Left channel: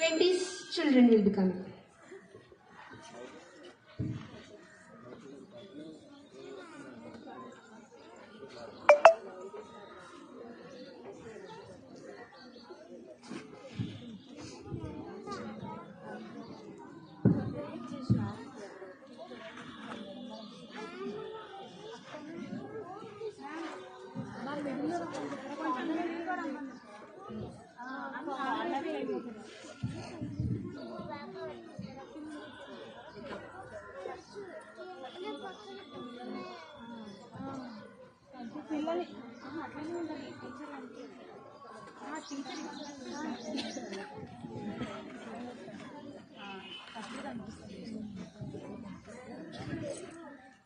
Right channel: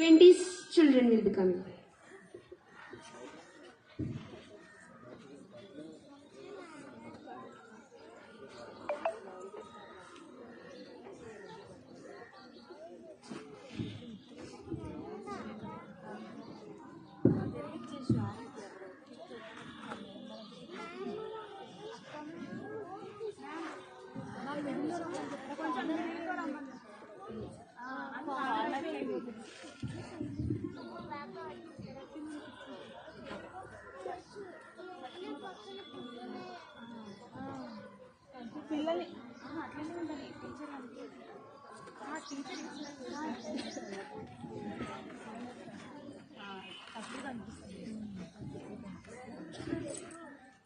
20 children will be coming.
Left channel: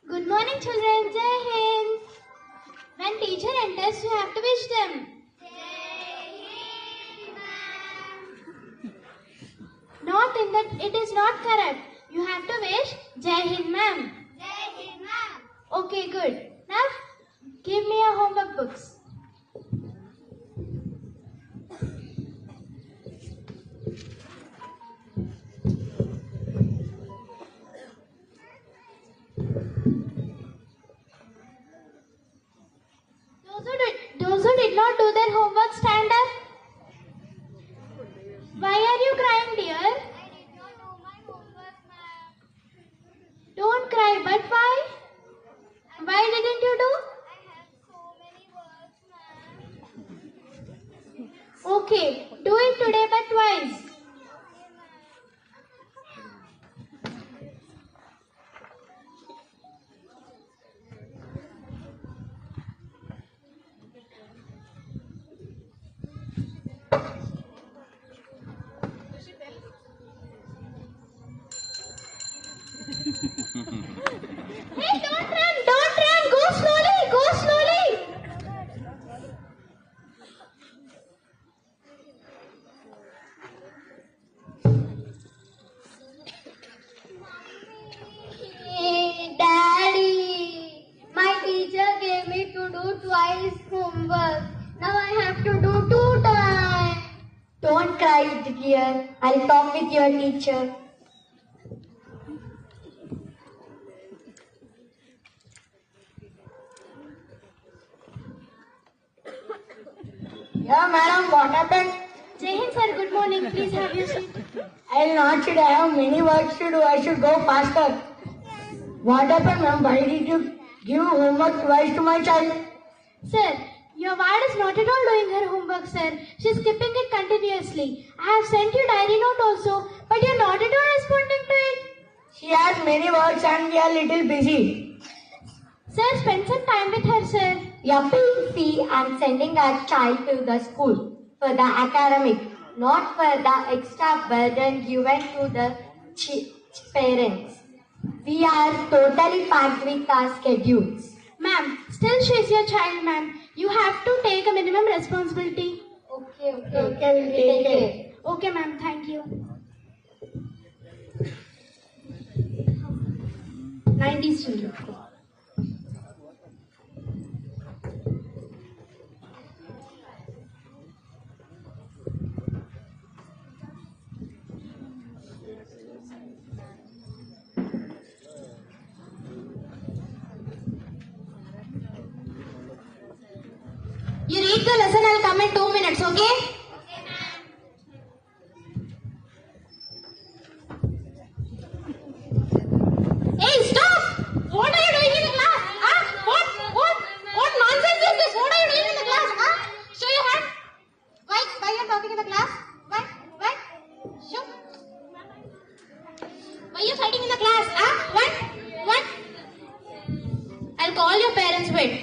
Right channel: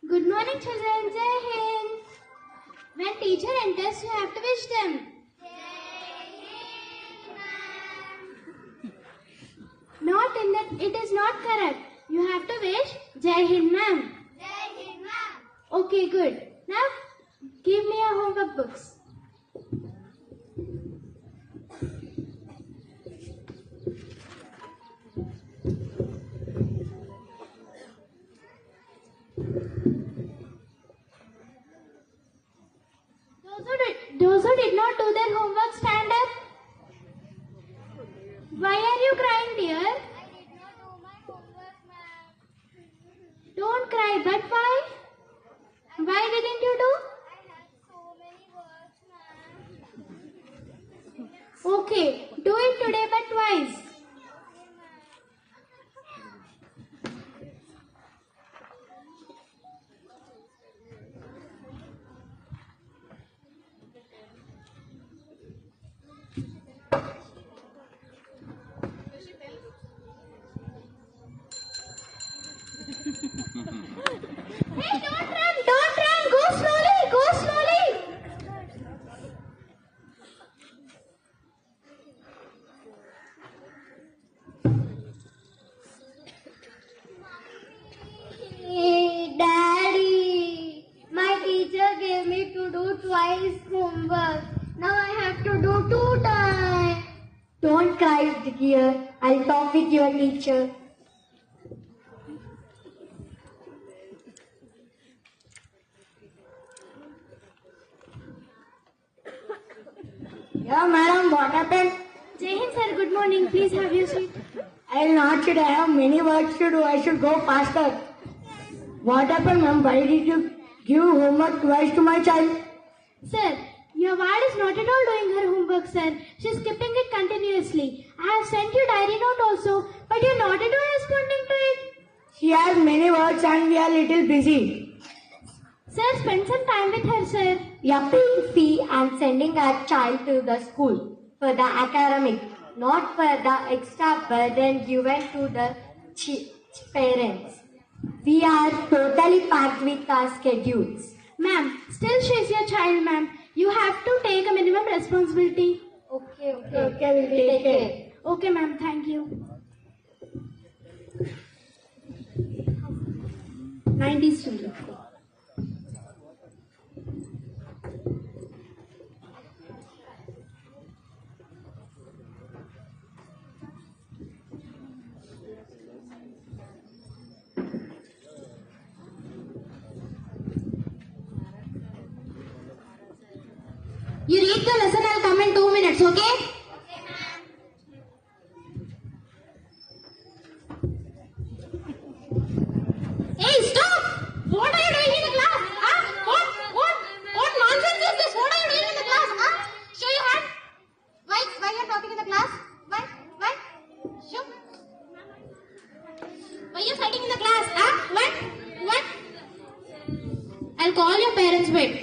Good morning, children. Jai Hind. When teacher enters, you have to wish them. Not in that. It is not correct. You have to wish Jai Hind, ma'am. Okay, good. Now, give me your homework books. Those who did not do their homework, stand up. Why are you crying, dear? I did not do my homework, ma'am. Don't cry, but why? Why didn't you do? I have so many works, ma'am. Okay, do it today, but twice. Okay, ma'am. Hey, don't run, go slowly. Hey, Daddy, my teacher gave me to do twice homework. Now I have to do 2 times. Don't cry, dear. I'll talk with your teacher. Yeah, madam, what happened? Jai Hind, sir, good morning. Please have your seat. I'll not sit. I have many works to do. I should go faster. What happened, ma'am? Why did you give homework twice to my child? Sir, your ward is not at all doing her homework, sir. She's skipping it continuously. I have sent you diary note also, but you're not at all responding to it. She has many works and we are little busy. Sir, spend some time with her, sir. We are paying fee and sending our child to the school for the academic, not for the extra burden given to the parents. We are totally packed with our schedules. Ma'am, still she's your child, ma'am. You have to take a minimum responsibility. Okay, we'll take it. Okay, ma'am, thank you. 90 children. You read the lesson, I'll come in 2 minutes, okay? Okay, ma'am. Hey, stop! What are you doing in the class? Huh? What nonsense is this? What are you doing in the class? Huh? Show your hand. Why you are talking in the class? Why? Show. Why you fighting in the class? Huh? What? I'll call your parents, wait.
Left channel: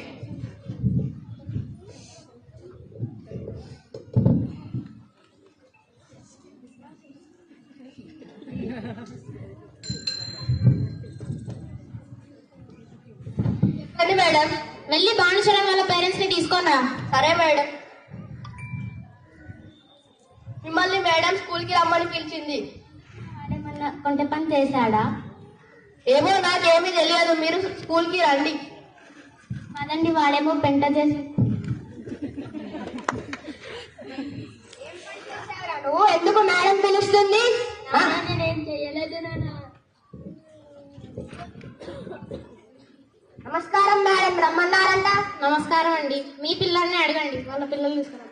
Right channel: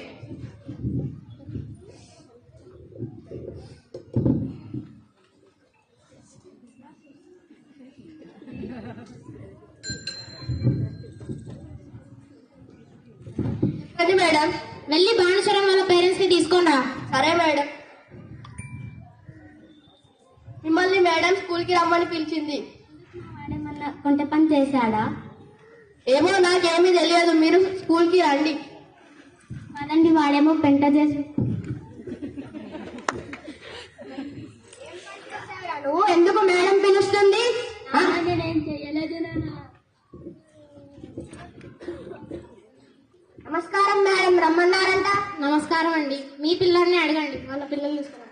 సరే madam. వెళ్ళి భానుచరణ్ వాళ్ళ parents ని తీసుకొని రా. సరే madam. మిమ్మల్ని madam school కి రమ్మని పిలిచింది. కొంత పని చేశాడా? ఏమో నాకేమీ తెలియదు. మీరు స్కూల్ కి రండి. మనల్ని వాడేమో పెంట చేసి నువ్వు ఎందుకు మేడం పిలుస్తుంది? పిల్లల్ని అడగండి, వాళ్ళ పిల్లలు తీసుకురా.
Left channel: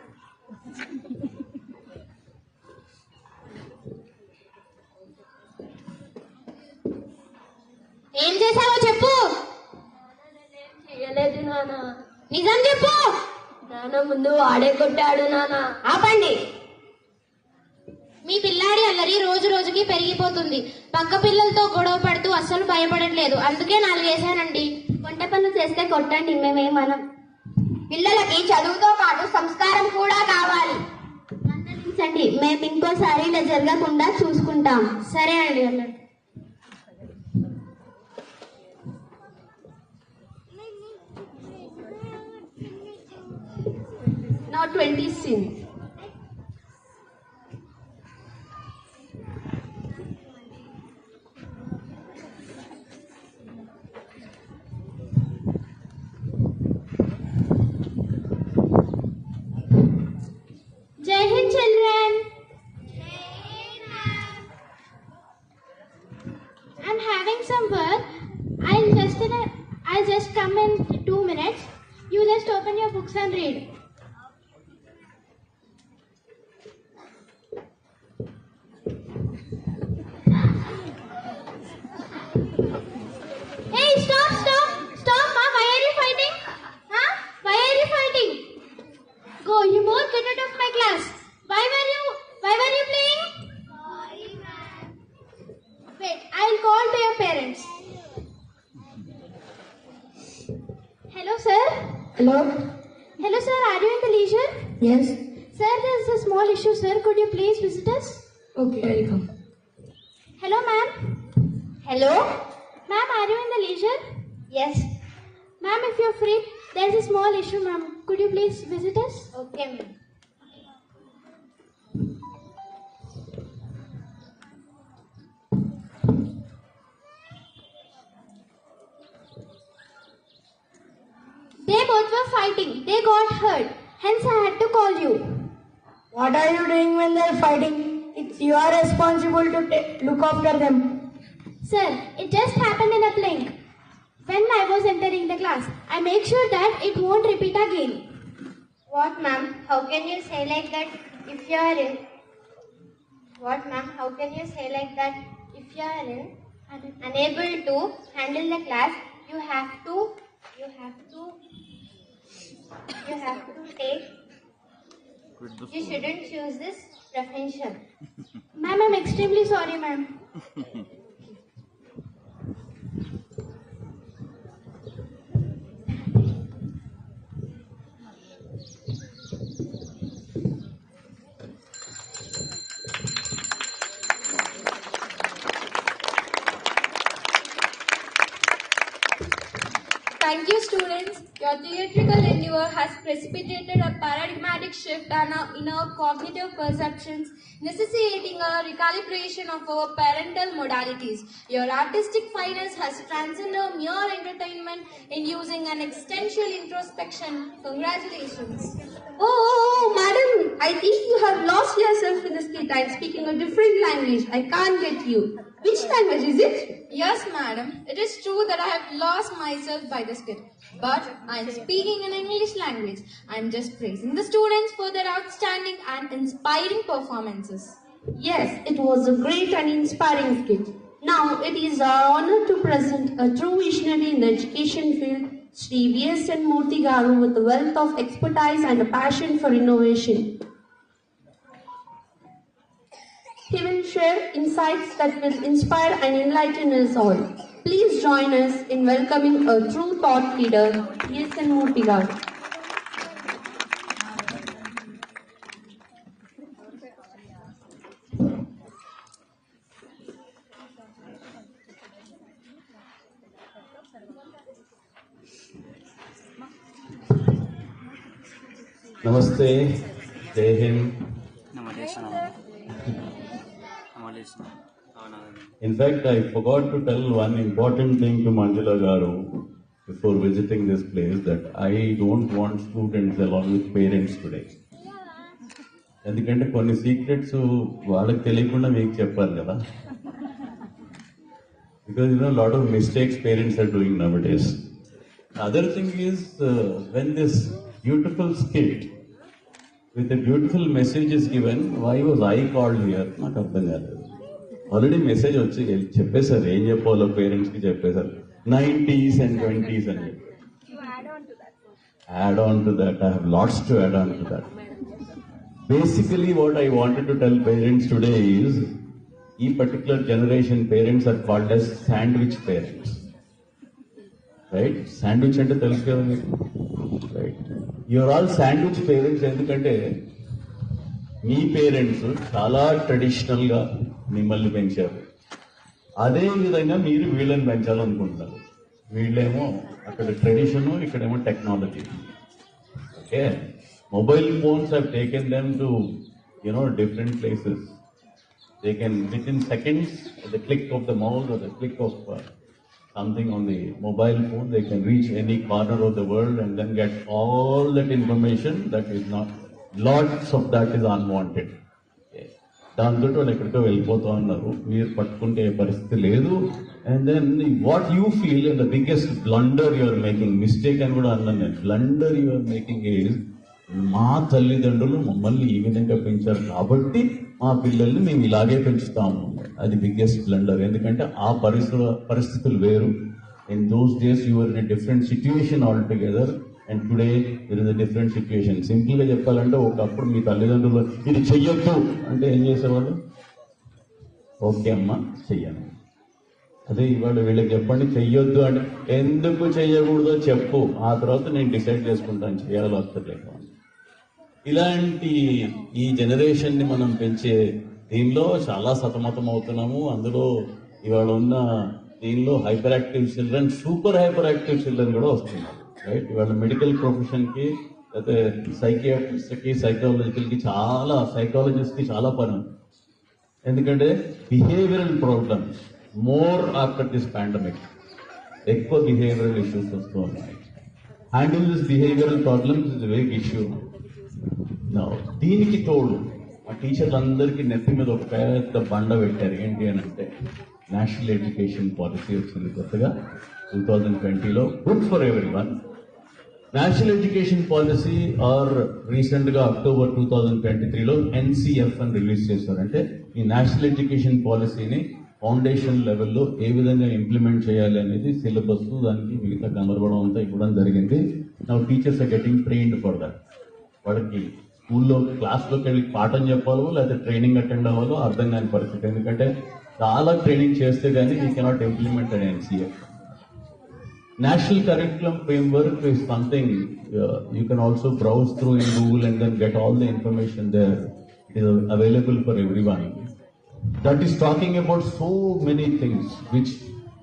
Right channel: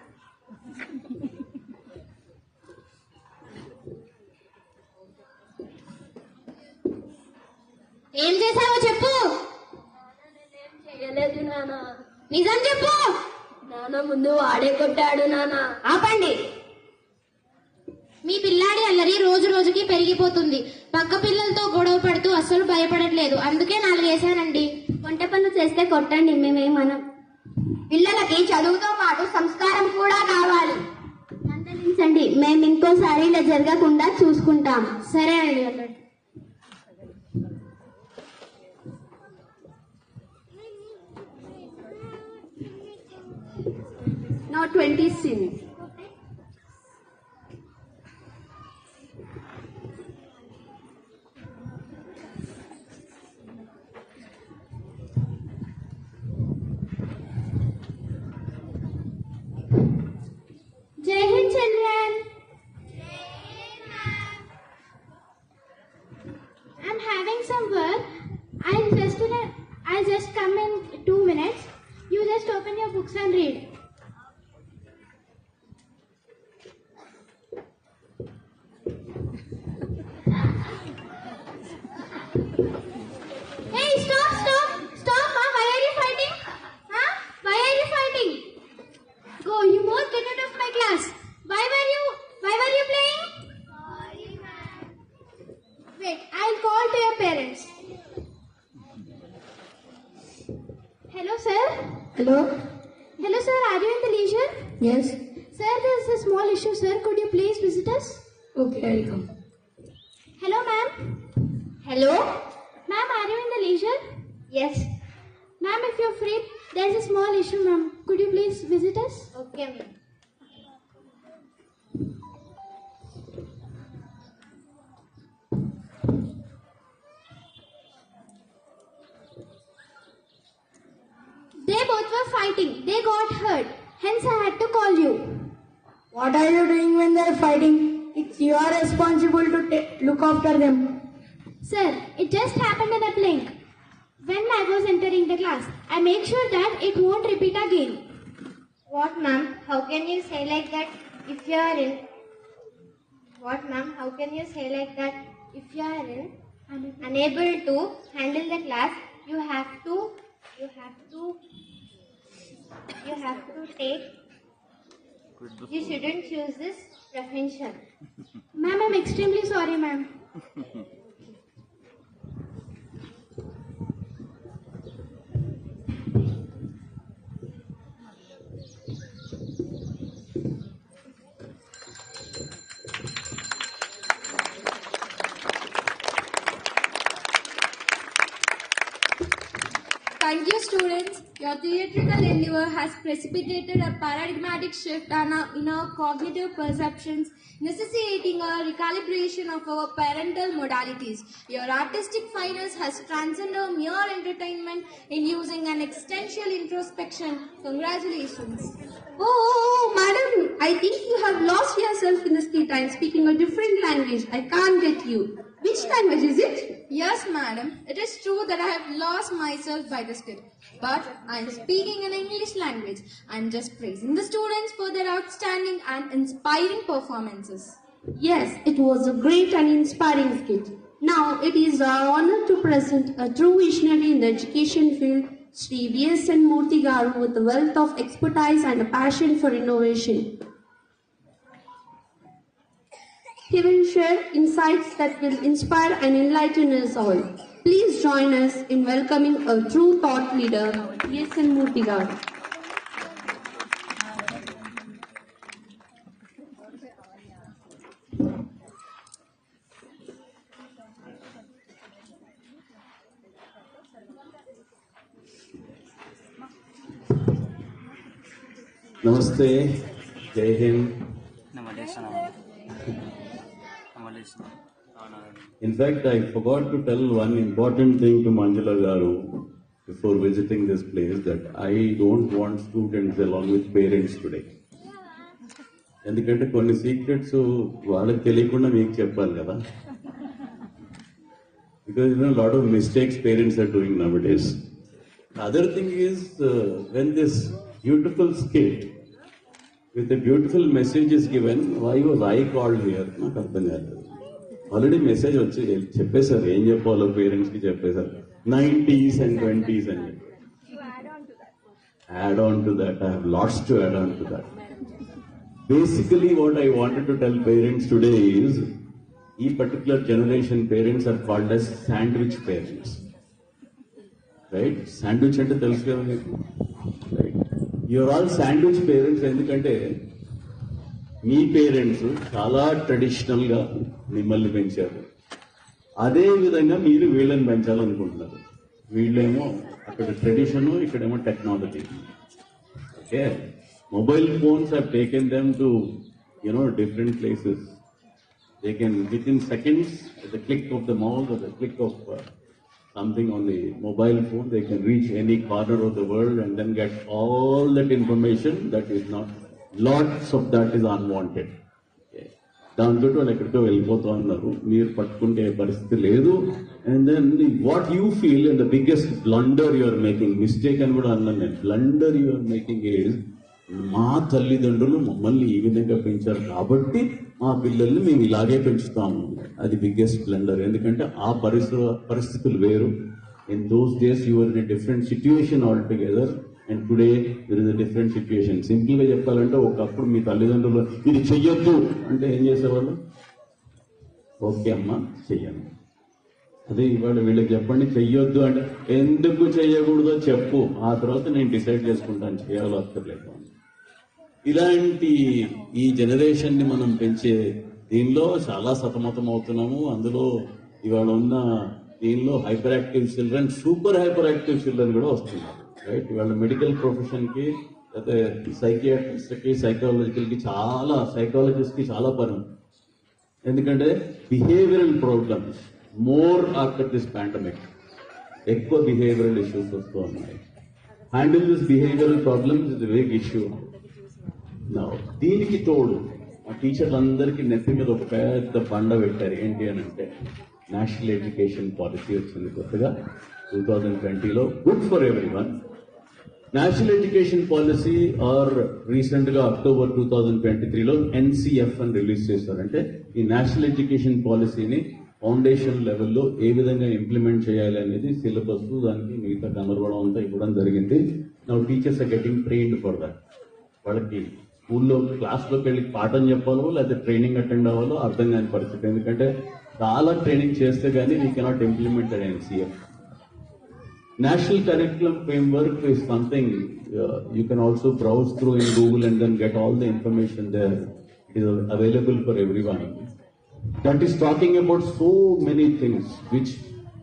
ఏం చేసావో చెప్పు. చేయలేదు నాన్న. నిజం చెప్పు. నాన్న ముందు వాడే కొట్టాడు నాన్న. ఆపండి. మీ పిల్లాడి అల్లరి రోజు రోజుకి పెరిగిపోతుంది. పక్క పిల్లలతో గొడవ పడుతూ అస్సలు భయపడట్లేదు. అందుకే 4 వేశానండి. వంట పనులు చేస్తే కొట్టండి, మేమేమనం. పిల్లలకి చదువుతో పాటు సంస్కారం కూడా కావాలి. మందలించండి, మేము ఇంకోసారి ఇలా జరగకుండా చూసుకుంటాం. సరే అండి అన్నాడు. Now 20 sins. Jai Hind, children. I'm having some work. I'll just come in 2 minutes. You just open your books and read. Hey, stop, Mom. Why are you fighting? Huh? Why are you fighting? Go, you both get out of my class. Why were you playing? Sorry, ma'am. Wait, I'll call to your parents. Hello, sir. Hello? Hello, sir. Are you in the leisure? Yes. Sir, there's a small issue, sir. Could you please visit us? Okay, I'll come. Hello, ma'am. Hello. Ma'am, are you in the leisure? Yes. Ma'am, if you're free, there's a small issue, ma'am. Could you please visit us? Okay ma'am. They both were fighting. They got hurt. Hence, I had to call you. What are you doing when they're fighting? It's your responsible to look after them. Sir, it just happened in a blink. When I was entering the class, I make sure that it won't repeat again. What, ma'am? How can you say like that if you are in? What, ma'am? How can you say like that if you are in unable to handle the class? You have to take. You shouldn't choose this profession. Ma'am, I'm extremely sorry, ma'am. Thank you, students. Your theatrical endeavor has precipitated a paradigmatic shift in our cognitive perceptions, necessitating a recalibration of our parental modalities. Your artistic finesse has transcended mere entertainment in using an existential introspection. Congratulations. Oh, madam, I think you have lost yourself in the street and speaking a different language. I can't get you. Which language is it? Yes, madam. It is true that I have lost myself by the skit. But I am speaking in English language. I am just praising the students for their outstanding and inspiring performances. Yes, it was a great and inspiring skit. Now it is our honor to present a true visionary in the education field, Sri V.S.N. Murthy Garu, with a wealth of expertise and a passion for innovation. He will share insights that will inspire and enlighten us all. Please join us in welcoming a true thought leader, V.S.N. Murthy Garu. Namaste, Jai Hind. In fact, I forgot to tell one important thing to Manjula Garu before visiting this place, that I don't want students along with parents today. ఎందుకంటే కొన్ని secrets వాళ్ళకి తెలియకుండా మీకు చెప్పాను కదా. Because lot of mistakes parents are doing nowadays. Other thing is when this beautiful skit with a beautiful message is given. Why was I called here? నాకు అర్థం కాలేదు. ఆల్రెడీ మెసేజ్ వచ్చి చెప్పేశారు, ఏం చెప్పాలో పేరెంట్స్ కి చెప్పేశారు, 90s and 20s అని చెప్పి. Add on to that, I have lots to add on to that. Basically what I wanted to tell parents today is, ఈ particular generation parents are called as sandwich parents. Right? Sandwich అంటే తెలుసు కదా మీకు. Right? You are all sandwich parents ఎందుకంటే మీ parents చాలా traditional గా మిమ్మల్ని పెంచారు. అదే విధంగా మీరు వీళ్ళని పెంచాలనుకుంటున్నారు. వీళ్ళేమో అక్కడ ట్రెడిషన్, ఇక్కడేమో technology. Okay, mobile phones have taken them to different places. They can within seconds, at the click of the mouse or the click of something on the mobile phone, they can reach any corner of the world and then get all that information that is not, lots of that is unwanted. దాంతో వాళ్ళు ఎక్కడితో వెళ్ళిపోతూ ఉన్నారు, మీరు పట్టుకుంటే పరిస్థితి లేదు. And then what you feel and the biggest blunder you're making, mistake అని కూడా అన్నాను నేను, బ్లండర్ యూఆర్ మేకింగ్ ఈజ్, మా తల్లిదండ్రులు మమ్మల్ని ఈ విధంగా పెంచారు కాబట్టి మా పిల్లల్ని మేము ఇలాగే పెంచుతాము. అది బిగ్గెస్ట్ బ్లండర్. ఎందుకంటే ఆ పరిస్థితులు వేరు. In those days you're in different situation altogether, and today it is a different situation. Simple గా చెప్పాలంటే ఒకప్పుడు మీ తల్లిదండ్రులు ఇది చెయ్యొద్దు అంటే ఏం చేసేవాళ్ళు? ఓకే అమ్మా చెయ్యను. అదే ఇవాళ వీళ్ళకి చెప్పండి చెయ్యొద్దు అంటే, ఎందుకు చెయ్యకూడదో చెప్పు, ఆ తర్వాత నేను డిసైడ్ చేసుకుంటాను చేయాలో వస్తలేదు. ఇలాంటి ఈ జనరేషన్ ని మనం పెంచే దీనిలో చాలా సతమతం అవుతున్నాము. అందులో ఇవాళ ఉన్న దీనిలో hyper active children, super hyper active children కూడా వస్తున్నారు. రైట్, ఇవాళ మెడికల్ ప్రొఫెషన్ కి, అయితే సైకియాట్రిస్ట్ కి, సైకాలజికల్ కి, సైకాలజిస్ట్ కి చాలా పని. ఎందుకంటే behavioural problems more after this pandemic, ఎక్కువ బిహేవియరల్ ఇష్యూస్ వస్తూ ఉన్నాయి. Handle this behavioural problems is very issue. దీనికి తోడు ఆ టీచర్లు అందరికీ నెత్తి మీద ఒక పెద్ద బండ పెట్టారు. ఏంటి అని అంటే, నేషనల్ ఎడ్యుకేషన్ పాలసీ వచ్చింది కొత్తగా 2020లో, good for everyone. National education policy or recent గా అక్టోబర్ 2023లో NCF అని రిలీజ్ చేశారు. అంటే ఈ నేషనల్ ఎడ్యుకేషన్ పాలసీని ఫౌండేషన్ లెవెల్లో ఏ విధంగా ఇంప్లిమెంట్ చేయాలి అనేది సిలబస్, దానికి మిగతా గమర్వడం అంతా ఇవ్వడం జరిగింది. Now teachers are getting trained for that. వాళ్ళకి స్కూల్లో క్లాస్లోకి వెళ్ళి పాఠం చెప్పాలో లేకపోతే ట్రైనింగ్ అటెండ్ అవ్వాలో అర్థం కాని పరిస్థితి. ఎందుకంటే చాలా ట్రైనింగ్ చేస్తే కానీ we cannot implement NCF. National Curriculum Framework is something you can also browse through in Google and then get all the information there. It is available for everyone. That is talking about so many things which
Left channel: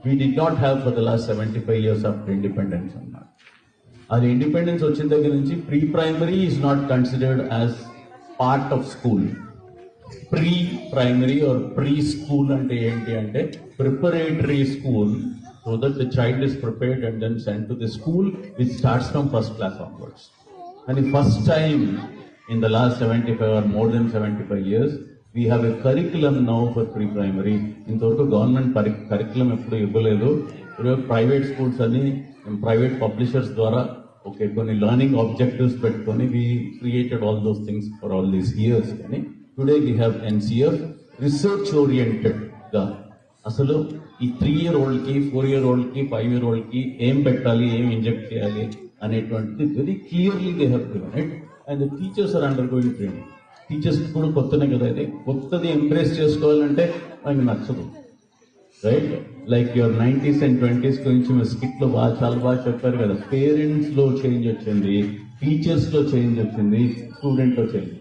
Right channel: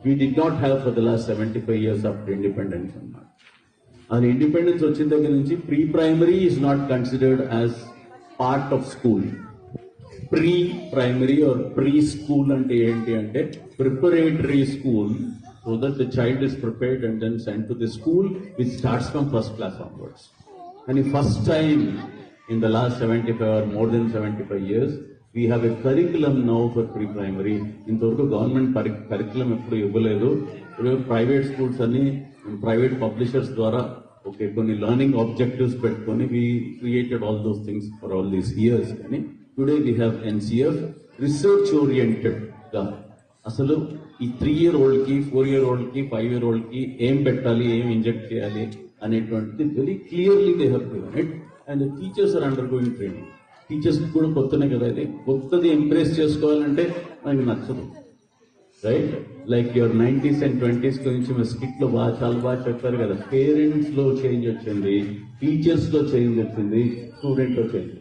we did not have for the last 75 years after independence. Our independence వచ్చిన దగ్గర నుంచి pre-primary is not considered as part of school. Pre-primary or preschool అంటే ఏంటి అంటే preparatory school, so that the child is prepared and then sent to the school which starts from first class onwards. And the first time in the last 75 or more than 75 years, we have a curriculum now for pre-primary. ఇంతవరకు government curriculum ఎప్పుడు ఇవ్వలేదు. Private schools అని private publishers ద్వారా కొన్ని learning objectives పెట్టుకొని we created all those things for all these years. కానీ today we have NCF, research oriented గా అసలు ఈ 3-year-old కి, 4-year-old కి, 5-year-old కి ఏం పెట్టాలి, ఏం ఇంజెక్ట్ చేయాలి అనేటువంటిది very clearly they have given it. And the teachers are undergoing training. Teachers కూడా కొత్తనే కదా, ఇది కొత్తది ఎంప్రెస్ చేసుకోవాలంటే మనకి నచ్చదు. Right, like your 90s and 20s గురించి మీ స్కిట్ లో చాలా బాగా చెప్పారు కదా. పేరెంట్స్ లో చేంజ్ వచ్చింది, టీచర్స్ లో చేంజ్ వచ్చింది, స్టూడెంట్ లో చేంజ్.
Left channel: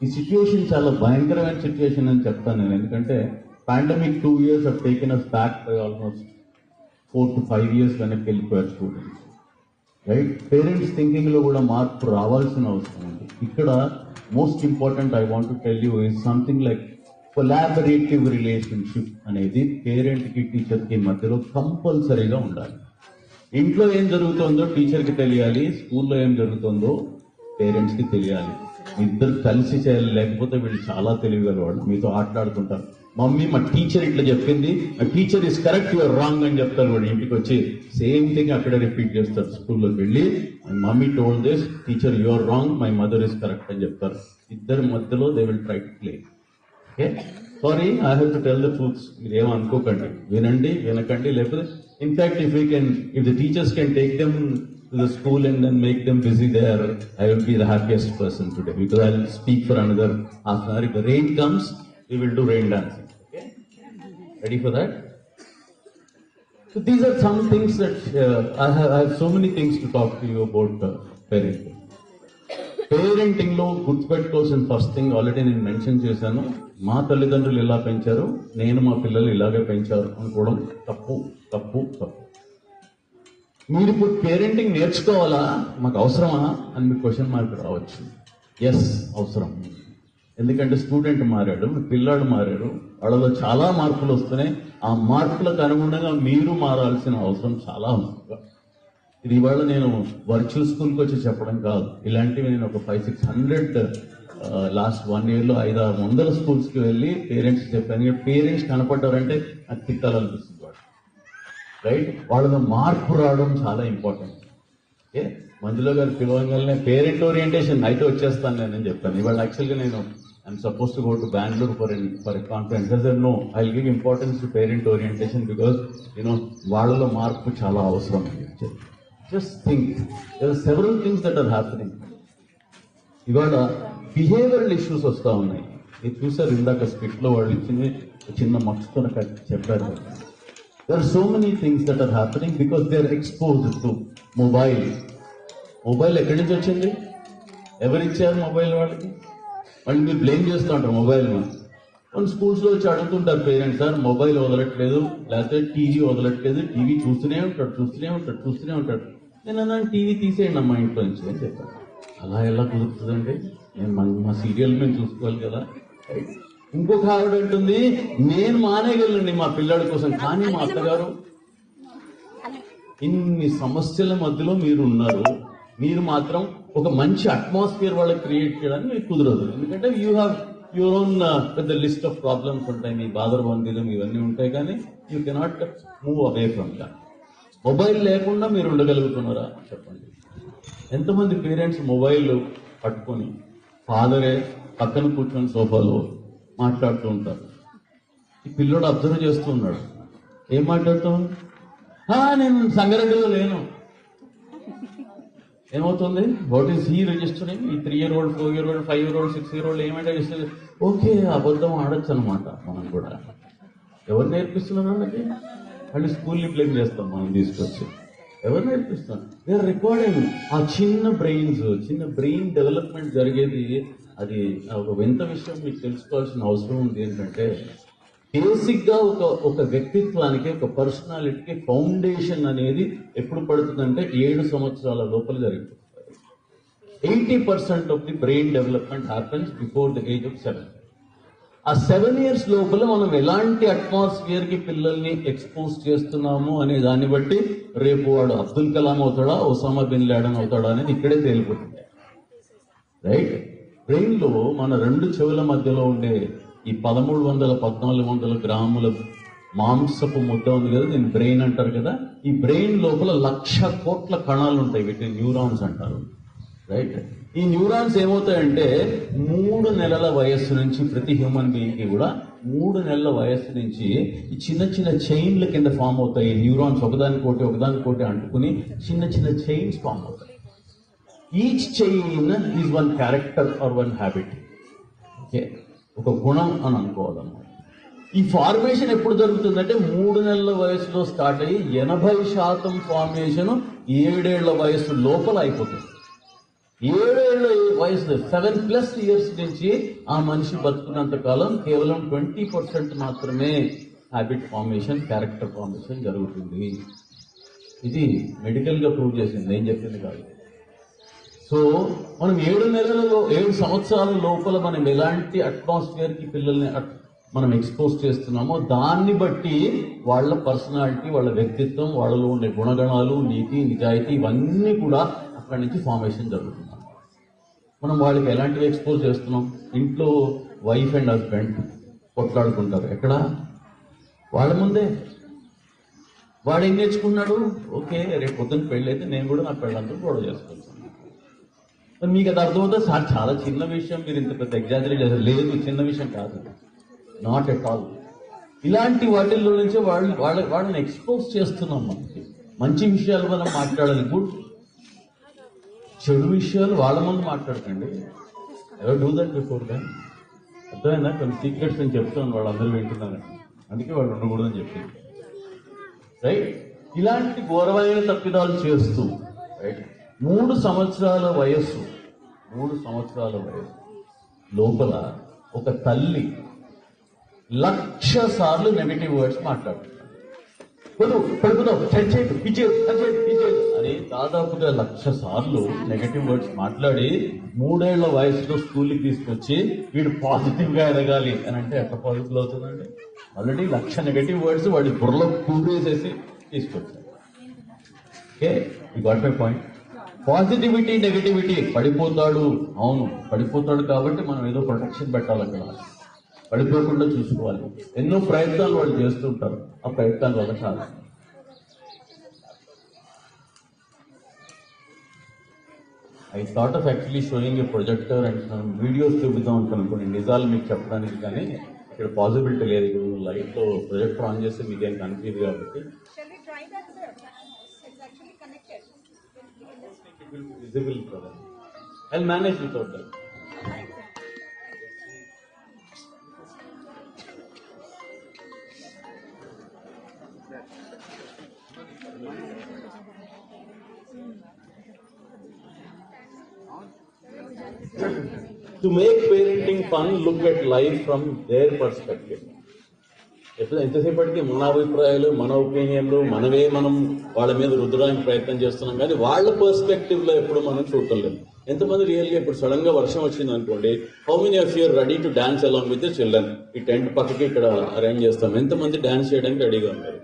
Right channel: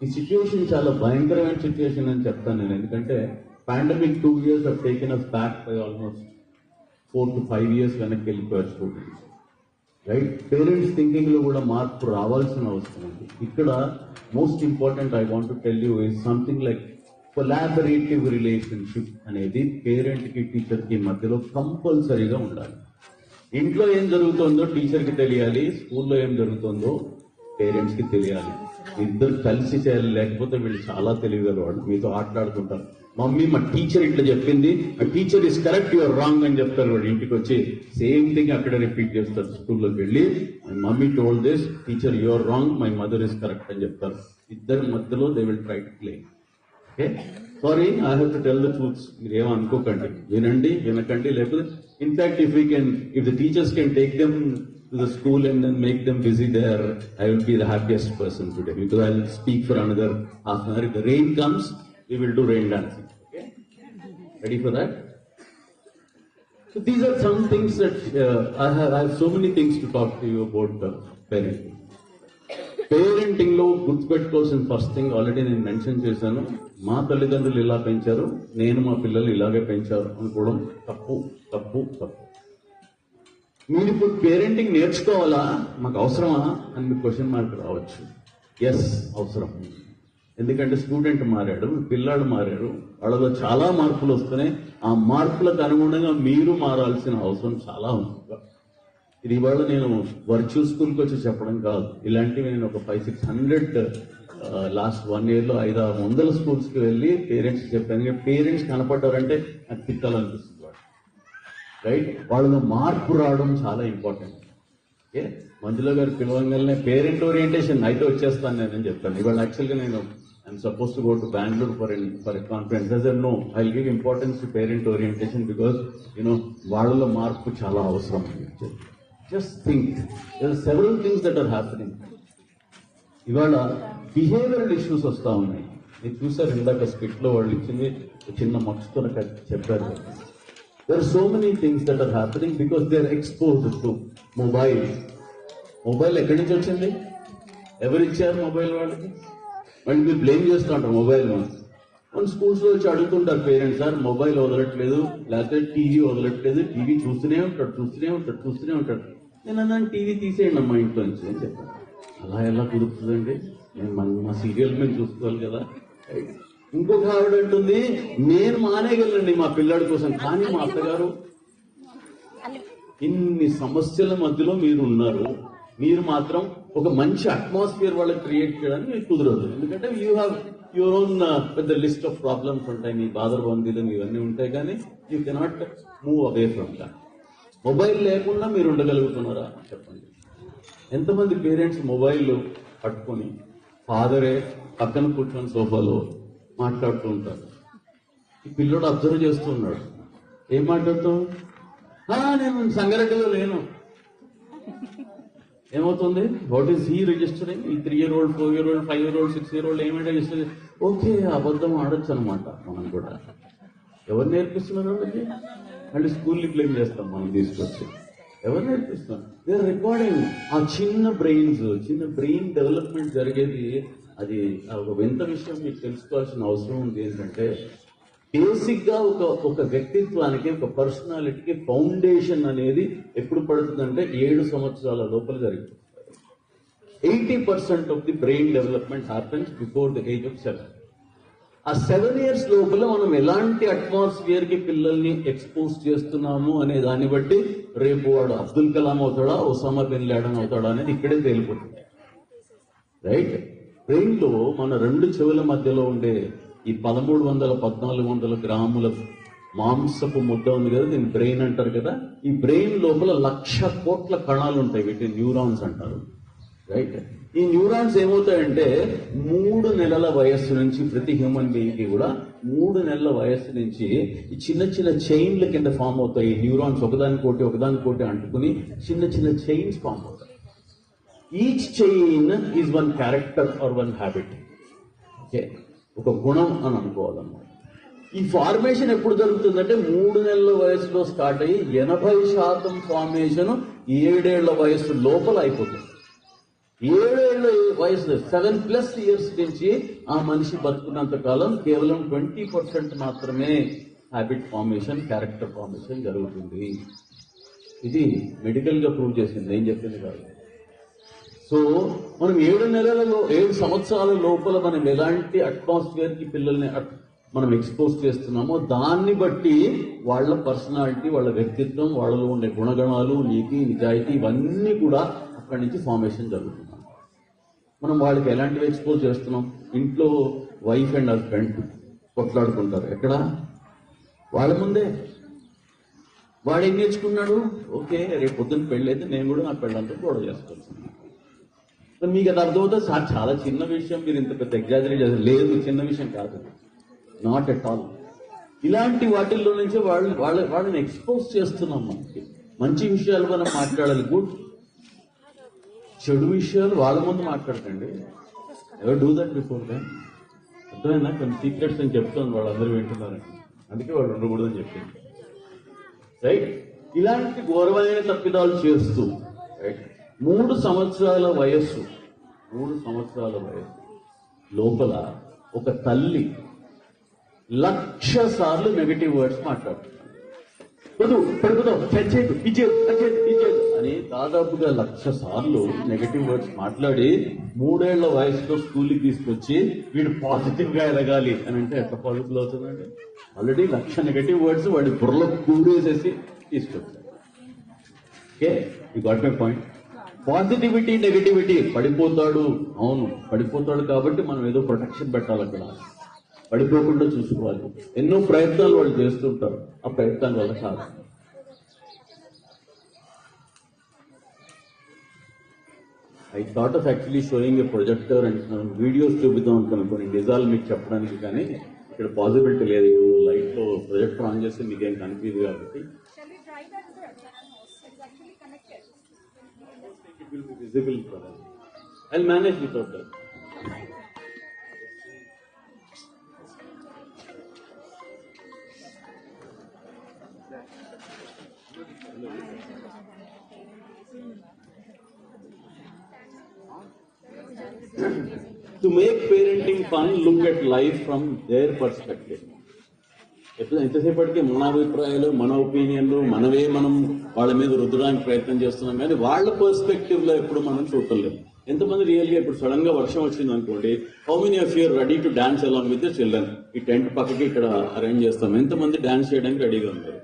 ఈ సిచ్యువేషన్ చాలా భయంకరమైన సిచ్యువేషన్ అని చెప్తాను నేను. ఎందుకంటే pandemic 2 years have taken us back by almost 4 to 5 years వెనక్కి వెళ్ళిపోయారు స్టూడెంట్స్. రైట్, పేరెంట్స్ థింకింగ్ లో కూడా మార్పు రావాల్సిన అవసరం ఉంది. ఇక్కడ most important I want to tell you is something like collaborative relationship అనేది పేరెంట్ కి, టీచర్ కి మధ్యలో కంపల్సరీగా ఉండాలి. ఇంట్లో ఏం జరుగుతుందో టీచర్ కి తెలియాలి, స్కూల్లో ఏం జరుగుతుందో పేరెంట్స్ కి తెలియాలి. ఇద్దరు కలిసి చేయాలి, లేకపోతే వీళ్ళు చాలా తెలివిగలవాడు. మీతో ఆటలాడుతుంటారు. మమ్మీ మా టీచర్ ఇట్లా చెప్పింది, teacher is correct, your wrong అని చెప్తారు. వాడు ఇంటికి వచ్చి సేమ్ థింగ్ అక్కడే రిపీట్ చేస్తారు. స్కూల్లోకి వెళ్ళి mummy told this, teacher your wrong, my mother is correct అని చెప్తారు. ఇద్దరి మధ్యలో they will try to play. Okay, sorry, I have to tell the truths. మీరు ఏమో అనుకోకండి, వినండి, వినకండి. లేకపోతే in fact if the teachers can take them to the school and then make them busy there, I will be the happiest person today, because I will speak for another half an hour. If the rain comes, we will do rain dancing. Okay, ready for that? So these are some things that I have so many things to talk to you about parenting. Parenting లో గుర్తుపెట్టుకోవాల్సిన first thing already నేను mention చేశాను. మా తల్లిదండ్రులు ఇలా పెంచారు, నేను మా పిల్లలు ఇలాగే పెంచారు అనుకోవడం తప్పు తప్పు తప్పు. మీరు ఇప్పుడు పేరెంటింగ్ నేర్చుకోవాలా, మాకు అవసరమా అని మీకు క్వశ్చన్ మార్క్ రావచ్చు. ఎస్, అవసరం. ఎందుకంటే స్టూడెంట్ మారాడు, పిల్లాడు మారాడు, వాళ్ళలో చాలా మార్పులు వస్తున్నాయి. ఆ మార్పులకు అనుగుణంగా మీరు మారాల్సిన అవసరం చాలా ఉంది. ఇది ఇవాళ నేను వర్చువల్ స్కూల్కి వచ్చి చెప్పడం కాదు. ఇలాంటివి నేను ఒక 500-600 లాస్ట్ 1 yearలో 500-600 స్కూల్స్కి వెళ్ళి పేరెంట్స్ చెప్పాను. పేరెంట్స్ కనపడ్డారంటే అది తిట్టాలనిపిస్తుంది. రైట్, వాళ్ళలో మార్పు రావడం చాలా ఇంపార్టెంట్. ఓకే, మంజుల గారు పిలవగానే పేరెంట్ ఓరియంటేషన్ అయితే వచ్చేస్తాను నేను చెప్పాను. ఇవాళ యాక్చువల్గా నేను I'm suppose to go to Bengaluru for conference. No, I give importance to parent orientation because వాళ్ళలో మార్పు చాలా అవసరం. Just think, there are several things that are happening. ఇవాళ బిహేవియరల్ ఇష్యూస్ వస్తూ ఉన్నాయి. నేను చూసారు ఇందాక స్కిట్లో వాళ్ళు ఇచ్చింది చిన్న మక్స్తో చెప్పారు. There are so many things that are happening because they are exposed to mobile. Mobile ఎక్కడి నుంచి వచ్చింది? ఎవరు ఇచ్చారు మొబైల్ వాళ్ళకి? వాళ్ళు మీరు బ్లేమ్ చేస్తూ ఉంటారు మొబైల్. వాళ్ళు స్కూల్స్లో వచ్చి అడుగుతుంటారు పేరెంట్స్, సార్ మొబైల్ వదలట్లేదు, లేకపోతే టీవీ వదలట్లేదు, టీవీ చూస్తూనే ఉంటాడు. నేను అన్నాను టీవీ తీసేయండి అమ్మా ఇంట్లో నుంచి అని చెప్పాను. అలా ఎలా కుదురుతుందండి? నేను మా సీరియల్ మేము చూసుకోవాలి కదా. ఇంకొక ఆవిడ ఉంటుంది, నేను మానేయగలండి మా పిల్లాడి కోసం, కానీ మా అత్తగారు. ఇన్ని సమస్యల మధ్యలో మీరు ఉన్నారు, మీరు మాత్రం ఒక మంచి అట్మాస్ఫియర్ వాళ్ళకి క్రియేట్ చేయడానికి మీకు కుదరదు. ఎందుకంటే యూ హ్యావ్ యువర్ ఓన్ పెద్ద లిస్ట్ ఆఫ్ ప్రాబ్లమ్స్ ఉంటాయి, మీ బాధరబందీలు ఇవన్నీ ఉంటాయి, కానీ you cannot move away from that. Mobile లేకుండా మీరు ఉండగలుగుతున్నారా చెప్పండి? ఎంతమంది పేరెంట్స్ మొబైల్ పట్టుకొని ఫాదరే పక్కన కూర్చొని సోఫాలో మాట్లాడుతూ ఉంటారు. ఈ పిల్లోడు అబ్జర్వ్ చేస్తూ ఉన్నాడు. ఏం మాట్లాడుతూ? నేను సంగారెడ్డిలో లేను. ఏమవుతుంది? What is he registering? ఈ 3 year old, 4 year old, 5 year old, 6 year old ఏమంటే రిజిస్టర్? ఓకే, అబద్ధం ఆడొచ్చు అనమాట. మనం కూడా ఎవరు నేర్పిస్తున్నాం అది? మళ్ళీ స్కూల్ని బ్లేమ్ చేస్తాం మనం తీసుకొచ్చి. ఎవరు నేర్పిస్తున్నాం? We are recording. ఆ చిన్న బ్రెయిన్ డెవలప్మెంట్ జరిగేది అది ఒక వింత విషయం. మీకు తెలుసుకోవాల్సిన అవసరం ఉంది. ఏంటంటే బేసిక్ గా ఒక వ్యక్తిత్వానికి, ఒక పర్సనాలిటీకి ఫౌండేషన్ అనేది ఎప్పుడు పడుతుందంటే 7 సంవత్సరాల లోపల జరుగుతుంది. 80% of the brain development happens before the age of 7. ఆ 7 years లోపల మనం ఎలాంటి అట్మాస్ఫియర్ కి పిల్లల్ని ఎక్స్పోజ్ చేస్తున్నాము అనే దాన్ని బట్టి రేపు వాడు అబ్దుల్ కలాం అవుతాడా, ఒసామా బిన్ లాడెన్ అవుతాడా అనేది ఇక్కడే తేలిపోతుంది. రైట్, బ్రెయిన్ లో మన 2 చెవుల మధ్యలో ఉండే ఈ 1300-1400 గ్రాముల మాంసపు ముద్ద ఉంది కదా, దీన్ని బ్రెయిన్ అంటారు కదా. ఈ బ్రెయిన్ లోపల 1,00,000 కోట్ల కణాలు ఉంటాయి, వీటిని న్యూరాన్స్ అంటారు. రైట్, ఈ న్యూరాన్స్ ఏమవుతాయంటే 3 నెలల వయస్సు నుంచి, ప్రతి హ్యూమన్ బీయింగ్ కి కూడా 3 నెలల వయస్సు నుంచి ఈ చిన్న చైన్ల కింద ఫామ్ అవుతాయి. ఈ న్యూరాన్స్ ఒకదానికోటి అంటుకుని చిన్న చైన్స్ ఫామ్ అవుతాయి. Each chain is one character are one habit. Okay, ఒక గుణం అని అనుకోవాలన్నమాట. ఈ ఫార్మేషన్ ఎప్పుడు జరుగుతుందంటే 3 నెలల వయసులో స్టార్ట్ అయ్యి 80% ఫార్మేషన్ 7 ఏళ్ల వయసు లోపల అయిపోతుంది. 7 ఏళ్ల వయసు 7+ years నుంచి ఆ మనిషి బతుకున్నంత కాలం కేవలం 20% మాత్రమే హ్యాబిట్ ఫార్మేషన్, క్యారెక్టర్ ఫార్మేషన్ జరుగుతుంది. ఇది మెడికల్ గా ప్రూవ్ చేసింది, నేను చెప్పింది కాదు. సో మనం 7 సంవత్సరాల లోపల మనం ఎలాంటి అట్మాస్ఫియర్ కి పిల్లల్ని మనం ఎక్స్పోజ్ చేస్తున్నామో దాన్ని బట్టి వాళ్ళ పర్సనాలిటీ, వాళ్ళ వ్యక్తిత్వం, వాళ్ళలో ఉండే గుణగణాలు, నీతి, నిజాయితీ ఇవన్నీ కూడా అక్కడి నుంచి ఫార్మేషన్ జరుగుతుంది. మనం వాళ్ళకి ఎలాంటివి ఎక్స్పోజ్ చేస్తున్నాం? ఇంట్లో వైఫ్ అండ్ హస్బెండ్ కొట్లాడుకుంటారు, ఎక్కడ? వాళ్ళ ముందే. వాడు ఏం నేర్చుకున్నాడు? ఓకే, రేపు పొద్దున్న పెళ్ళి అయితే నేను కూడా నా పెళ్ళంతా గొడవ చేసుకుంటాను. మీకు అది అర్థమవుతుంది సార్, చాలా చిన్న విషయం, మీరు ఇంత పెద్ద ఎగ్జాజరేట్ చేస్తారు. లేదు, చిన్న విషయం కాదు, నాట్ ఎట్ ఆల్. ఇలాంటి వాటిల్లో నుంచే వాళ్ళని ఎక్స్పోజ్ చేస్తున్నాం. మనకి మంచి విషయాలు మనం మాట్లాడాలి, గుడ్. చెడు విషయాలు వాళ్ళ ముందు మాట్లాడకండి. ఎవరు డూ దట్ బిఫోర్ దాట్? అర్థమైనా? కొన్ని సీక్రెట్స్ నేను చెప్తాను, వాళ్ళందరూ వింటున్నారు, అందుకే వాళ్ళు ఉండకూడదని చెప్పింది. రైట్? ఇలాంటి ఘోరమైన తప్పిదాలు చేస్తూ, రైట్, 3 సంవత్సరాల వయస్సు లోపల ఒక తల్లి 1,00,000 సార్లు నెగటివ్ వర్డ్స్ మాట్లాడుతుంది. అని దాదాపుగా 1,00,000 సార్లు నెగటివ్ వర్డ్స్ మాట్లాడి 3 ఏళ్ల వయసులో స్కూల్కి తీసుకొచ్చి వీడు పాజిటివ్ గా ఎదగాలి అని అంటే ఎంత పాజిటివ్ అవుతుందండి? ఆల్రెడీ 1,00,000 నెగటివ్ వర్డ్స్ వాళ్ళు బుర్రలో కూరేసేసి తీసుకొచ్చారు. Okay, you got my point. Positivity, negativity. పడిపోతాడు, అవును పడిపోతాడు, కాబట్టి మనం ఏదో ప్రొటెక్షన్ పెట్టాలక్కడ, పడిపోకుండా చూసుకోవాలి. ఎన్నో ప్రయత్నాలు వాళ్ళు చేస్తుంటారు, ఆ ప్రయత్నాల వల్ల కాదు. I thought of actually sowing A projector and videos చూపిద్దాం అనుకుని నిజాలు మీకు చెప్పడానికి, కానీ ఇక్కడ పాసిబిలిటీ లేదు. లైట్లో ప్రొజెక్టర్ ఆన్ చేస్తే మీకేం కనిపించదు కాబట్టి visible for us. I'll manage without that. To make parenting fun, look at life from their perspective. ఎంతసేపటికి మన అభిప్రాయాలు, మన ఒపీనియన్లు, మనం వాళ్ళ మీద రుద్దడానికి ప్రయత్నం చేస్తున్నాం, కానీ వాళ్ళ పర్స్పెక్టివ్ లో ఎప్పుడు మనం చూడటం లేదు. ఎంతమంది రియల్గా ఇప్పుడు సడన్ గా వర్షం వచ్చింది అనుకోండి, how many of you are ready to dance along with the children? ఈ టెంట్ పక్కకి ఇక్కడ అరేంజ్ చేస్తాం, ఎంతమంది డాన్స్ చేయడానికి రెడీగా ఉన్నారు?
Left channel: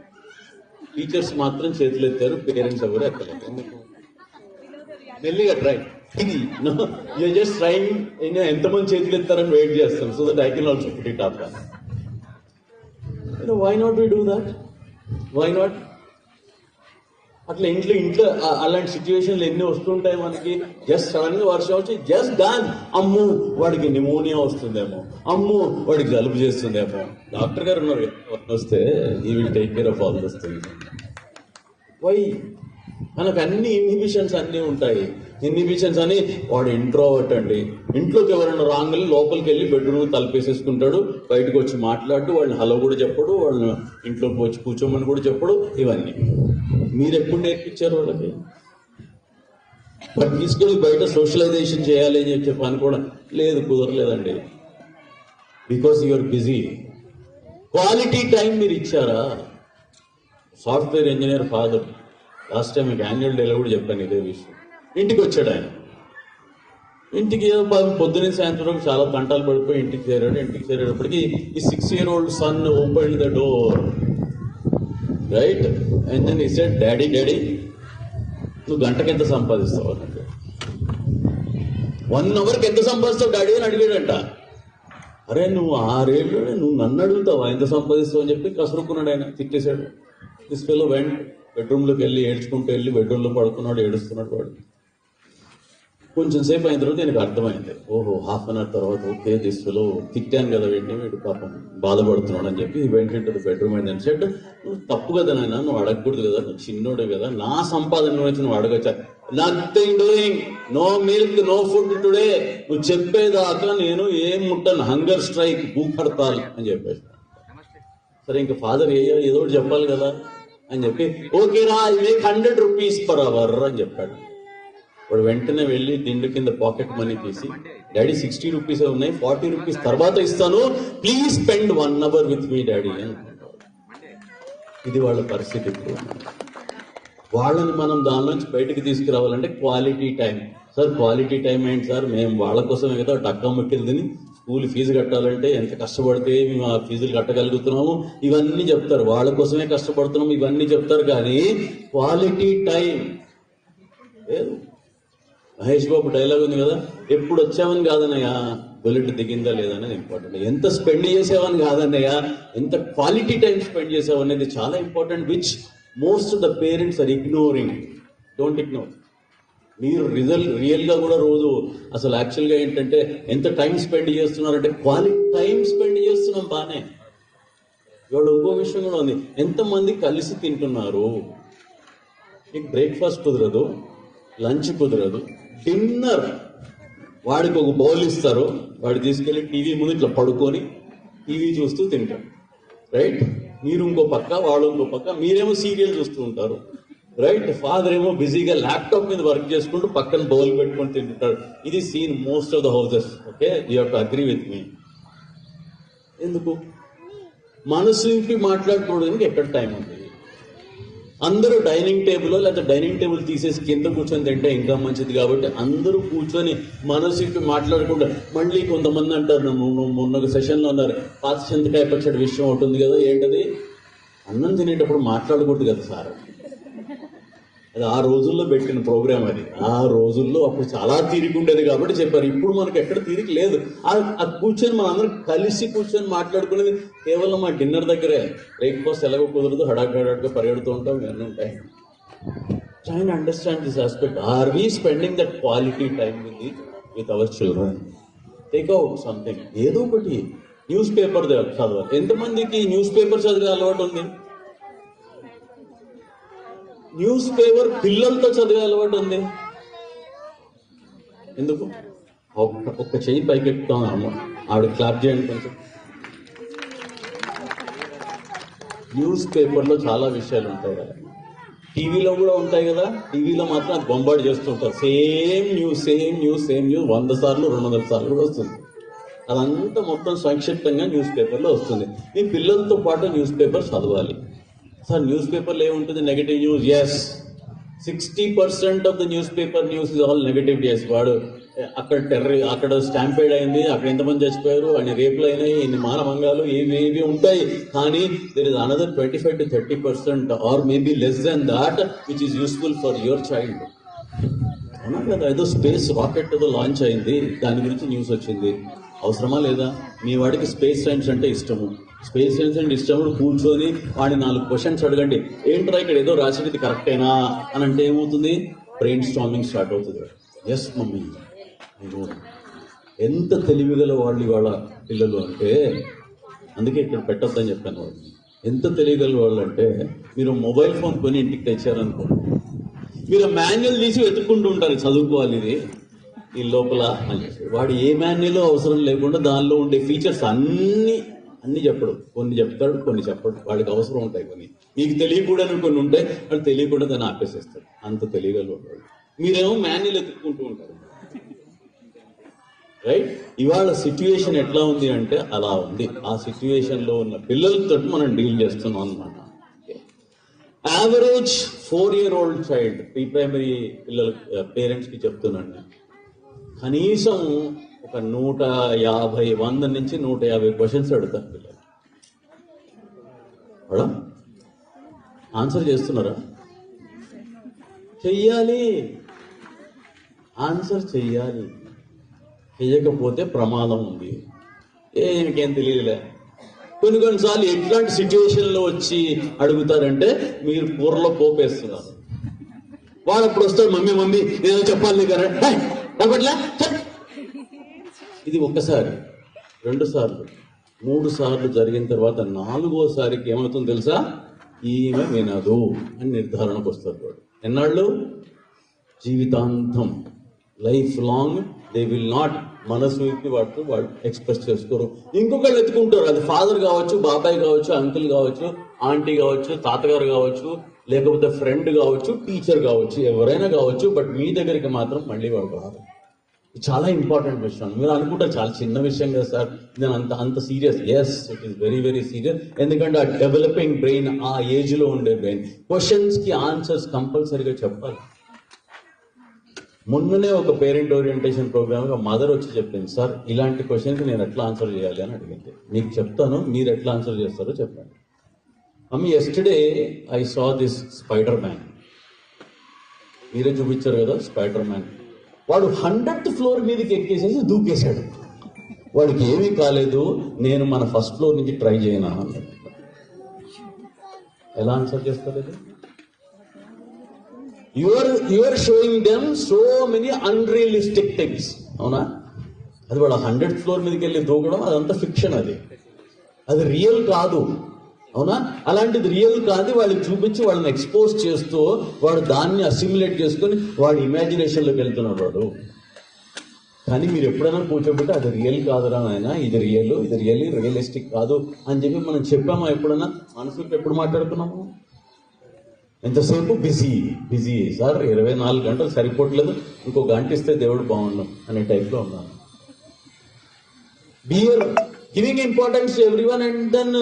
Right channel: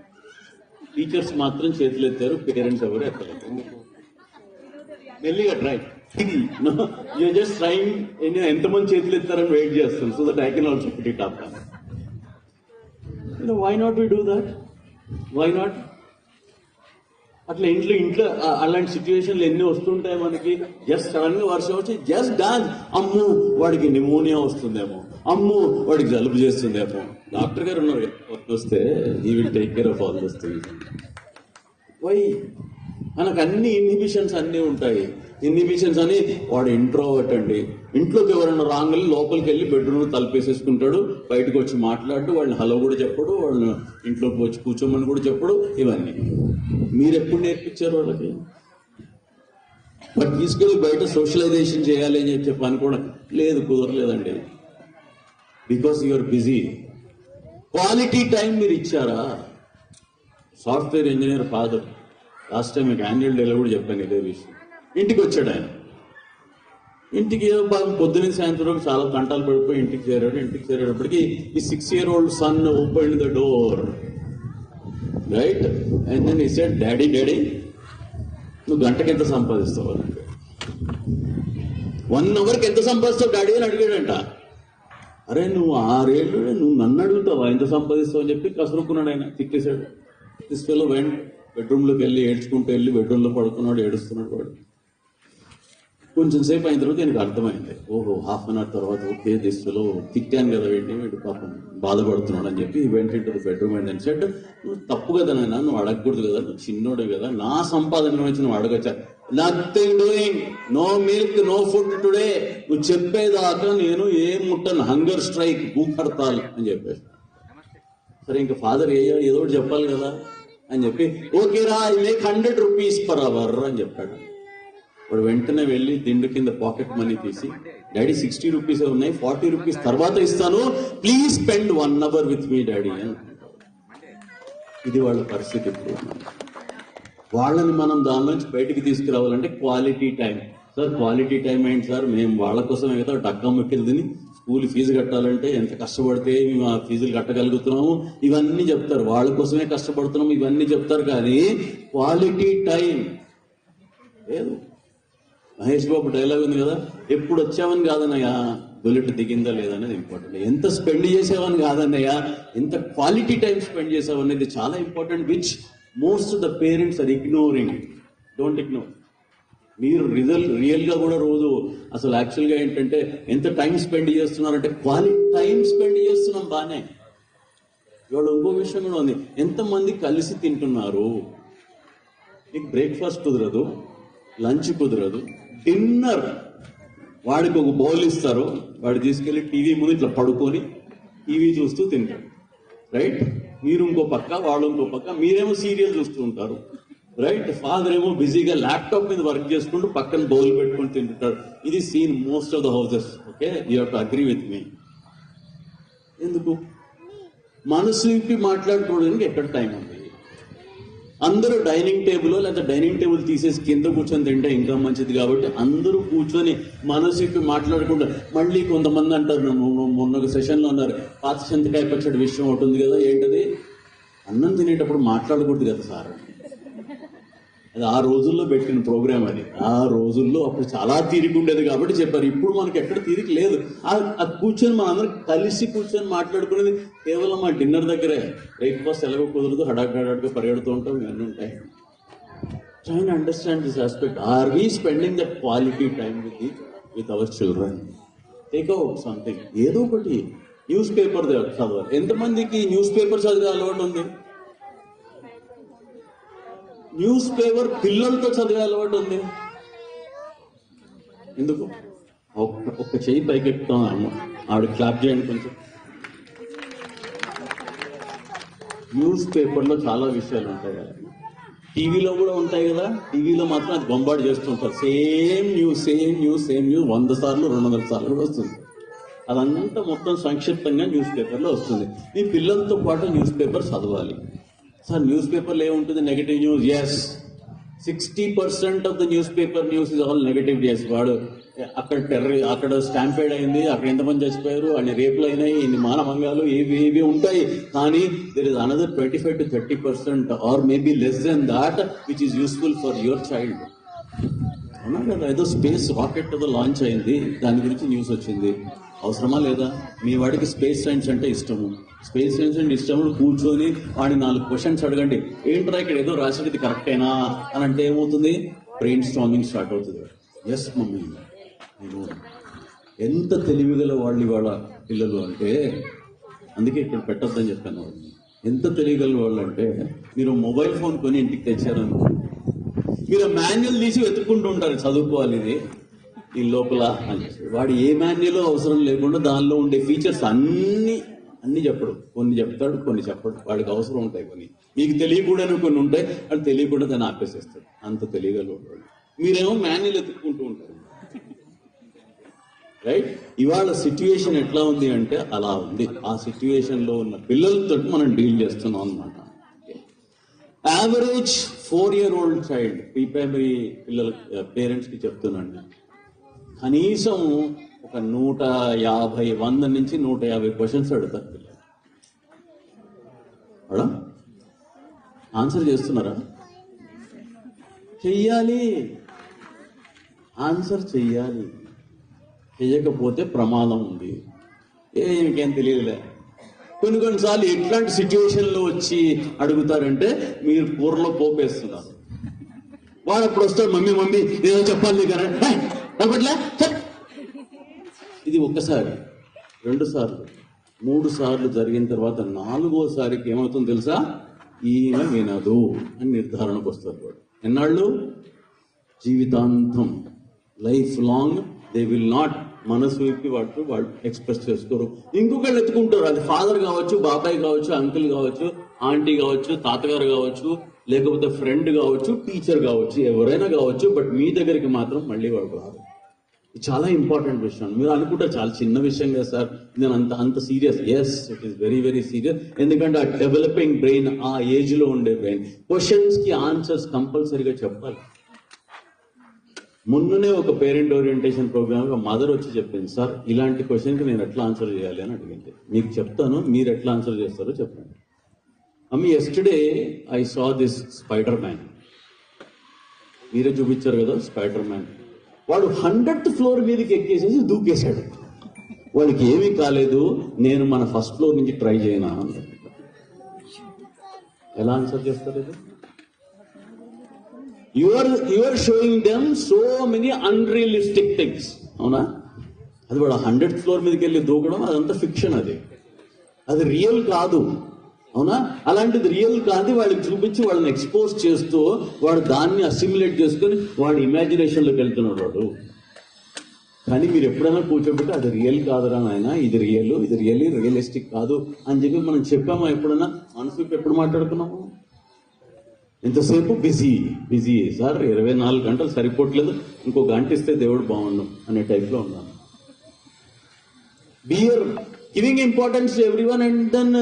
టీచర్స్ మాత్రం చేతులు ఎత్తారు, పేరెంట్స్ ఎవరు ఎక్కలేదు. మెల్లిగా ట్రై, యూ జస్ట్ ట్రైంగ్. ఎంతమంది చేతులు ఎత్తారని వెయిట్ చేస్తాం, so that I can also put it up. Why not we do that? Why not? అట్లా ఇంట్లో అలాంటి సిచ్యువేషన్లు ఎన్ని వస్తుంటాయి మనకి. జస్ట్ సడన్గా వర్షం వచ్చి జస్ట్ డాన్స్, అమ్ము వాడికి నిమోనియా వస్తుందేమో, అమ్ము వాడికి జలుబు చేస్తుందేమో. డాక్టర్ గారు ఉన్నారు, వస్తే he will take care of all this things. Why? మనకు అన్ని ఇన్హిబిషన్స్ అన్నీ ఉంటాయి. ఇన్హిబిషన్స్ అని వాడు ఇంట్రోవర్ట్ అండి, ఇంట్లోకి ఎవరన్నా రాగానే లోపలికి వెళ్ళి బెడ్రూమ్ తలుపేసేసుకుంటాడు, బయటకు వచ్చి మాట్లాడుతూ వాళ్ళని హలో కూడా చెప్పడు, వాళ్ళని ఇంట్లోకి వచ్చి కూర్చోమని కూడా చెప్పడు. ఇవన్నీ మీరు ఎప్పుడు నేర్పించారు వాళ్ళకి? బట్ తీసుకొని బయట సోషలైజేషన్ చేయాలి అని చెప్పి అనుకోవడం లేదు, కుదరలేదండి. Because you're busy. Quality time మీరు ఇచ్చారా? Software engineer father, last time మీకు యాన్యువల్ డేలో కూడా చెప్పాను ఇదే విషయం. ఇంటికి వచ్చాడు ఆయన, ఇంటికి ఏదో బాగా పొద్దున్న సాయంత్రం చాలా తంటాలు పడిపోయి ఇంటికి చేరాడు. ఇంటికి చేరేటప్పటికి ఈ 6-year-old son open the door, right, and then he said, daddy నువ్వు గంటకి ఎంత సంపాదిస్తావు? 1 అవర్కి ఎంత సంపాదిస్తావు డాడీ అని అడిగాడంట. అరే నువ్వు 6 ఏళ్ళు నువ్వు నన్ను అడుగుతావా ఎంత సంపాదిస్తావు అని చెప్పి కసురుకున్నాడు ఆయన, తిట్టేశాడు. తీసుకెళ్ళి వెంట బెడ్రూమ్లోకి వెళ్ళి ఏడ్చుకుంటూ వెళ్ళి బెడ్రూమ్లో పడుకున్నాడు, ఏడుస్తున్నాడు వాడు. కొంచెం సేపు అయిన తర్వాత எனக்கு అర్థమైంది, ఓహో 1/2 an hour తర్వాత ఓకే దిస్తులో తిట్టాను కదా వీడు పాపం బాధపడుతున్నాడు అని చెప్పి వెంటనే బెడ్రూమ్ అండ్ అని సెట్, నువ్వు తప్పు కదా నాయన, నువ్వు అడగకూడదు కదా, నువ్వు చిన్నోడు కదా, నా సంపాదన వచ్చి నువ్వు అడగచ్చా? Nothing doing, no milk, no food today, నువ్వు చెప్పేదాకా నేను ఏం ముట్టను, హంగర్ స్ట్రైక్, భూక్ హర్తాల్ అని చెప్పేసి. సరే ఇంకా ఫాదర్ ఏదో ఒకటి చెప్పాలి కదా అని చెప్పి, ఓకేరా I make 100 rupees per hour అని చెప్పాడు. వాడు వెంటనే వెళ్ళి దిండు కింద పాకెట్ మనీ తీసి, డాడీ 60 rupees ఉన్నాయి, 40 rupees తర్వాత ఇస్తాను, please spend 1 hour with me daddy అని. ఇది వాళ్ళ పరిస్థితి. ఇప్పుడు వాళ్ళని మనం దాని నుంచి బయటకు తీసుకురావాలంటే quality time. Sir quality time ఏంటి సార్, మేము వాళ్ళ కోసం ఏదో డబ్బా ముట్టిలు తిని స్కూల్ ఫీజు కట్టాలంటే ఎంత కష్టపడితే మేము ఆ ఫీజులు కట్టగలుగుతున్నాము ఇవన్నీ చెప్తారు, వాళ్ళ కోసమే కష్టపడుతున్నాము ఇవన్నీ చెప్తారు, కానీ క్వాలిటీ టైం లేదు. మహేష్ బాబు డైలాగ్ ఉంది కదా, ఎప్పుడు వచ్చామని కాదన్నయ్య, బుల్లెట్ దిగిందా లేదనేది ఇంపార్టెంట్. ఎంత స్పెండ్ చేసావని కాదన్నయ్య, ఎంత క్వాలిటీ టైం స్పెండ్ చేసావు అనేది చాలా important, which most the parents are ignoring. Don't ignore. మీరు రియల్గా కూడా రోజు అసలు యాక్చువల్గా ఏంటంటే ఎంత టైం స్పెండ్ చేస్తున్నారంటే క్వాలిటీ టైం స్పెండ్ చేస్తున్నాం బాగానే. ఇవాళ ఇంకో విషయం కూడా ఉంది, ఎంతమంది కలిసి తింటున్నారు. మీకు బ్రేక్ఫాస్ట్ కుదరదు, లంచ్ కుదరదు, డిన్నర్ వాడికి ఒక బౌల్ ఇస్తారు, వాడు తీసుకెళ్ళి టీవీ ముందు ఇట్లా పడుకొని టీవీ చూస్తూ తింటారు, రైట్? మీరు ఇంకో పక్క, వాళ్ళు ఇంకో పక్క, మీరేమో సీరియల్ చూస్తూ ఉంటారు, రైట్? ఫాదర్ ఏమో బిజీగా ల్యాప్టాప్ మీద వర్క్ చేసుకుంటూ పక్కన బౌల్ పెట్టుకొని తింటుంటారు. ఇది scene most of the houses. Okay, you have to agree with me. ఎందుకు? మనసుకి మాట్లాడుకోవడానికి ఎక్కడ టైం ఉంది? అందరూ డైనింగ్ టేబుల్ లేకపోతే డైనింగ్ టేబుల్ తీసేసి కింద కూర్చొని తింటే ఇంకా మంచిది. కాబట్టి అందరూ కూర్చొని మనసుకి మాట్లాడకుండా, మళ్ళీ కొంతమంది అంటారు, నన్ను మొన్న సెషన్లో అన్నారు, పాత చింతకాయ పచ్చడి విషయం ఉంటుంది కదా, ఏంటది? అన్నం తినేటప్పుడు మాట్లాడకూడదు కదా సార్. అది ఆ రోజుల్లో పెట్టిన ప్రోగ్రామ్ అది. ఆ రోజుల్లో అప్పుడు చాలా తీరిక ఉండేది కాబట్టి చెప్పారు. ఇప్పుడు మనకి ఎక్కడ తీరిక లేదు. అది కూర్చొని మనం అందరం కలిసి కూర్చొని మాట్లాడుకునేది కేవలం మా డిన్నర్ దగ్గరే. బ్రేక్ఫాస్ట్ ఎలాగో కుదరదు, హడాగా పరిగెడుతూ ఉంటాం, ఇవన్నీ ఉంటాయి. Try to understand this aspect. Are we spending that quality time with our children? Take out something, ఏదో ఒకటి. న్యూస్ పేపర్ చదవాలి. ఎంతమందికి న్యూస్ పేపర్ చదివే అలవాటు ఉంది? న్యూస్ పేపర్ పిల్లలతో చదివే అలవాటు ఉంది. ఎందుకు? ఒక్క చెయ్యి పైకెట్టుకోం అమ్మ, ఆవిడ క్లాప్ చేయండి కొంచెం. న్యూస్ పేపర్లో చాలా విషయాలు ఉంటాయి కదా, టీవీలో కూడా ఉంటాయి కదా. టీవీలో మాత్రం అది బొంబార్డ్ చేస్తుంటారు. సేమ్ న్యూస్ 100 సార్లు 200 సార్లు కూడా వస్తుంది. అదంతా మొత్తం సంక్షిప్తంగా న్యూస్ పేపర్లో వస్తుంది. మీ పిల్లలతో పాటు న్యూస్ పేపర్ చదవాలి. సార్ న్యూస్ పేపర్లో ఏముంటుంది? Negative news. Yes, 60% of the newspaper news is all negative. Yes, వాడు అక్కడ స్టాంపేడ్ అయింది, అక్కడ ఎంతమంది చచ్చిపోయారు, అన్ని రేపులు అయినాయి, ఇన్ని మానభంగాలు, ఏవి ఉంటాయి. కానీ there is another 25 to 30% or maybe less than that which is useful for your child. అన్నా కదా, ఏదో స్పేస్ రాకెట్ ఏదో లాంచ్ అయింది, దాని గురించి న్యూస్ వచ్చింది. అవసరమా లేదా? మీ వాడికి స్పేస్ సైన్స్ అంటే ఇష్టము, స్పేస్ సైన్స్ అంటే ఇష్టము, కూర్చొని వాడిని 4 క్వశ్చన్స్ అడగండి. ఏంట్రా ఇక్కడ ఏదో రాసేది కరెక్టేనా అని అంటే ఏమవుతుంది? బ్రెయిన్ స్టార్మింగ్ స్టార్ట్ అవుతుంది. ఎస్ మమ్మీ, ఎంత తెలివిగల వాళ్ళు వాళ్ళ పిల్లలు అంటే, అందుకే ఇక్కడ పెట్టొద్దని చెప్పాను. ఎంత తెలివిగల వాళ్ళు అంటే, మీరు మొబైల్ ఫోన్ కొని ఇంటికి తెచ్చారనుకో, మీరు మాన్యువల్ తీసి వెతుక్కుంటూ ఉంటారు, చదువుకోవాలి ఇది ఈ లోపల. వాడు ఏ మాన్యువల్ అవసరం లేకుండా దానిలో ఉండే ఫీచర్స్ అన్ని చెప్పడు. కొన్ని చెప్తాడు, కొన్ని చెప్పడు. వాడికి అవసరం ఉంటాయి కొన్ని, మీకు తెలియకూడని కొన్ని ఉంటాయి, వాడు తెలియకుండా దాన్ని ఆపేసేస్తాడు. అంత తెలియగలవాడు. మీరేమో మాన్యువల్ ఎత్తుక్కుంటూ ఉంటారు, రైట్? ఇవాళ సిచ్యువేషన్ ఎట్లా ఉంది అంటే అలా ఉంది. ఆ సిచ్యువేషన్లో ఉన్న పిల్లలతో మనం డీల్ చేస్తున్నాం అన్నమాట. Average 4-year-old child, pre primary పిల్లల పేరెంట్స్కి చెప్తున్నాను, కనీసం ఒక 100 నుంచి 150 క్వశ్చన్స్ అడుగుతారు పిల్లలు. ఆన్సర్ చేస్తున్నారా? చెయ్యాలి, ఆన్సర్ చెయ్యాలి. చెయ్యకపోతే ప్రమాదం ఉంది. ఇంకేం తెలియలే. కొన్నిసార్లు ఎట్లాంటి సిచ్యువేషన్లో వచ్చి అడుగుతారంటే, మీరు కూరలో పోపేస్తున్నారు, వాడు అప్పుడు వస్తాడు, మమ్మీ ఏదో చెప్పాలి కదా, ఇది 1 సారి 2 సార్లు 3 సార్లు జరిగిన తర్వాత 4వ సారికి ఏమవుతుందో తెలుసా? ఈమె వినదు అని నిర్ధారణకు వస్తారు వాడు. ఎన్నాళ్ళు? జీవితాంతం, life long they will not, మనసుకి వాళ్ళు ఎక్స్ప్రెస్ చేసుకోరు. ఇంకొకళ్ళు ఎత్తుకుంటారు. అది ఫాదర్ కావచ్చు, బాబాయ్ కావచ్చు, అంకుల్ కావచ్చు, ఆంటీ కావచ్చు, తాతగారు కావచ్చు, లేకపోతే ఫ్రెండ్ కావచ్చు, టీచర్ కావచ్చు, ఎవరైనా కావచ్చు. బట్ మీ దగ్గరికి మాత్రం మళ్ళీ వాడు రాదు. ఇది చాలా ఇంపార్టెంట్ విషయం. మీరు అనుకుంటారు చాలా చిన్న విషయం కదా సార్, నేను అంత serious. Yes, it is very very serious. ఎందుకంటే ఆ డెవలపింగ్ బ్రెయిన్, ఆ ఏజ్లో ఉండే బ్రెయిన్, క్వశ్చన్స్కి ఆన్సర్స్ కంపల్సరీగా చెప్పాలి. మొన్ననే ఒక పేరెంట్ ఓరియంటేషన్ ప్రోగ్రామ్ మదర్ వచ్చి చెప్పింది, సార్ ఇలాంటి క్వశ్చన్కి నేను ఎట్లా ఆన్సర్ చేయాలి అని అడిగింది. మీకు చెప్తాను, మీరు ఎట్లా ఆన్సర్ చేస్తారో చెప్పండి. Mummy, yesterday I saw this spider man. మీరే చూపించారు కదా స్పైడర్ మ్యాన్. వాడు 100th ఫ్లోర్ మీదకి ఎక్కేసేసి దూకేశాడు. వాడికి ఏమీ కాలేదు, నేను మన ఫస్ట్ ఫ్లోర్ నుంచి ట్రై చేయనా అన్నాడు. ఎలా ఆన్సర్ చేస్తారు ఇది? You are showing them so many unrealistic things. అవునా? అది వాడు 100th ఫ్లోర్ మీదకి వెళ్ళి దూకడం అదంతా ఫిక్షన్, అది రియల్ కాదు. అవునా? అలాంటిది రియల్ కాదు వాళ్ళకి చూపించి వాళ్ళని ఎక్స్పోజ్ చేస్తూ వాడు దాన్ని అసిమ్యులేట్ చేసుకొని వాడి ఇమాజినేషన్లోకి వెళ్తున్నాడు వాడు. కానీ మీరు ఎప్పుడైనా కూర్చోబెట్టి అది రియల్ కాదురా నాయన, ఇది రియలిస్టిక్ కాదు అని చెప్పి మనం చెప్పామా? ఎప్పుడైనా మనసుకి ఎప్పుడు మాట్లాడుతున్నాము? ఎంతసేపు బిజీ సార్, 24 గంటలు సరిపోవట్లేదు, ఇంకో గంట ఇస్తే దేవుడు బాగుండం అనే టైప్లో ఉన్నాను. Bear giving importance to everyone and then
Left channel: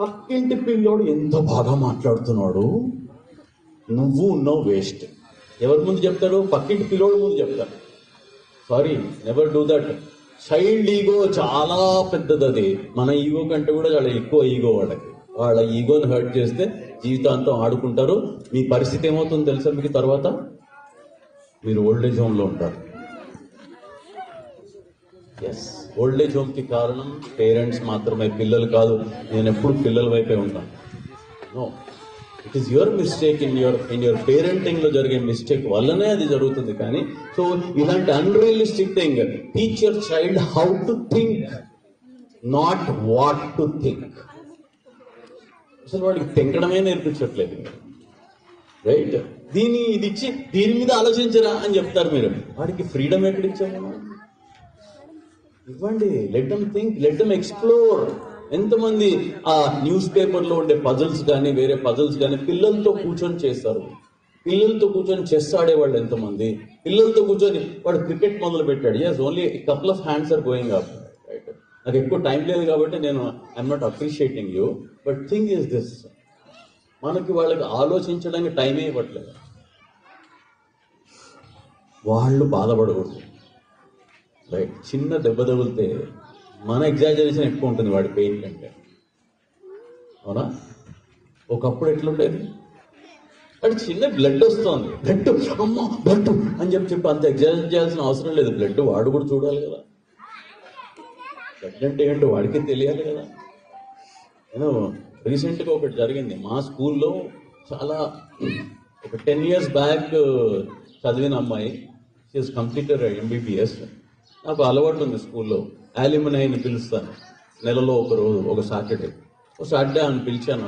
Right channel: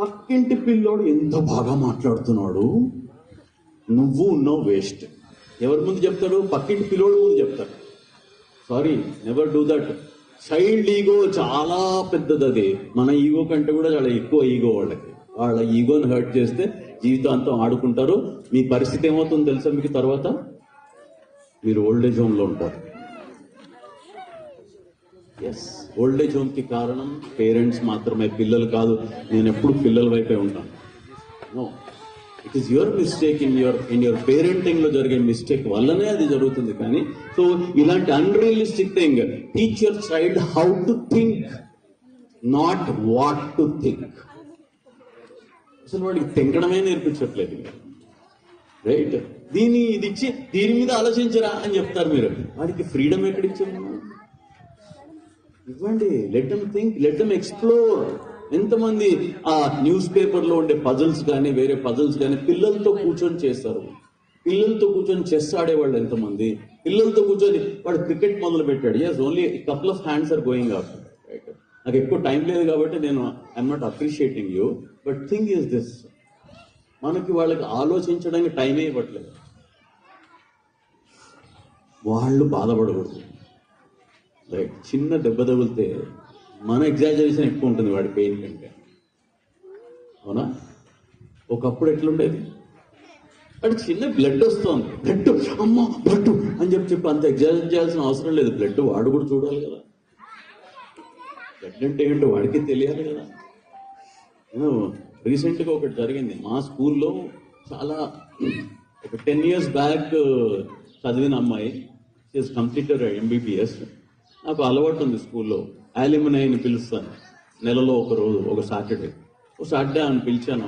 పక్కింటి పిల్లోడు ఎంత బాగా మాట్లాడుతున్నాడు, నువ్వు ఉన్నావు వేస్ట్. ఎవరి ముందు చెప్తాడు? పక్కింటి పిల్లోడు ముందు చెప్తాడు. Sorry, never do that. Child ego చాలా పెద్దది. అది మన ఈగో కంటే కూడా చాలా ఎక్కువ ఈగో వాళ్ళకి. వాళ్ళ ఈగోని హర్ట్ చేస్తే జీవితాంతం ఆడుకుంటారు. మీ పరిస్థితి ఏమవుతుందో తెలుసా మీకు? తర్వాత మీరు ఓల్డేజ్ హోమ్లో ఉంటారు. ఎస్, ఓల్డేజ్ హోమ్కి కారణం పేరెంట్స్ మాత్రమే, పిల్లలు కాదు. నేను ఎప్పుడు పిల్లల వైపే ఉంటాను. No, it is your mistake. In your parenting లో జరిగే మిస్టేక్ వల్లనే అది జరుగుతుంది. కానీ సో ఇలాంటి unrealistic thing, teach your child how to think, not what to think. అసలు వాడికి తింకడమే నేర్పించట్లేదు, రైట్? ఇది ఇచ్చి దీని మీద ఆలోచించరా అని చెప్తారు మీరు. వాడికి ఫ్రీడమ్ ఎక్కడిచ్చాము? ఇవ్వండి. Let them think, let them explore. ఎంతమంది ఆ న్యూస్ పేపర్లో ఉండే పజల్స్ కానీ వేరే పజల్స్ కానీ పిల్లలతో కూర్చొని చేస్తారు. పిల్లలతో కూర్చొని చెస్ ఆడేవాళ్ళు ఎంతమంది? పిల్లలతో కూర్చొని వాడు క్రికెట్ మొదలు పెట్టాడు. Yes, only couple of hands are going up, right? నాకు ఎక్కువ టైం లేదు కాబట్టి నేను I'm not appreciating you, but thing is this, మనకి వాళ్ళకి ఆలోచించడానికి టైమే ఇవ్వట్లేదు. వాళ్ళు బాధపడకూడదు, రైట్? చిన్న దెబ్బ తగిలితే మన ఎగ్జాజరేషన్ ఎక్కువ ఉంటుంది వాడి పెయిన్ కంటే. అవునా? ఒకప్పుడు ఎట్లుండేది? వాడి చిన్న బ్లడ్ వస్తుంది, బ్లడ్ అని చెప్పి అంత ఎగ్జాజరేట్ చేయాల్సిన అవసరం లేదు. బ్లడ్ వాడు కూడా చూడాలి కదా. బ్లడ్ అంటే ఏంటో వాడికి తెలియాలి కదా. నేను రీసెంట్గా ఒకటి జరిగింది మా స్కూల్లో. చాలా ఒక 10 years బ్యాక్ చదివిన అమ్మాయి, షీఈస్ కంప్లీటెడ్ MBBS. నాకు అలవాటు ఉంది స్కూల్లో యాలిమినైని పిలుస్తాను నెలలో ఒక రోజు, ఒక సాటర్డే ఆమెను పిలిచాను.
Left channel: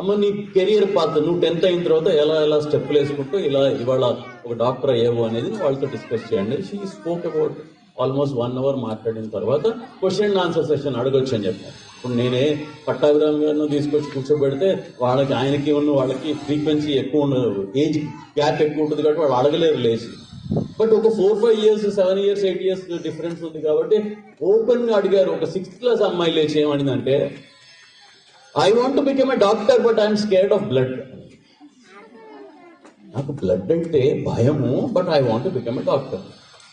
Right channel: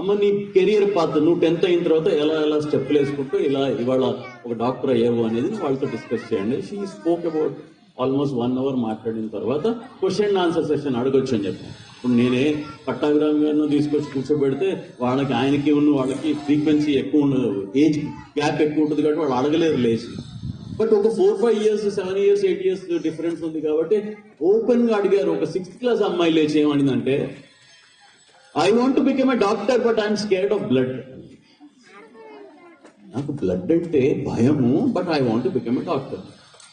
అమ్మ నీ కెరియర్ పాత్, నువ్వు 10th అయిన తర్వాత ఎలా స్టెప్పులు వేసుకుంటూ ఇలా ఇవాళ ఒక డాక్టర్ అయ్యావు అనేది వాళ్ళతో డిస్కస్ చేయండి. She spoke about almost 1 hour మాట్లాడిన తర్వాత క్వశ్చన్ అండ్ ఆన్సర్ సెషన్ అడగొచ్చు అని చెప్పాను. ఇప్పుడు నేనే పట్టాభిరామ్ గారిని తీసుకొచ్చి కూర్చోబెడితే ఆయనకి వాళ్ళకి ఫ్రీక్వెన్సీ ఎక్కువ ఉండదు, ఏజ్ గ్యాప్ ఎక్కువ ఉంటుంది కాబట్టి వాళ్ళు అడగలేరు లేచి. బట్ ఒక 4-5 years, 7 years, 8 years డిఫరెన్స్ ఉంది కాబట్టి ఓపెన్ గా అడిగారు. ఒక 6th class అమ్మాయి లేచి ఏమనిందంటే, I want to become a doctor but I'm scared of blood. నాకు బ్లడ్ అంటే భయము, but I want to become a doctor.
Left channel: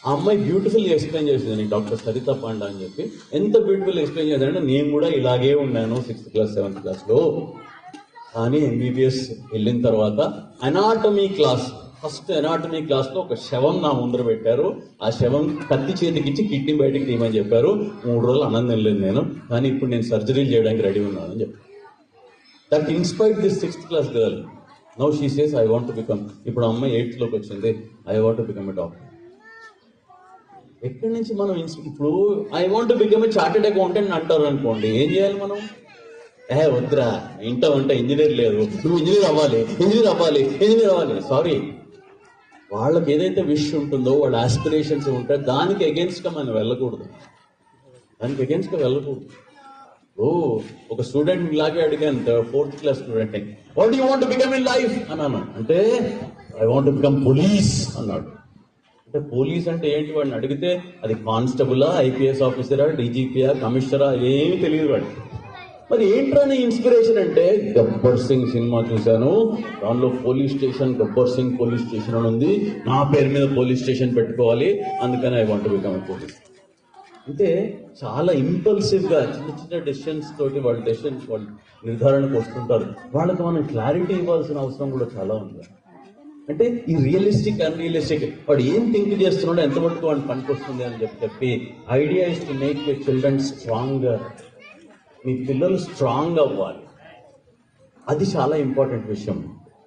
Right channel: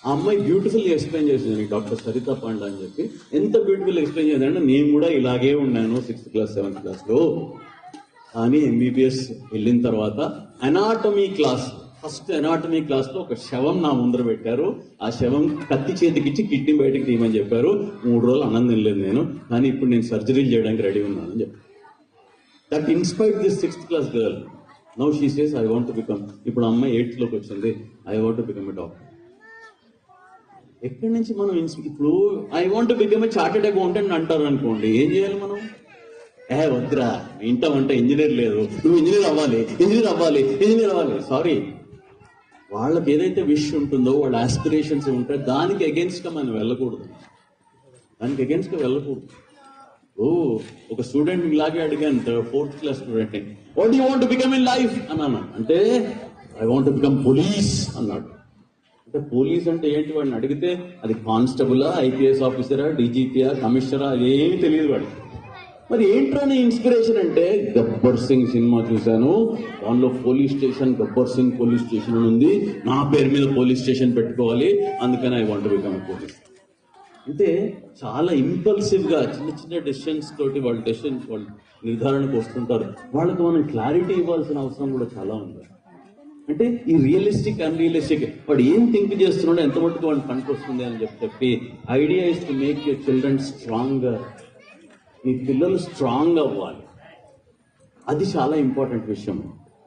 ఆ అమ్మాయి బ్యూటిఫుల్ ఎక్స్ప్లెయిన్ చేసింది, డాక్టర్ సరిత పాండా అని చెప్పి. ఎంత బ్యూటిఫుల్ ఎక్స్ప్లెయిన్ చేసిందంటే, నేను కూడా ఇలాగే ఉన్నాను 6th class, 7th classలో. కానీ MBBS వెళ్ళిన తర్వాత ఫస్ట్ ఎనాటమీ క్లాస్లో ఒక శవం నా ముందర పెట్టారు. ఆ శవం కత్తి చేతికిచ్చి కిడ్నీ బయటకు తీయమని చెప్పారు. 3 రోజులు అన్నం తినలేదు నేను, కానీ ఇప్పుడు నేను సర్జరీలు చేయడానికి రెడీ ఉన్నానని చెప్పాను. That inspired this 6th class girl. Now she says I want to become, ఇప్పుడు అమ్మాయి 8th లోకి వచ్చింది, I want to become a doctor. ఎక్కడి నుంచి మనం ఇప్పుడు I want to become a chartered accountant అంటారు అనుకోండి, ఏం చేయాలి మనం? వద్దురా, ఇంట ఇంజనీర్ లేదు, నువ్వు ఇంజనీర్ అవ్వాలి. సారీ, వాళ్ళకి ఏదైతే విష్ ఉంటుందో, వాళ్ళ ఆస్పిరేషన్స్ ఉంటాయో దానికి అగేన్స్ట్గా మనం వెళ్ళకూడదు. ఒక స్టూడెంట్ ఇలాగే అడిగాను, 4th class student, what you want to become in life అన్నాను. అంటే I want to become police అన్నాడు. అంటే పోలీస్ అంటే ఏంటి వాడిని అడిగితే, అది కానిస్టబులా, IPS ఆఫీసరా, DGPయా, కమిషనరా, అదేమీ తెలియదు వాడికి. మరి ఏంటని ఇన్స్పిరేషన్ అంటే, గబ్బర్ సింగ్ సినిమా చూశాను, దానిలో గబ్బర్ సింగ్ పోలీస్ స్టేషన్ అని ఉంది, నా పేరు మీద పోలీస్ స్టేషన్ పెట్టుకోవాలి, అందుకని I want to become a police. అంటే చాలా ఇంపల్సివ్గా చిన్న డెసిషన్స్ తోటి వాళ్ళు నిర్ధారణకు వస్తుంటారు. వాళ్ళకి మనం క్లారిటీ ఇవ్వాల్సిన అవసరం కూడా చాలా ఉంది. అంటే ఈ రియలిస్టిక్ అన్రియలిస్టిక్ వాడు ఏం థింక్ చేస్తున్నాడో ఎంత మటుకు వాడిని పనికొస్తుంది అని చెప్పి idea is to make your children stronger. మీ పిల్లలు స్ట్రాంగ్ అవ్వాలి, అది చాలా ఇంపార్టెంట్ విషయం.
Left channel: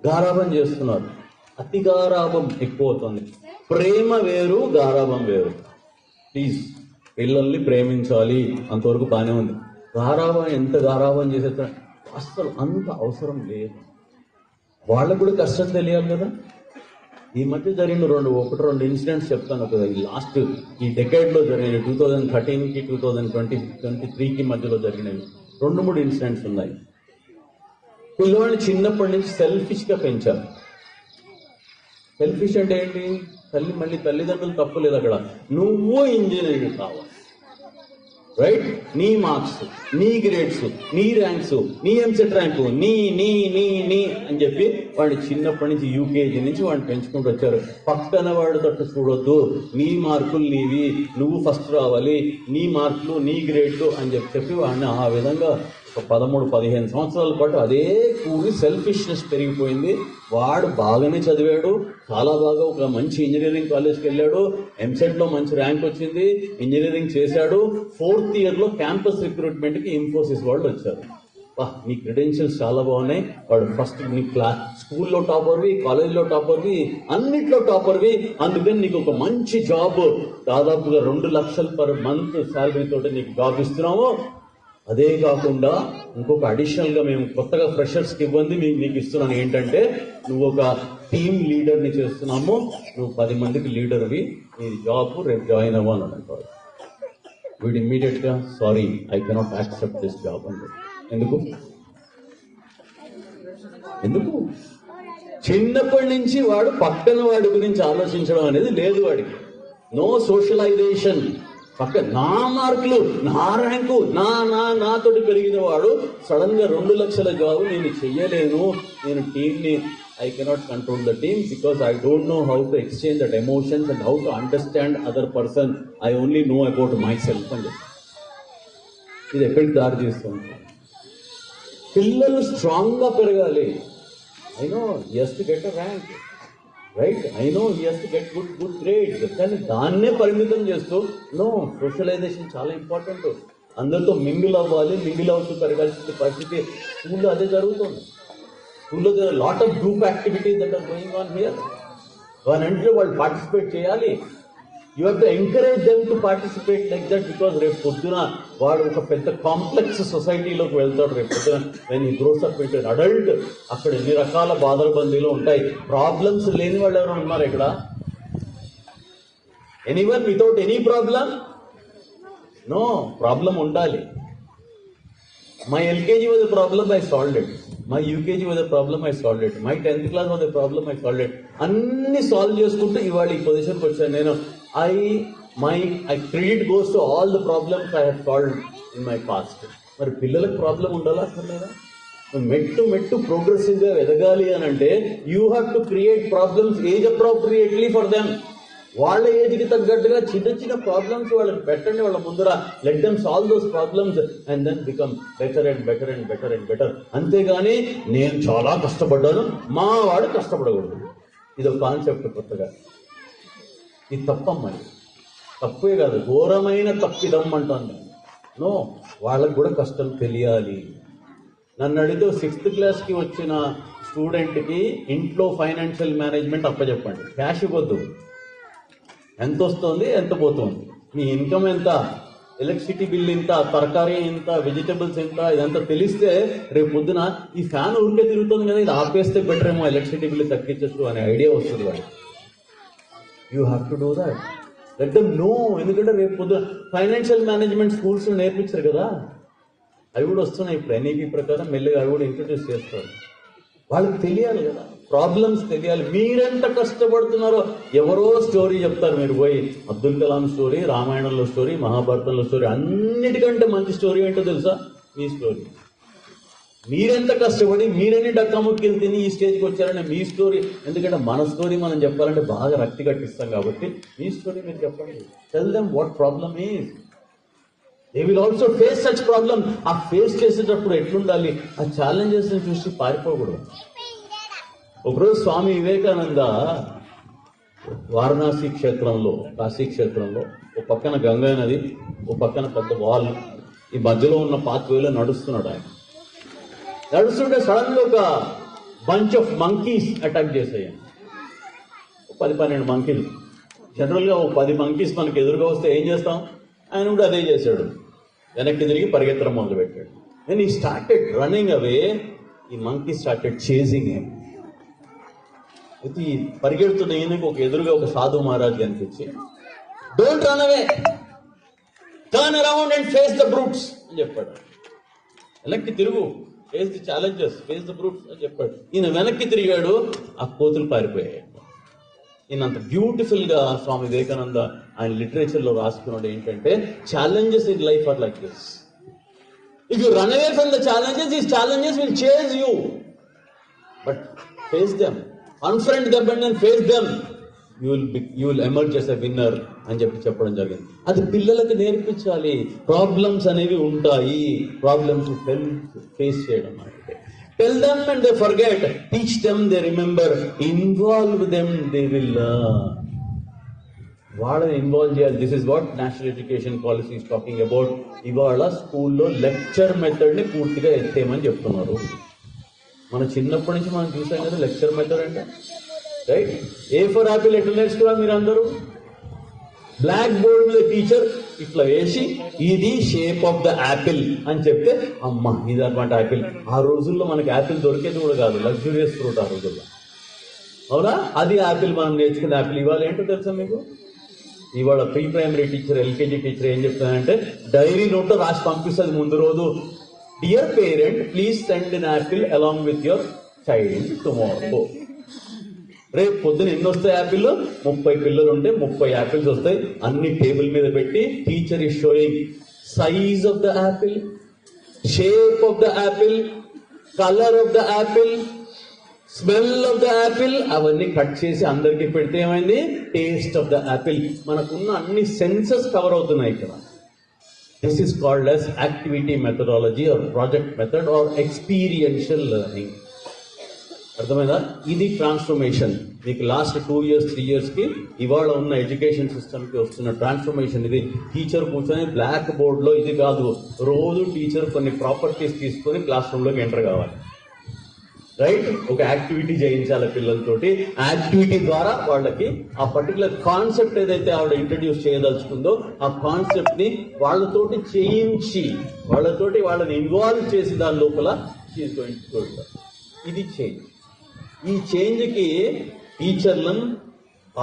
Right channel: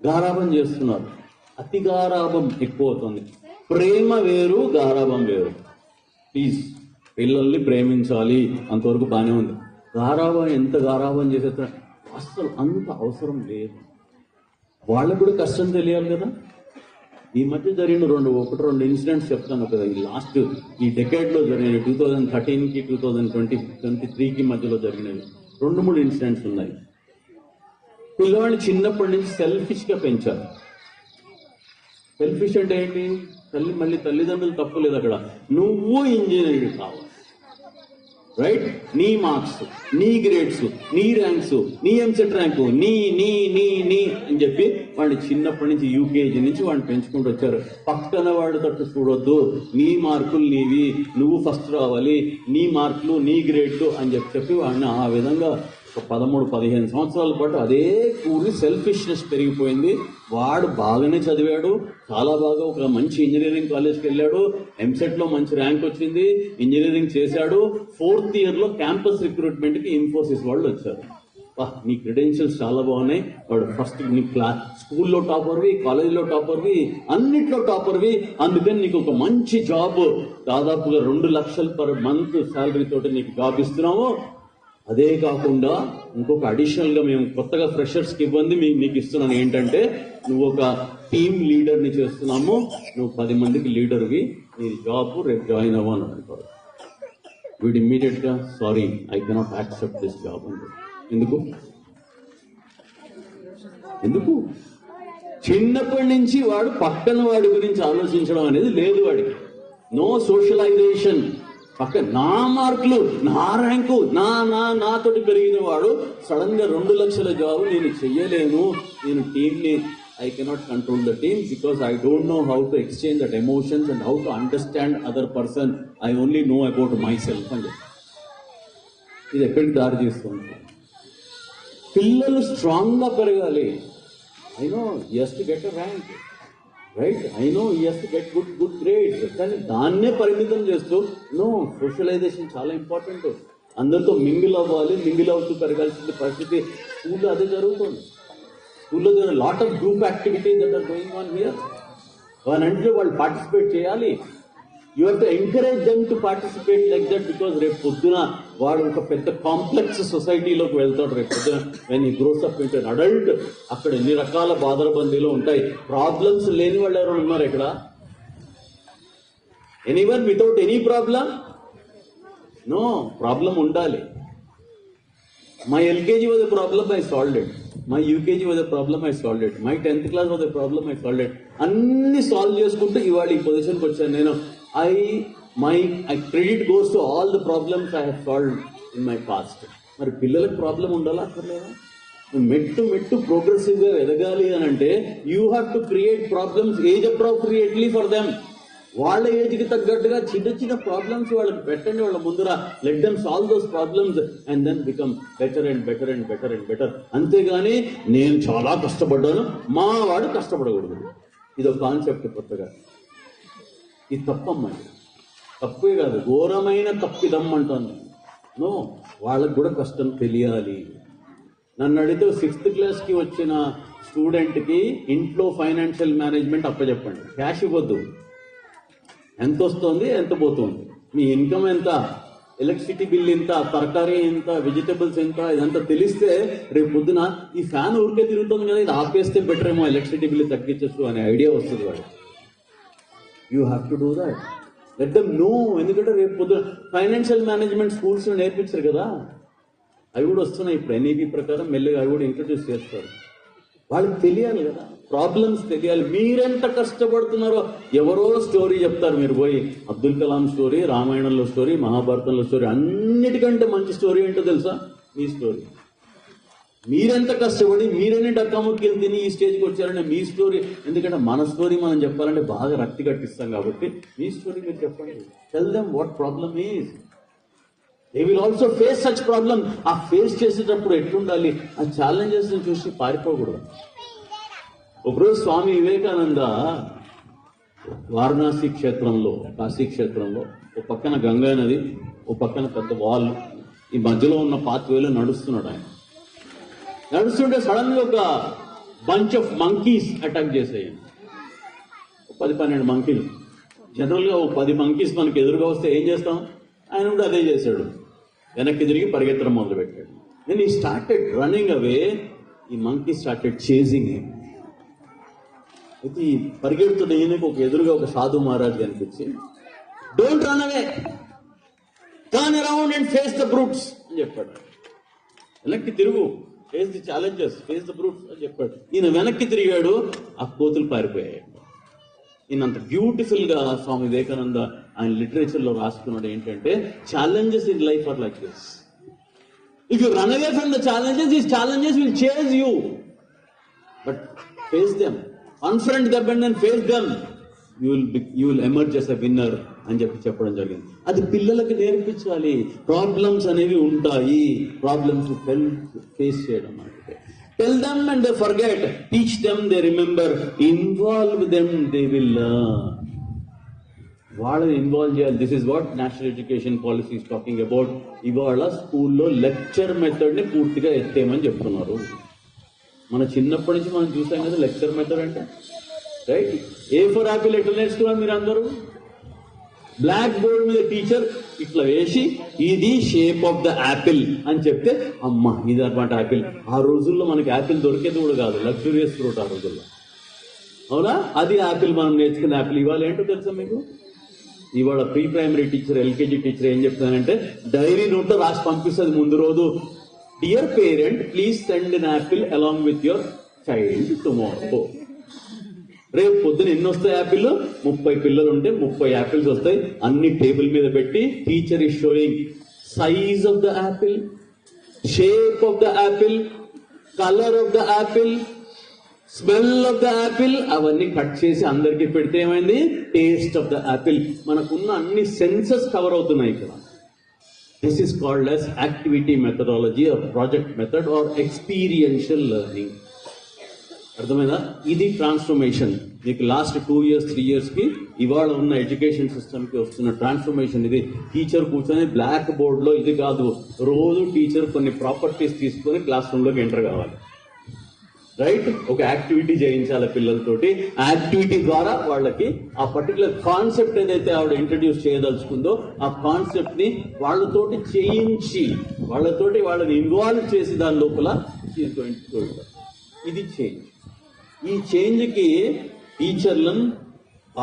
గారాబం చేస్తున్నారు, అతి గారాబం ఎక్కువ అవుతుంది. ప్రేమ వేరు, గారాబం వేరు. ప్లీజ్ పిల్లల్ని ప్రేమించాలి, అంతవరకు బాగానే ఉంది. గారాబం ఎంత గారాబం చేసేస్తా అస్సలు అంత అవసరం లేదు. వాళ్ళకు కూడా కష్టం తెలియాలి కదా. ఈ మధ్య జరిగిన రెండు ఇన్సిడెంట్స్ చెప్తాను కదా. ఈ లాస్ట్ ఈ డెకేడ్లో జరిగిన 2013కి 2023కి మధ్యలో జరిగినవి 2-3 ఇన్సిడెంట్స్ ఉన్నాయి. పిల్లవాడిని చిన్నప్పటి నుంచి సెల్ఫిష్గా పెంచారు. సెల్ఫిష్ అంటే ఏంటి? మళ్ళీ తల్లిదండ్రులు తప్పులేదు అక్కడ. నువ్వు ఇంజనీరింగ్ కావాలి, రైట్? నీ మార్క్స్, నీ గ్రేడ్స్, నీ ర్యాంక్స్, నీ ఎంసెట్ ర్యాంకు, నీ నీ నీ నీ అని చెప్పి వాడిని చిన్నప్పటి నుంచి యూకేజీ నుంచి వాడిని పెంచుకుంటూ వచ్చారు. పక్కన వాడు తట్టు చూడొద్దు, నీ మార్కులు నీవి, నువ్వు ఫస్ట్ రావాలి, నీ మార్కులు నీ గ్రేడ్లు అని చెప్పి వాడిని ఆ విధంగా 13-15 సంవత్సరాల పాటు అదే కూలి సెల్ఫిష్నెస్ పెరిగిపోయింది. వాడు బాగానే చదివాడు, చాలా బాగా ఒక మంచి ఇంజనీరింగ్ కాలేజ్కి వెళ్ళాడు, ఎంసెట్లో మంచి ర్యాంక్ వచ్చింది, ఇంజనీరింగ్ చేశాడు. 4th ఇయర్లో క్యాంపస్ రిక్రూట్మెంట్కి ఇన్ఫోసిస్ వాళ్ళు వచ్చారు. నీ క్రెడెన్షియల్స్ చాలా బాగున్నాయి, వాడు ఫస్ట్ నీ స్కూల్లో టాపర్వి, కాలేజ్లో టాపర్వి, అన్నిట్లో టాపర్వి, అందుకని నీకు ఒక మంచి జాబ్ దాదాపుగా 2 లక్షలు పర్ మంత్ శాలరీ తోటి నీకు జాబ్ ఇస్తున్నాము. అదే కాకుండా ఇంకొక అడిషనల్గా మేము కొత్తగా ఫ్రెషర్స్కి ఇవ్వండి మీకు ఇస్తున్నాను. ఏంటంటే నువ్వు ఒక టీమ్ లీడర్ని చేస్తున్నాము, నువ్వు 10 మందికి లీడర్వి, నీ జాబ్ రేపు జాయిన్ అవ్వాలని అంటారు. వీడు ఇమ్మీడియట్గా sorry I cannot accept this job అంటే. ఎందుకు? చిన్నప్పటి నుంచి వాడు పక్కన వాడి గురించి ఆలోచించడం అనేది లేదు వాడికి. No socialization. పక్క నా మార్కులు, నా ర్యాంకు, నాతోటి పెరిగిన వాడు సడన్ గా 2 లక్షల జాబ్ నేను చెయ్యలేను, నేను టీమ్ని I cannot control the team because I don't know how to exchange that emotions and how to understand other person, I only know about my self అని. ఇది ఎక్కడికి దారి తీస్తుంది? పిల్లలు స్ట్రాంగ్ గా పెరగాలి. I no he has to get a rank, right? I no he has to get good grades, కానీ దాన్నే పరిమితం చేస్తూ నో, సోషలైజేషన్ చాలా ఇంపార్టెంట్. అందరితో మింగిల్ అవ్వాలి, మింగిల్ అవుతూ పెరగాల్సిన పరిస్థితి స్కూల్లో అదే జరుగుతుంది. స్కూల్లో lot of group activities that are going on here. అంటే వాళ్ళు పార్టిసిపేట్ చేయాలి. You have to encourage them to participate like that because రేపు పొద్దున వాడు ఒక పెద్ద కాంప్లెక్స్ సొసైటీలోకి వెళ్తాడు. రేపు పొద్దున when he gross up into adult, అక్కడ ఎన్ని రకాల బాధల బందీలు ఉంటాయి. ప్రాబ్లమ్స్ లేని వాళ్ళు ఎవరు ఉన్నారు ఇక్కడ? Anyone without any problem? No, problem ఉండాలి. My LKG was a problem, I solved it. My UKG was a problem, I solved it. My 10th class was a problem, I solved it. అన్ని solve చేసుకుంటూ ఇవాళ ఈ పొజిషన్కి వచ్చాను నేను. My credit goes to all the problems I have solved in my past. మరి పిల్లలకు problem ఉండాలా అక్కర్లేదా? మెట్టు ప్రోగ్రెసివ్గా ఎదగాలి అని అంటే you have to create problems age appropriately for them. వాళ్ళ ఏజ్కి తగ్గట్టుగా చిన్న ప్రాబ్లమ్స్ వాళ్ళకి పెట్టండి వాళ్ళ ముందర. Let them solve those problems and then become better and better and better and better. అంతేగాని నేను చాలా కష్టపడ్డాను, మా వాడు కష్టపడకూడదు, ఇదొక కాన్సెప్ట్ కొత్తగా. ఇది తప్పమ్మా, తప్పే కాదు, ఘోరమైన తప్పిదం అంటుంది. నో, వాళ్ళకు కూడా కష్టం తెలియాలి. నన్ను అడిగితే 6th క్లాస్కి వచ్చిన స్టూడెంట్కి ఇంట్లో ఫైనాన్షియల్ మేనేజ్మెంట్ అప్పచెప్పండి. క్యాష్ ఇవ్వద్దు, ఎంత వస్తుంది, ఎంత పోతుంది, మీ ఇన్కమ్ ఎంత, ఎలక్ట్రిసిటీ బిల్ ఎంత, తరకారీ ఎంత, వెజిటబుల్స్ ఎంత, ఇదంతా తెలిస్తే రేపు పొద్దున ఈ ఫ్యాన్ ఊరికే తిరుగుతుంది కదా, ఇది ఆపేస్తే బెటర్ ఏమో, ఎలక్ట్రిసిటీ బిల్ తగ్గించచ్చు అనే ఐడియా వస్తుంది వాడు. You have to do that. Let them know. ఎందుకంటే రేపు పొద్దున ఫైనాన్షియల్ మేనేజ్మెంట్ స్కూల్స్ నేర్పించారు కదా, అవి కూడా వస్తున్నాయి ఇప్పుడు. ఎన్ఈపీ ప్రకారం మెల్లగా అవి కూడా ఇంట్రొడ్యూస్ చేస్తారు. వాళ్ళకి తెలియాలి కదా, ప్రాబ్లమ్స్ తెలియాలి. మీరెంత కష్టపడుతున్నారో ఎవరో స్టోరీ చెప్తారు, మీరు పోయి అబ్దుల్ కలాం స్టోరీ, రామాయణంలో స్టోరీ, మహాభారతంలో స్టోరీ, అన్నిటికంటే మంచి స్టోరీ ఏంటో తెలుసా? మీ స్టోరీ. మీరెంత కష్టపడి మీరెన్ని డక్కాముక్కలు తిని ఈ స్టేజ్కి వచ్చారనే మీ స్టోరీ. ఎందుకంటే మన స్టోరీ మనం చెప్పాలంటే బాగా రక్తి కట్టిస్తాం కాబట్టి మీ స్టోరీ మీరు చెప్పండి. Tell them what problem is. They will also face such problem. ఆ ఫేస్ చేసేటప్పుడు ఎట్లుండాలి, ఆ ఛాలెంజెస్ చూసి పారిపోకూడదు. ఒకరోజు స్వామి వివేకానంద వారణాసి క్షేత్రంలో, కాశీ క్షేత్రంలో ఒక పక్కన గంగా నది, ఒక పక్కన పెద్ద వాల్, ఈ మధ్యలో ఉన్న పాత్వేలో నడుస్తున్నాడు. ఆయన నడుస్తుంటే సడన్ గా ఒక బంచ్ ఆఫ్ మంకీస్ అటాక్ చేసాయి. 10-12 మంకీలు. జనరల్ గా 10 మంకీస్ మనకి ఎదురుగా వస్తే ఏం చేస్తాం? ఆయన కూడా అదే చేశాడు. వెనక్కి తిరిగి పరిగెత్తడం మొదలు పెట్టాడు. దెన్ ఈ స్టార్టెడ్ రన్నింగ్ అవే. ఈ మంకీ స్టార్టెడ్ చేజింగ్ హిమ్. అయితే ఈ పరిగెడుతున్న ఈయనకి ఎదురుగా ఒక సాధు మహారాజ్ కనిపించి, don't run away, turn around and face the brutes అని చెప్పాడు. వెనక్కి తిరుగు, face the challenges, face the brutes అని చెప్పాడు. ఈయన వెనక్కి తిరిగాడు, ఆ కోతులు పారిపోయాయి. ఈయనంత బ్యూటిఫుల్ గా స్వామి వివేకానంద ఆయన లిటరేచర్ లో రాసుకున్నాడు ఏంటంటే, challenges in life are like this. If you run away from the challenges, these challenges will change you, but face them, unfriend them and face them, you will emerge as a winner అని చెప్పడం జరిగింది. అది పిల్లలకు నేర్పించాలి. Problems అనేవి ఉంటాయి, problems face చేయడం అంటే. Tell them and they forget, teach them they remember, involve them they will learn. వాళ్ళని ఇన్వాల్వ్ చేయాలి. This is what national education policy is talking about. ఇవాళ స్కూల్లో లెక్చర్ మెథడ్ ని పూర్తిగా ఎత్తేయమని చెప్తున్నారు. మన చిన్నప్పటి నుంచి మనం చూసాం కదా లెక్చర్ మెథడ్ అంటే, రైట్? ఏ ఫర్ యాపిల్ ఎట్లా నేర్చుకున్నారు మీరు అందరూ? బ్లాక్ బోర్డ్ మీద టీచర్ ఇట్లా వేసి ఇది షేప్ ఆఫ్ ద యాపిల్ అని చెప్తే, అమ్మ ఇది అనమాట యాపిల్. ఆ రోజుల్లో మనకి యాపిల్ దొరికేది కూడా కాదు, లగ్జూరియస్ ఫ్రూట్ ఆ రోజుల్లో, అవునా? అది యాపిల్, మనం నేర్చుకున్న యాపిల్. ఇవాళ ఏంటో తెలుసా మీకు? ఇవాళ pre primary teacher, LKG teacher ఏం చెప్తానంటే, డైరీ నోట్లో రాసి పంపిస్తుంది ముందు రోజు, dear parent please send an apple along with your child tomorrow. రేపు పొద్దున ఎన్ని వస్తాయి యాపిల్? 30 పిల్లలు ఉంటే 30 యాపిల్స్ వస్తాయి. అన్ని టేబుల్ మీద పెట్టి teacher is showing size of the Apple, shape of the Apple, colour of the Apple, smell of the Apple. అవన్నీ కట్ చేసి అందరికీ పెడితే ఏమైంది? Taste of the Apple. మనకున్న అన్ని సెన్సెస్ కవర్ అవుతున్నాయి ఇక్కడ. This is called as activity methodology or project method or experiential learning. అర్థమైందా? ఇది ట్రాన్స్ఫర్మేషన్. మీకు లాస్ట్ 2 years 3 years కి ఇవాళ ఉన్న ఎడ్యుకేషన్ సిస్టమ్ కి వస్తున్న ట్రాన్స్ఫర్మేషన్ ఇది. టీచర్ కూర్చొని బ్లాక్ బోర్డ్ లో ఇది కాదు, రోజు టీచర్ కొన్ని ప్రాపర్టీస్ తీసుకొని క్లాస్ రూమ్ లోకి ఎంటర్ కావాలి, రైట్? ఒక యాక్టివిటీ చేయించాలి పిల్లలతోటి. యాక్టివిటీ ద్వారా వాళ్ళకి ఆ పర్టికులర్ కాన్సెప్ట్ ఏదైతే ఆవిడ ఇంట్రడ్యూస్ చేయదలుచుకుందో ఆ కాన్సెప్ట్ ని వాళ్ళతోటి చేయించి, వాళ్ళని ఇన్వాల్వ్ చేసి దాని లోపల ఇది చేంజ్. ఈ చేంజ్ కి టీచర్లను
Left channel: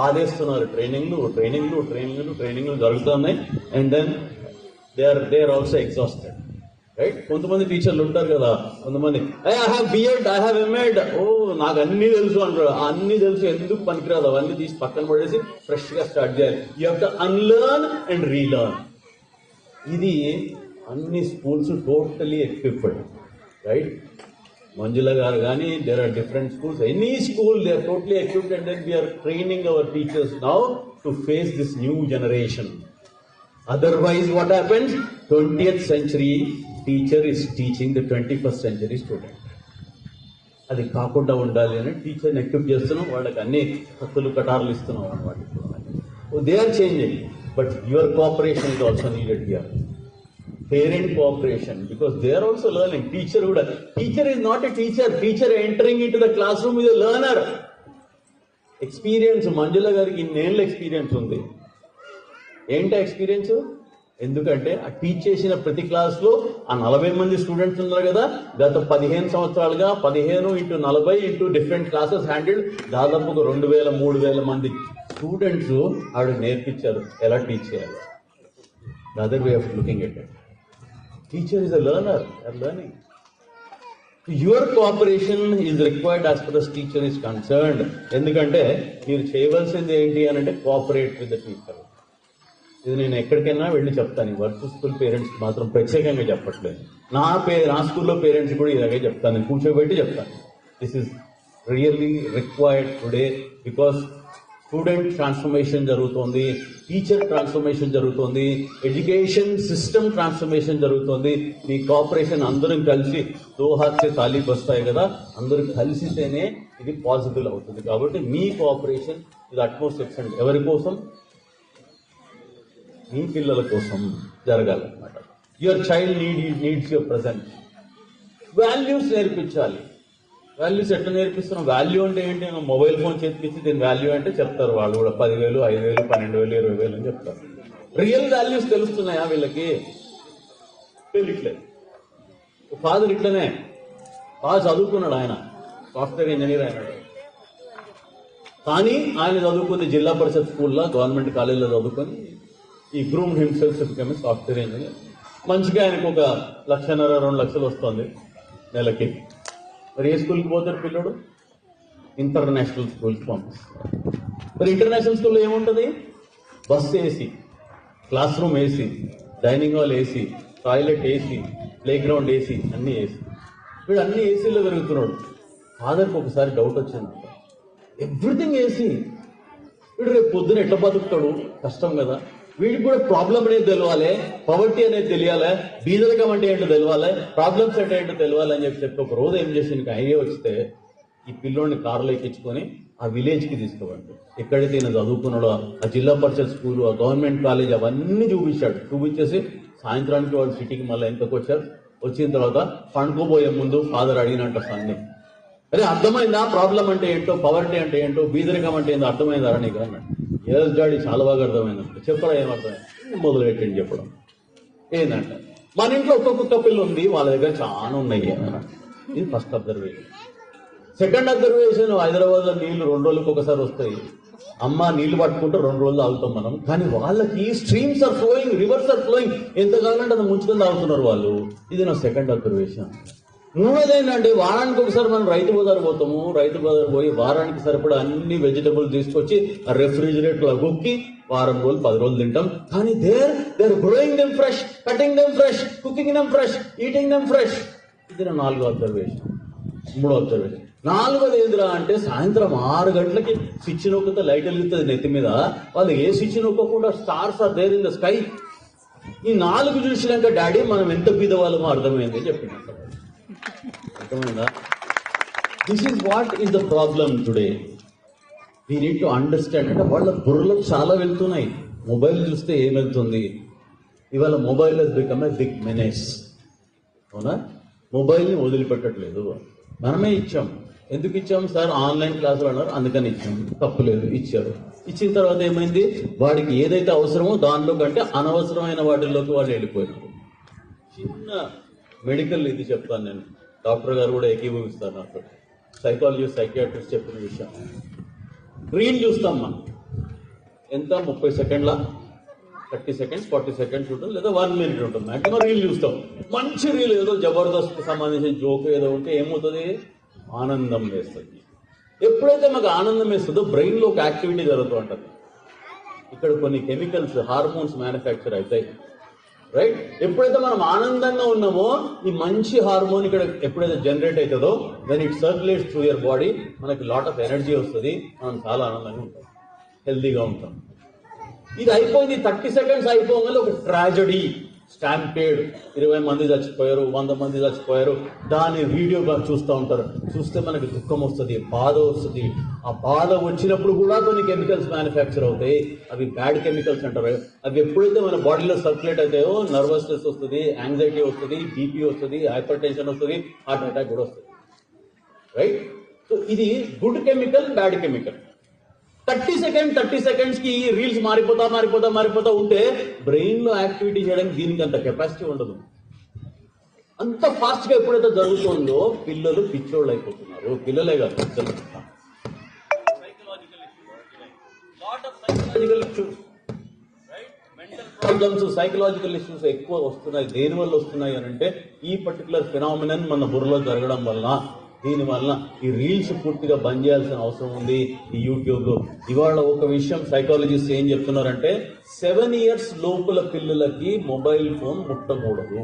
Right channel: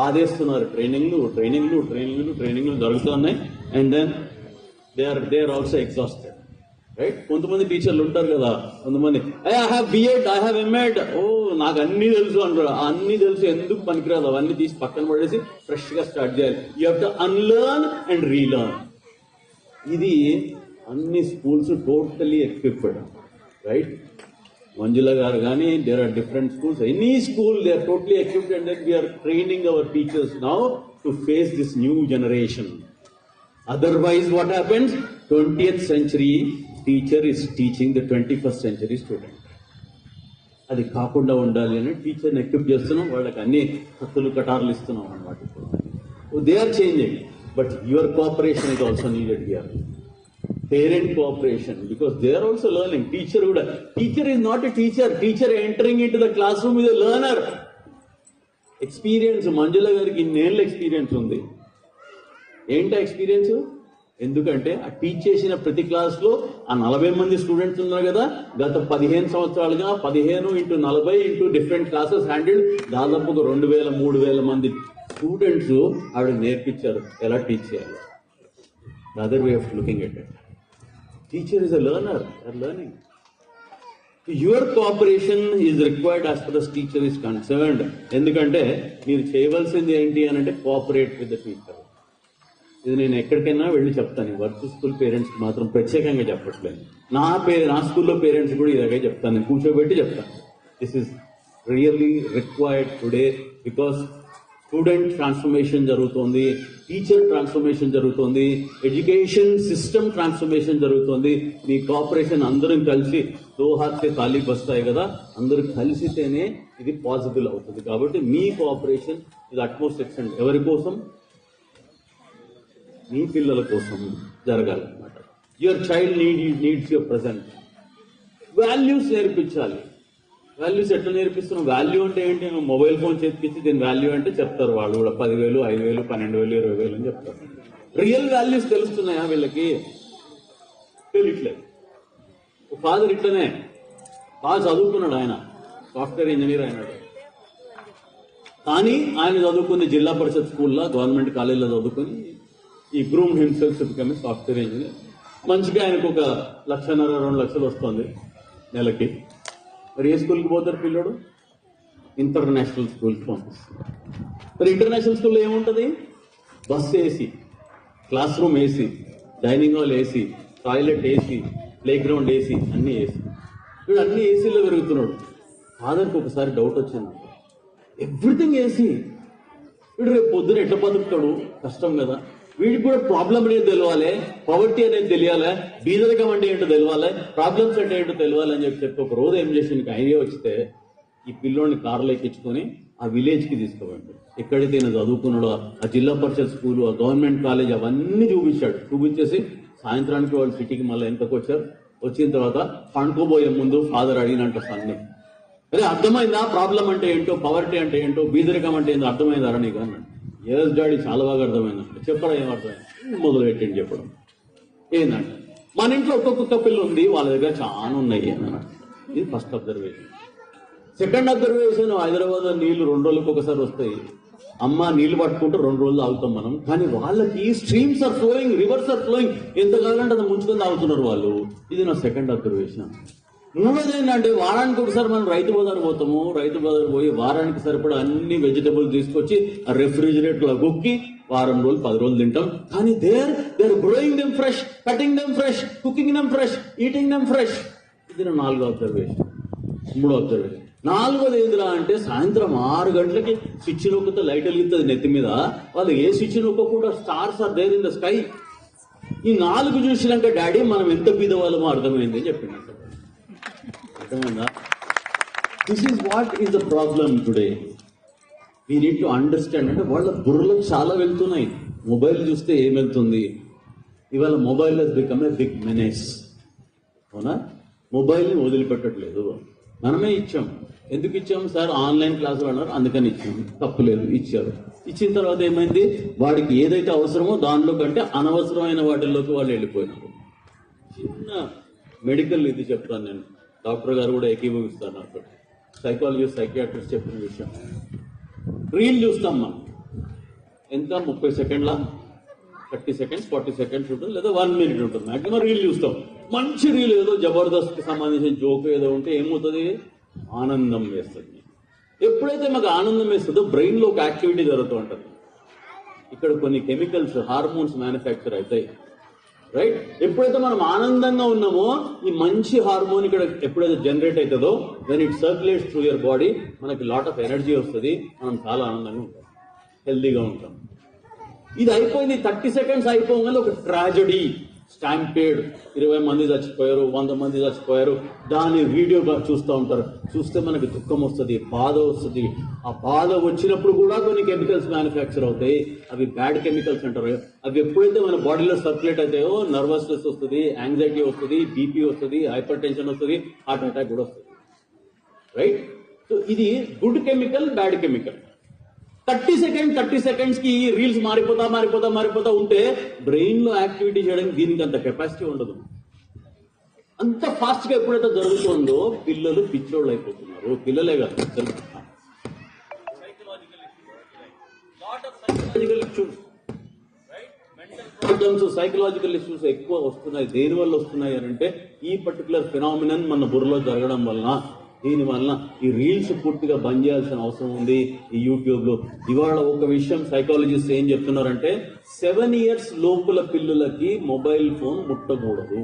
ఆదేస్తున్నారు. ట్రైనింగ్లు జరుగుతున్నాయి. And then they are also exhausted, right? కొంతమంది టీచర్లు ఉంటారు కదా, కొంతమంది I have BEd, I have MEd, ఓ నాకు అన్ని తెలుసు అంటారు. అన్ని తెలుసు ఎందుకు పనికిరాదు, అవన్నీ తీసి పక్కన పడేసి ఫ్రెష్ గా స్టార్ట్ చేయాలి. You have to unlearn and relearn. ఇది అన్ని schools totally equipped, right? Manjula గారు కానీ, there are different schools, any school they are totally equipped and then we're training our teachers now to face this new generation. Otherwise, what happens? 20th century teacher is teaching the 21st century student. అది కాకుండా ఉండాలి అని టీచర్ని equip చేస్తున్నాం, వాళ్ళకి అన్ని కొత్తలు కటార్లు ఇస్తున్నాం అన్నమాట. They are changing, but your cooperation is also needed here. Parent cooperation, because they are also learning. Teacher కూడా, teacher is not a teacher, teacher entering into the classroom is a learner. Experience, Manjula గారికి ఇన్నేళ్ళ experience ఉంది. ఏంటా experience? ఎందుకంటే ఆ teach చేసిన ప్రతి class లో ఆ 40 మంది స్టూడెంట్స్ ఉన్నారు కదా, గత 15 సంవత్సరాలుగా 15 × 40 × డిఫరెంట్ క్లాసెస్ హ్యాండిల్, దాదాపుగా 2000-3000 మంది స్టూడెంట్స్ ఆవిడ నేర్పించారు ఎలా టీచ్ చేయాలి. Other way of looking at it. Teacher is a learner, or learning. Your cooperation is required as far the teacher is concerned. ఎందుకంటే మీరు చేయవలసింది ఏంటి అని అంటే కోఆపరేట్ విత్ ద టీచర్. ఇది నేను ఎక్కడికైనా వెళ్ళి చెప్తాను. వర్క్ స్కూల్ పేరెంట్స్కి మాత్రం ప్రత్యేకంగా చెప్పట్లేదు. నా స్కూల్లో పేరెంట్స్ కూడా ఇలాగే చెప్తాను, నేను కూర్చోబెట్టి చెప్తాను. This is really required today, because student transformation జరుగుతోంది, టీచర్ ట్రాన్స్ఫర్మేషన్ జరుగుతోంది, ఎడ్యుకేషన్ సిస్టమ్ ట్రాన్స్ఫర్మేషన్ జరుగుతోంది. మీ కోఆపరేషన్ అందరం కలిసి దో హాత్ సే తాళీ వస్తాయి కదా, అందరూ కలిసితేనే ఇది పాసిబుల్ అవుతుంది. కాబట్టి మీ కోఆపరేషన్ ఇది అట్మోస్ట్ ఎక్స్టెంట్ ఎవరి కోసం? మీ పిల్లల కోసం జరగాలన్నమాట. Your child needs your present. Values నేర్పించాలి. వాల్యూస్ ఎట్లా నేర్పిస్తున్నాం? వాల్యూ అంటే ఏంటి? మొబైల్ ఫోన్ చేతికిచ్చి దీని వాల్యూ అంటే చెప్తారు వాళ్ళు కూడా 10,000, 5,000, 12,000, 20,000 అని చెప్తారు. రియల్ వాల్యూస్ తెలుస్తున్నాయా వీళ్ళకి? తెలియట్లేదు. ఫాదర్ ఇట్లనే బాగా చదువుకున్నాడు, ఆయన సాఫ్ట్వేర్ ఇంజనీర్ అయినాడు. కానీ ఆయన చదువుకుంది జిల్లా పరిషత్ స్కూల్లో, గవర్నమెంట్ కాలేజీలో చదువుకొని ఈ groomed himself to become software engineer. మంచిగా ఆయనకు 1,50,000, 2 లక్షలు వస్తుంది నెలకి. మరి ఏ స్కూల్కి పోతారు పిల్లడు? ఇంటర్నేషనల్ స్కూల్కి పంపిస్తారు. మరి ఇంటర్నేషనల్ స్కూల్లో ఏముంటుంది? Bus AC, class room AC, dining hall AC, toilet AC, play ground AC, అన్నీ ఏసీ. వీడు అన్ని ఏసీలో పెరుగుతున్నాడు. ఫాదర్కి ఒకసారి డౌట్ వచ్చింది, ఎవ్రీథింగ్ ఏసీ, వీడు రేపు పొద్దున ఎట్లా బతుకుతాడు? కష్టం కదా. వీడికి కూడా ప్రాబ్లం అనేది తెలియాలి, పవర్టీ అనేది తెలియాలి, బీదరికం అంటే ఏంటో తెలియాలి, ప్రాబ్లమ్స్ అంటే ఏంటో తెలియాలి అని చెప్పి ఒక రోజు ఏం చేసి ఐడియా వస్తే ఈ పిల్లోడిని కారులో ఎక్కించుకొని ఆ విలేజ్కి తీసుకోవండి. ఎక్కడైతే ఈయన చదువుకున్నాడో ఆ జిల్లా పరిషత్ స్కూలు, ఆ గవర్నమెంట్ కాలేజ్ అవన్నీ చూపించాడు. చూపించేసి సాయంత్రానికి వాళ్ళు సిటీకి మళ్ళీ ఎంతకు వచ్చారు. వచ్చిన తర్వాత పండుకోబోయే ముందు ఫాదర్ అడిగినంట సన్ని, అదే అర్థమైందా ప్రాబ్లం అంటే ఏంటో, పవర్టీ అంటే ఏంటో, బీదరికం అంటే ఏంటో అర్థమైందా నీకు అన్నాడు. ఏదో డాడీ చాలా బాగా అర్థమైందంట. చెప్పడం ఏమర్థమైంది? మొదలు పెట్టండి చెప్పడం. ఏంటంటే మన ఇంట్లో ఒక్కొక్క పిల్ల ఉంది, వాళ్ళ దగ్గర చాలా ఉన్నాయి అన్నమాట. ఇది ఫస్ట్ అబ్జర్వేషన్. సెకండ్ అబ్జర్వేషన్, హైదరాబాద్లో నీళ్లు 2 రోజులకు ఒకసారి వస్తాయి. అమ్మ నీళ్లు పట్టుకుంటే 2 రోజులు ఆగుతాం మనం. కానీ వాళ్ళకి streams are flowing, rivers are flowing, ఎంత కావాలంటే అది ముంచుకొని తాగుతున్నారు వాళ్ళు. ఇది నా సెకండ్ అబ్జర్వేషన్. మూడోది ఏంటంటే వారానికి ఒకసారి మనం రైతు బజార్ పోతాము. రైతు బజార్ పోయి వారానికి సరిపడా అన్ని వెజిటబుల్ తీసుకొచ్చి ఆ రెఫ్రిజిరేటర్ గుక్కి వారం రోజులు 10 రోజులు తింటాం. కానీ they're growing them fresh, cutting them fresh, cooking them fresh, eating them fresh. ఇది నా 4వ అబ్జర్వేషన్. 3వ అబ్జర్వేషన్. 4వది ఏందిరా అంటే సాయంత్రం 6 గంటలకి స్విచ్ నొక్కితే లైట్ వెలుగుతుంది నెత్తి మీద. వాళ్ళు ఏ స్విచ్ నొక్కకుండా stars are there in the sky. ఈ 4 చూసినాక డాడీ మనం ఎంత బీదవాళ్ళమో అర్థమైంది అని చెప్పినట్టు. అర్థమైందా? This is what is the problem today. We need to understand. అంటే వాళ్ళ బుర్రలో చాలా వెళ్తున్నాయి. మొబైల్ చూస్తే ఏం వెళ్తుంది? ఇవాళ mobile has become a big menace. అవునా? మొబైల్ని వదిలిపెట్టట్లేదు. మనమే ఇచ్చాం. ఎందుకు ఇచ్చాము సార్? ఆన్లైన్ క్లాసులు అన్నారు అందుకని ఇచ్చాము. తప్పులేదు, ఇచ్చారు. ఇచ్చిన తర్వాత ఏమైంది? వాడికి ఏదైతే అవసరమో దానిలో కంటే అనవసరమైన వాటిల్లోకి వాళ్ళు వెళ్ళిపోయినారు. చిన్న మెడికల్ ఇది చెప్తాను నేను, డాక్టర్ గారు కూడా ఏకీభవిస్తారు నాకు. సైకాలజిస్ట్, సైకియాట్రిస్ట్ చెప్పిన విషయం. రీల్ చూస్తాం మనం. ఎంత? 30 సెకండ్ల, 30 సెకండ్స్, 40 సెకండ్స్ ఉంటుంది, లేదా 1 మినిట్ ఉంటుంది. మాక్సిమం రీల్ చూస్తాం. మంచి రీల్ ఏదో జబర్దస్త్కి సంబంధించిన జోక్ ఏదో ఉంటే ఏమవుతుంది? ఆనందం వేస్తుంది. ఎప్పుడైతే మాకు ఆనందం వేస్తుందో బ్రెయిన్లో ఒక యాక్టివిటీ జరుగుతూ ఉంటుంది. ఇక్కడ కొన్ని కెమికల్స్, హార్మోన్స్ మ్యానుఫ్యాక్చర్ అవుతాయి. రైట్? ఎప్పుడైతే మనం ఆనందంగా ఉన్నామో ఈ మంచి హార్మోన్ ఇక్కడ ఎప్పుడైతే జనరేట్ అవుతుందో, when it circulates through your body, మనకి లాట్ ఆఫ్ ఎనర్జీ వస్తుంది. మనం చాలా ఆనందంగా ఉంటాం, హెల్దీగా ఉంటాం. ఇది అయిపోయింది. 30 సెకండ్స్ అయిపోగానే ఒక ట్రాజడీ, స్టాంపేడ్, 20 మంది చచ్చిపోయారు, 100 మంది చచ్చిపోయారు. దాన్ని వీడియోగా చూస్తూ ఉంటారు. చూస్తే మనకి దుఃఖం వస్తుంది, బాధ వస్తుంది. ఆ బాధ వచ్చినప్పుడు కూడా కొన్ని కెమికల్స్ మ్యానుఫ్యాక్చర్ అవుతాయి. అవి బ్యాడ్ కెమికల్స్ అంటారు. అవి ఎప్పుడైతే మన బాడీలో సర్క్యులేట్ అవుతాయో నర్వస్నెస్ వస్తుంది, యాంగ్జైటీ వస్తుంది, బీపీ వస్తుంది, హైపర్ టెన్షన్ వస్తుంది, హార్ట్ అటాక్ కూడా వస్తుంది. రైట్? సో ఇది good chemical, bad chemical. 30 seconds కి రీల్స్ మారిపోతా ఉంటే బ్రెయిన్ లో యాక్టివిటీ చేయడానికి దీనికి అంత కెపాసిటీ ఉండదు. అంత ఫాస్ట్ గా ఎప్పుడైతే జరుగుతుందో పిల్లలు పిచ్చోళ్ళు అయిపోతున్నారు. పిల్లలే కాదు, సైకలాజికల్ ఇష్యూస్ ఎక్కువ వస్తున్నాయి. దేని వల్ల వస్తున్నాయి అని అంటే ఈ పర్టికులర్ ఫినామినన్ మన బుర్రలో జరగడం వల్ల, దీనివల్ల ఈ రీల్స్ పూర్తిగా బంద్ చేయాల్సిన అవసరం ఉంది. ఈ యూట్యూబ్ లో ఇవాళ ఒక విషయం సైకాలజిస్ట్ ఏం చెప్తున్నారంటే 7 years లోపల పిల్లలకి మొబైల్ ఫోన్ ముట్టకూడదు.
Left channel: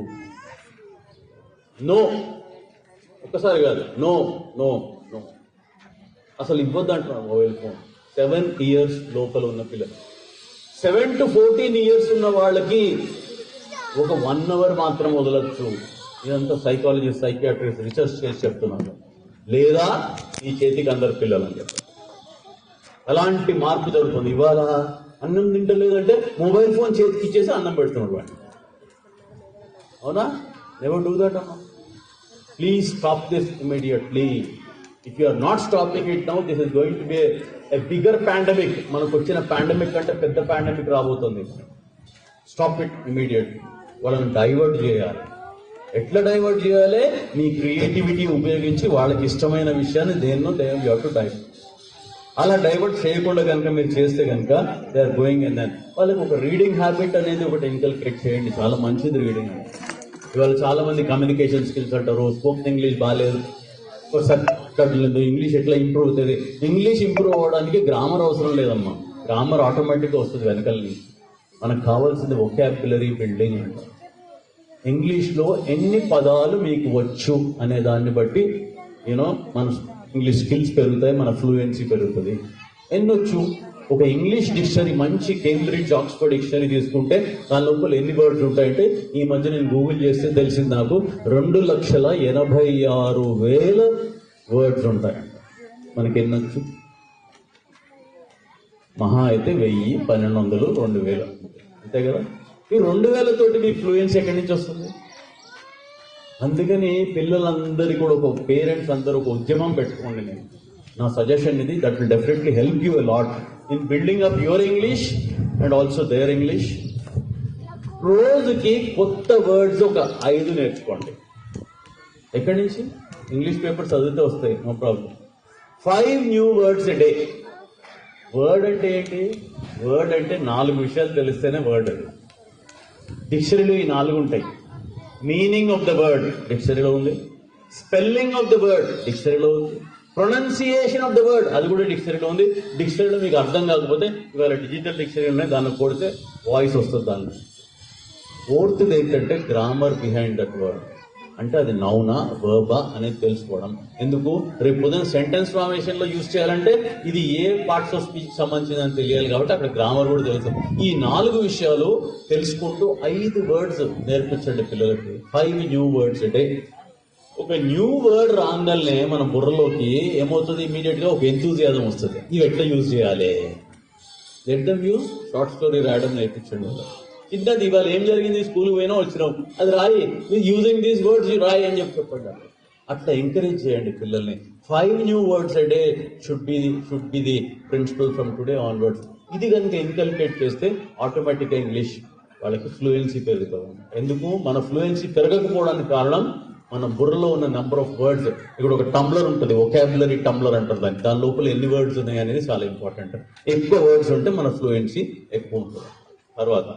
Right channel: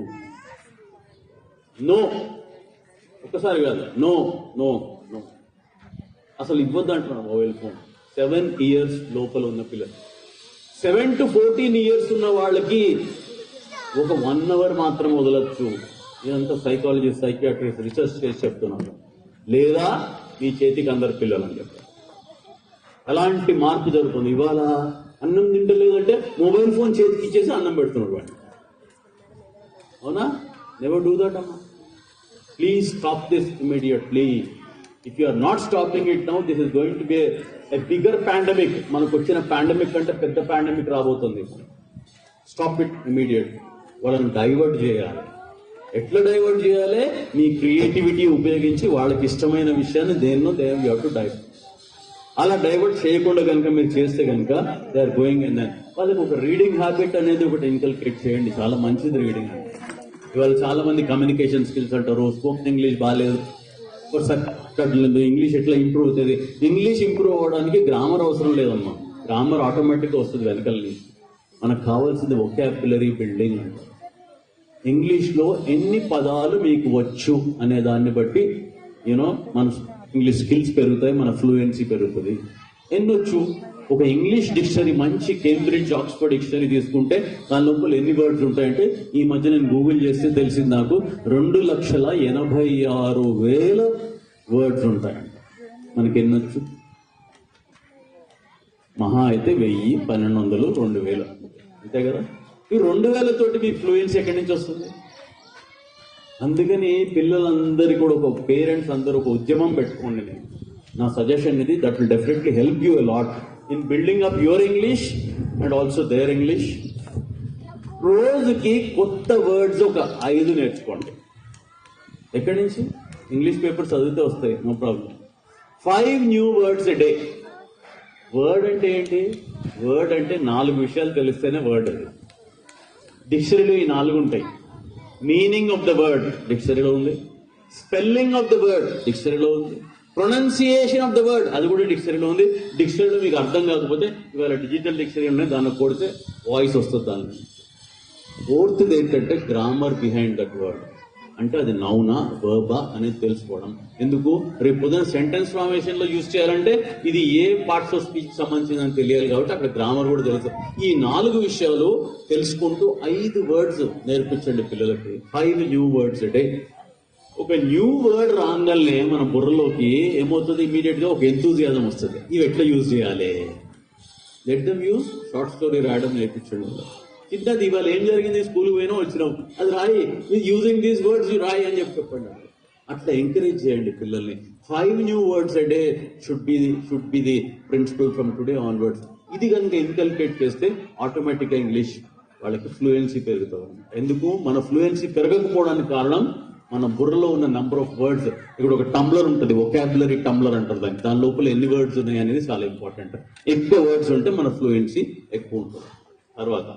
నో, ఒక్కసారి కాదు, నో నో నో, అసలు ఇవ్వద్దు అంటున్నారు మొబైల్ ఫోన్. 7 years లోపల ఉన్న పిల్లలు. 7 to 14 years ఉన్న వాళ్ళకి ఒక 1 hour మాత్రం వదలొచ్చు. ఇదంతా సైకాలజీ, సైకియాట్రిస్ట్ రీసెర్చ్ చేసి చెప్తున్నారు. లేదా ఈ చేతికి అందరు పిల్లలు అని చెప్పారు. అలాంటి మార్పు జరుగుతుంది. ఇవాళ అన్నం తింటలేదంటే మొబైల్ ఫోన్ చేతికి ఇచ్చేసి అన్నం పెడుతున్నాడు వాడిని. అవునా? నెవర్ డూ దట్ అమ్మా. Please stop this immediately. If you are not stopping it now, this is going to be a bigger pandemic. మనకు వచ్చిన పాండమిక్ కంటే పెద్ద పాండమిక్ రాబోతుంది. Stop it immediate. వాళ్ళని డైవర్ట్ చేయాలి. ఎట్లా డైవర్ట్ చేయాలి? మీ క్రియేటివిటీ ఉపయోగించి వాళ్ళకి ఇష్టమైన విషయాన్ని దేన్నో యూ హావ్ టు డైవర్ట్. అలా డైవర్ట్ చేయకుండా కనుక మీరు చేస్తే కనుక they are going and then వాళ్ళకి ఒక రీడింగ్ హ్యాబిట్ అనేది ఒకటి ఇన్కల్కేట్ చేయండి. చాలా మంచిది రీడింగ్ అంటే. ఇవాళ చాలా మంది కమ్యూనికేషన్ స్కిల్స్ అంటారు, స్పోకెన్ ఇంగ్లీష్ బాగాలేదు, ఇంగ్లీష్ ఎట్లా ఇంప్రూవ్ అవుతుంది. ఇంగ్లీష్ ఇంప్రూవ్ అవ్వడానికి గ్రామర్ అవసరం లేదమ్మా. గ్రామర్ ఆటోమేటిక్గా వస్తుంది వెనకాల. మనకు కావాల్సింది వొకాబులరీ బిల్డింగ్. ఇంగ్లీష్లో ఎన్ని పదాలు మీకు వచ్చు అనే దాన్ని బట్టి మన ఇంగ్లీష్ స్కిల్స్ పెరుగుతాయి, మన ఫ్లూయెన్సీ పెరుగుతుంది. ఎన్నొచ్చు? ఒక ఇంగ్లీష్ డిక్షనరీ, మంచి కేంబ్రిడ్జ్ ఆక్స్ఫర్డ్ డిక్షనరీ తీసుకుంటే దాని లోపల ఎన్ని వర్డ్స్ ఉంటాయంటే, ఈ మధ్య నేను గూగుల్ చేస్తే తెలిసింది నాకు 2,86,000 వర్డ్స్ ఉంటాయంట. మనకి ఎన్నొచ్చు? మహా అయితే 1000, 1200, 2000 అంతే కదా. ఈ 2000 తోటి మీకు ఫ్లూయెన్సీ ఎక్కడి నుంచి వస్తుంది? అందుకని పిల్లలందరికీ కూడా ఒక పేరెంట్స్ అందరూ ఒక ఉద్యమం పెట్టుకోండి. నేను నా సజెషన్ ఇది. That will definitely help you a lot in building up your English and also their English. రోజుకి కొత్త వర్డ్స్ ఒక 5 నేర్చుకోండి. ఎక్కడి నుంచి? ఇంగ్లీష్ పేపర్ చదివితే వస్తాయి, no problem. 5 new words a day. Word అంటే ఏంటి? వర్డ్ అంటే 4 విషయాలు తెలిస్తేనే వర్డ్. అది డిక్షనరీలో ఈ 4 ఉంటాయి. మీనింగ్ ఆఫ్ ద వర్డ్ డిక్షనరీలో ఉంది, స్పెల్లింగ్ ఆఫ్ ద వర్డ్ డిక్షనరీలో ఉంది, ప్రొనౌన్సియేషన్ ఆఫ్ ద వర్డ్ అది కూడా డిక్షనరీలో ఉంది. డిక్షనరీలో మీకు అర్థం కాకపోతే ఇవాళ డిజిటల్ డిక్షనరీ ఉన్నాయి, దాన్ని కొడితే వాయిస్ వస్తుంది. దాన్ని 4th ఏంటంటే గ్రామర్ బిహైండ్ దట్ వర్డ్. అంటే అది నౌనా వర్బా అనేది తెలుసుకోవడం. ఎందుకు? రేపు పొద్దున సెంటెన్స్ ఫార్మేషన్ లో యూజ్ చేయాలంటే ఇది ఏ పార్ట్స్ ఆఫ్ స్పీచ్ సంబంధించిందని తెలియాలి కాబట్టి అక్కడ గ్రామర్ కూడా తెలుసు. ఈ 4 విషయాలు తెలుసుకుంటూ 5 వర్డ్స్ నేర్పించండి పిల్లలకి. 5 న్యూ వర్డ్స్ అంటే ఒక న్యూ వర్డ్ రాగానే మన బుర్రలోకి ఏమవుతుంది? ఇమీడియట్ గా ఒక ఎంతూజియాజం వస్తుంది. ఇవి ఎట్లా యూజ్ చేయాలి? Let them use. Short story రాయడం నేర్పించండి వాళ్ళకి. చిన్నది ఇవాళ ఏం జరిగింది? స్కూల్కి పోయినా వచ్చినాం, అది రాయి, యూజింగ్ దీస్ వర్డ్స్ యూ రాయి అని చెప్పండి. అట్లా ఎంకరేజ్ చేయండి పిల్లల్ని. 5 new words a day should be the principal from today onwards. ఇది కనుక ఇన్కల్కేట్ చేస్తే ఆటోమేటిక్గా ఇంగ్లీష్ వాళ్ళకి ఫ్లూయెన్సీ పెరుగుతాం. ఎందుకు? మన ఫ్లూయెన్సీ పెరగకపోవడానికి కారణం మన బుర్రలో ఉన్న నెంబర్ ఆఫ్ వర్డ్స్. ఇక్కడ ఒక టంబ్లర్ ఉంటుంది, వొకాబులరీ టంబ్లర్ అంటారు దాన్ని. దాని లోపల ఎన్ని వర్డ్స్ ఉన్నాయి అనేది చాలా ఇంపార్టెంట్. ఎక్కువ వర్డ్స్ ఉంటే మన ఫ్లూయెన్సీ ఎక్కువ ఉంటుంది. తర్వాత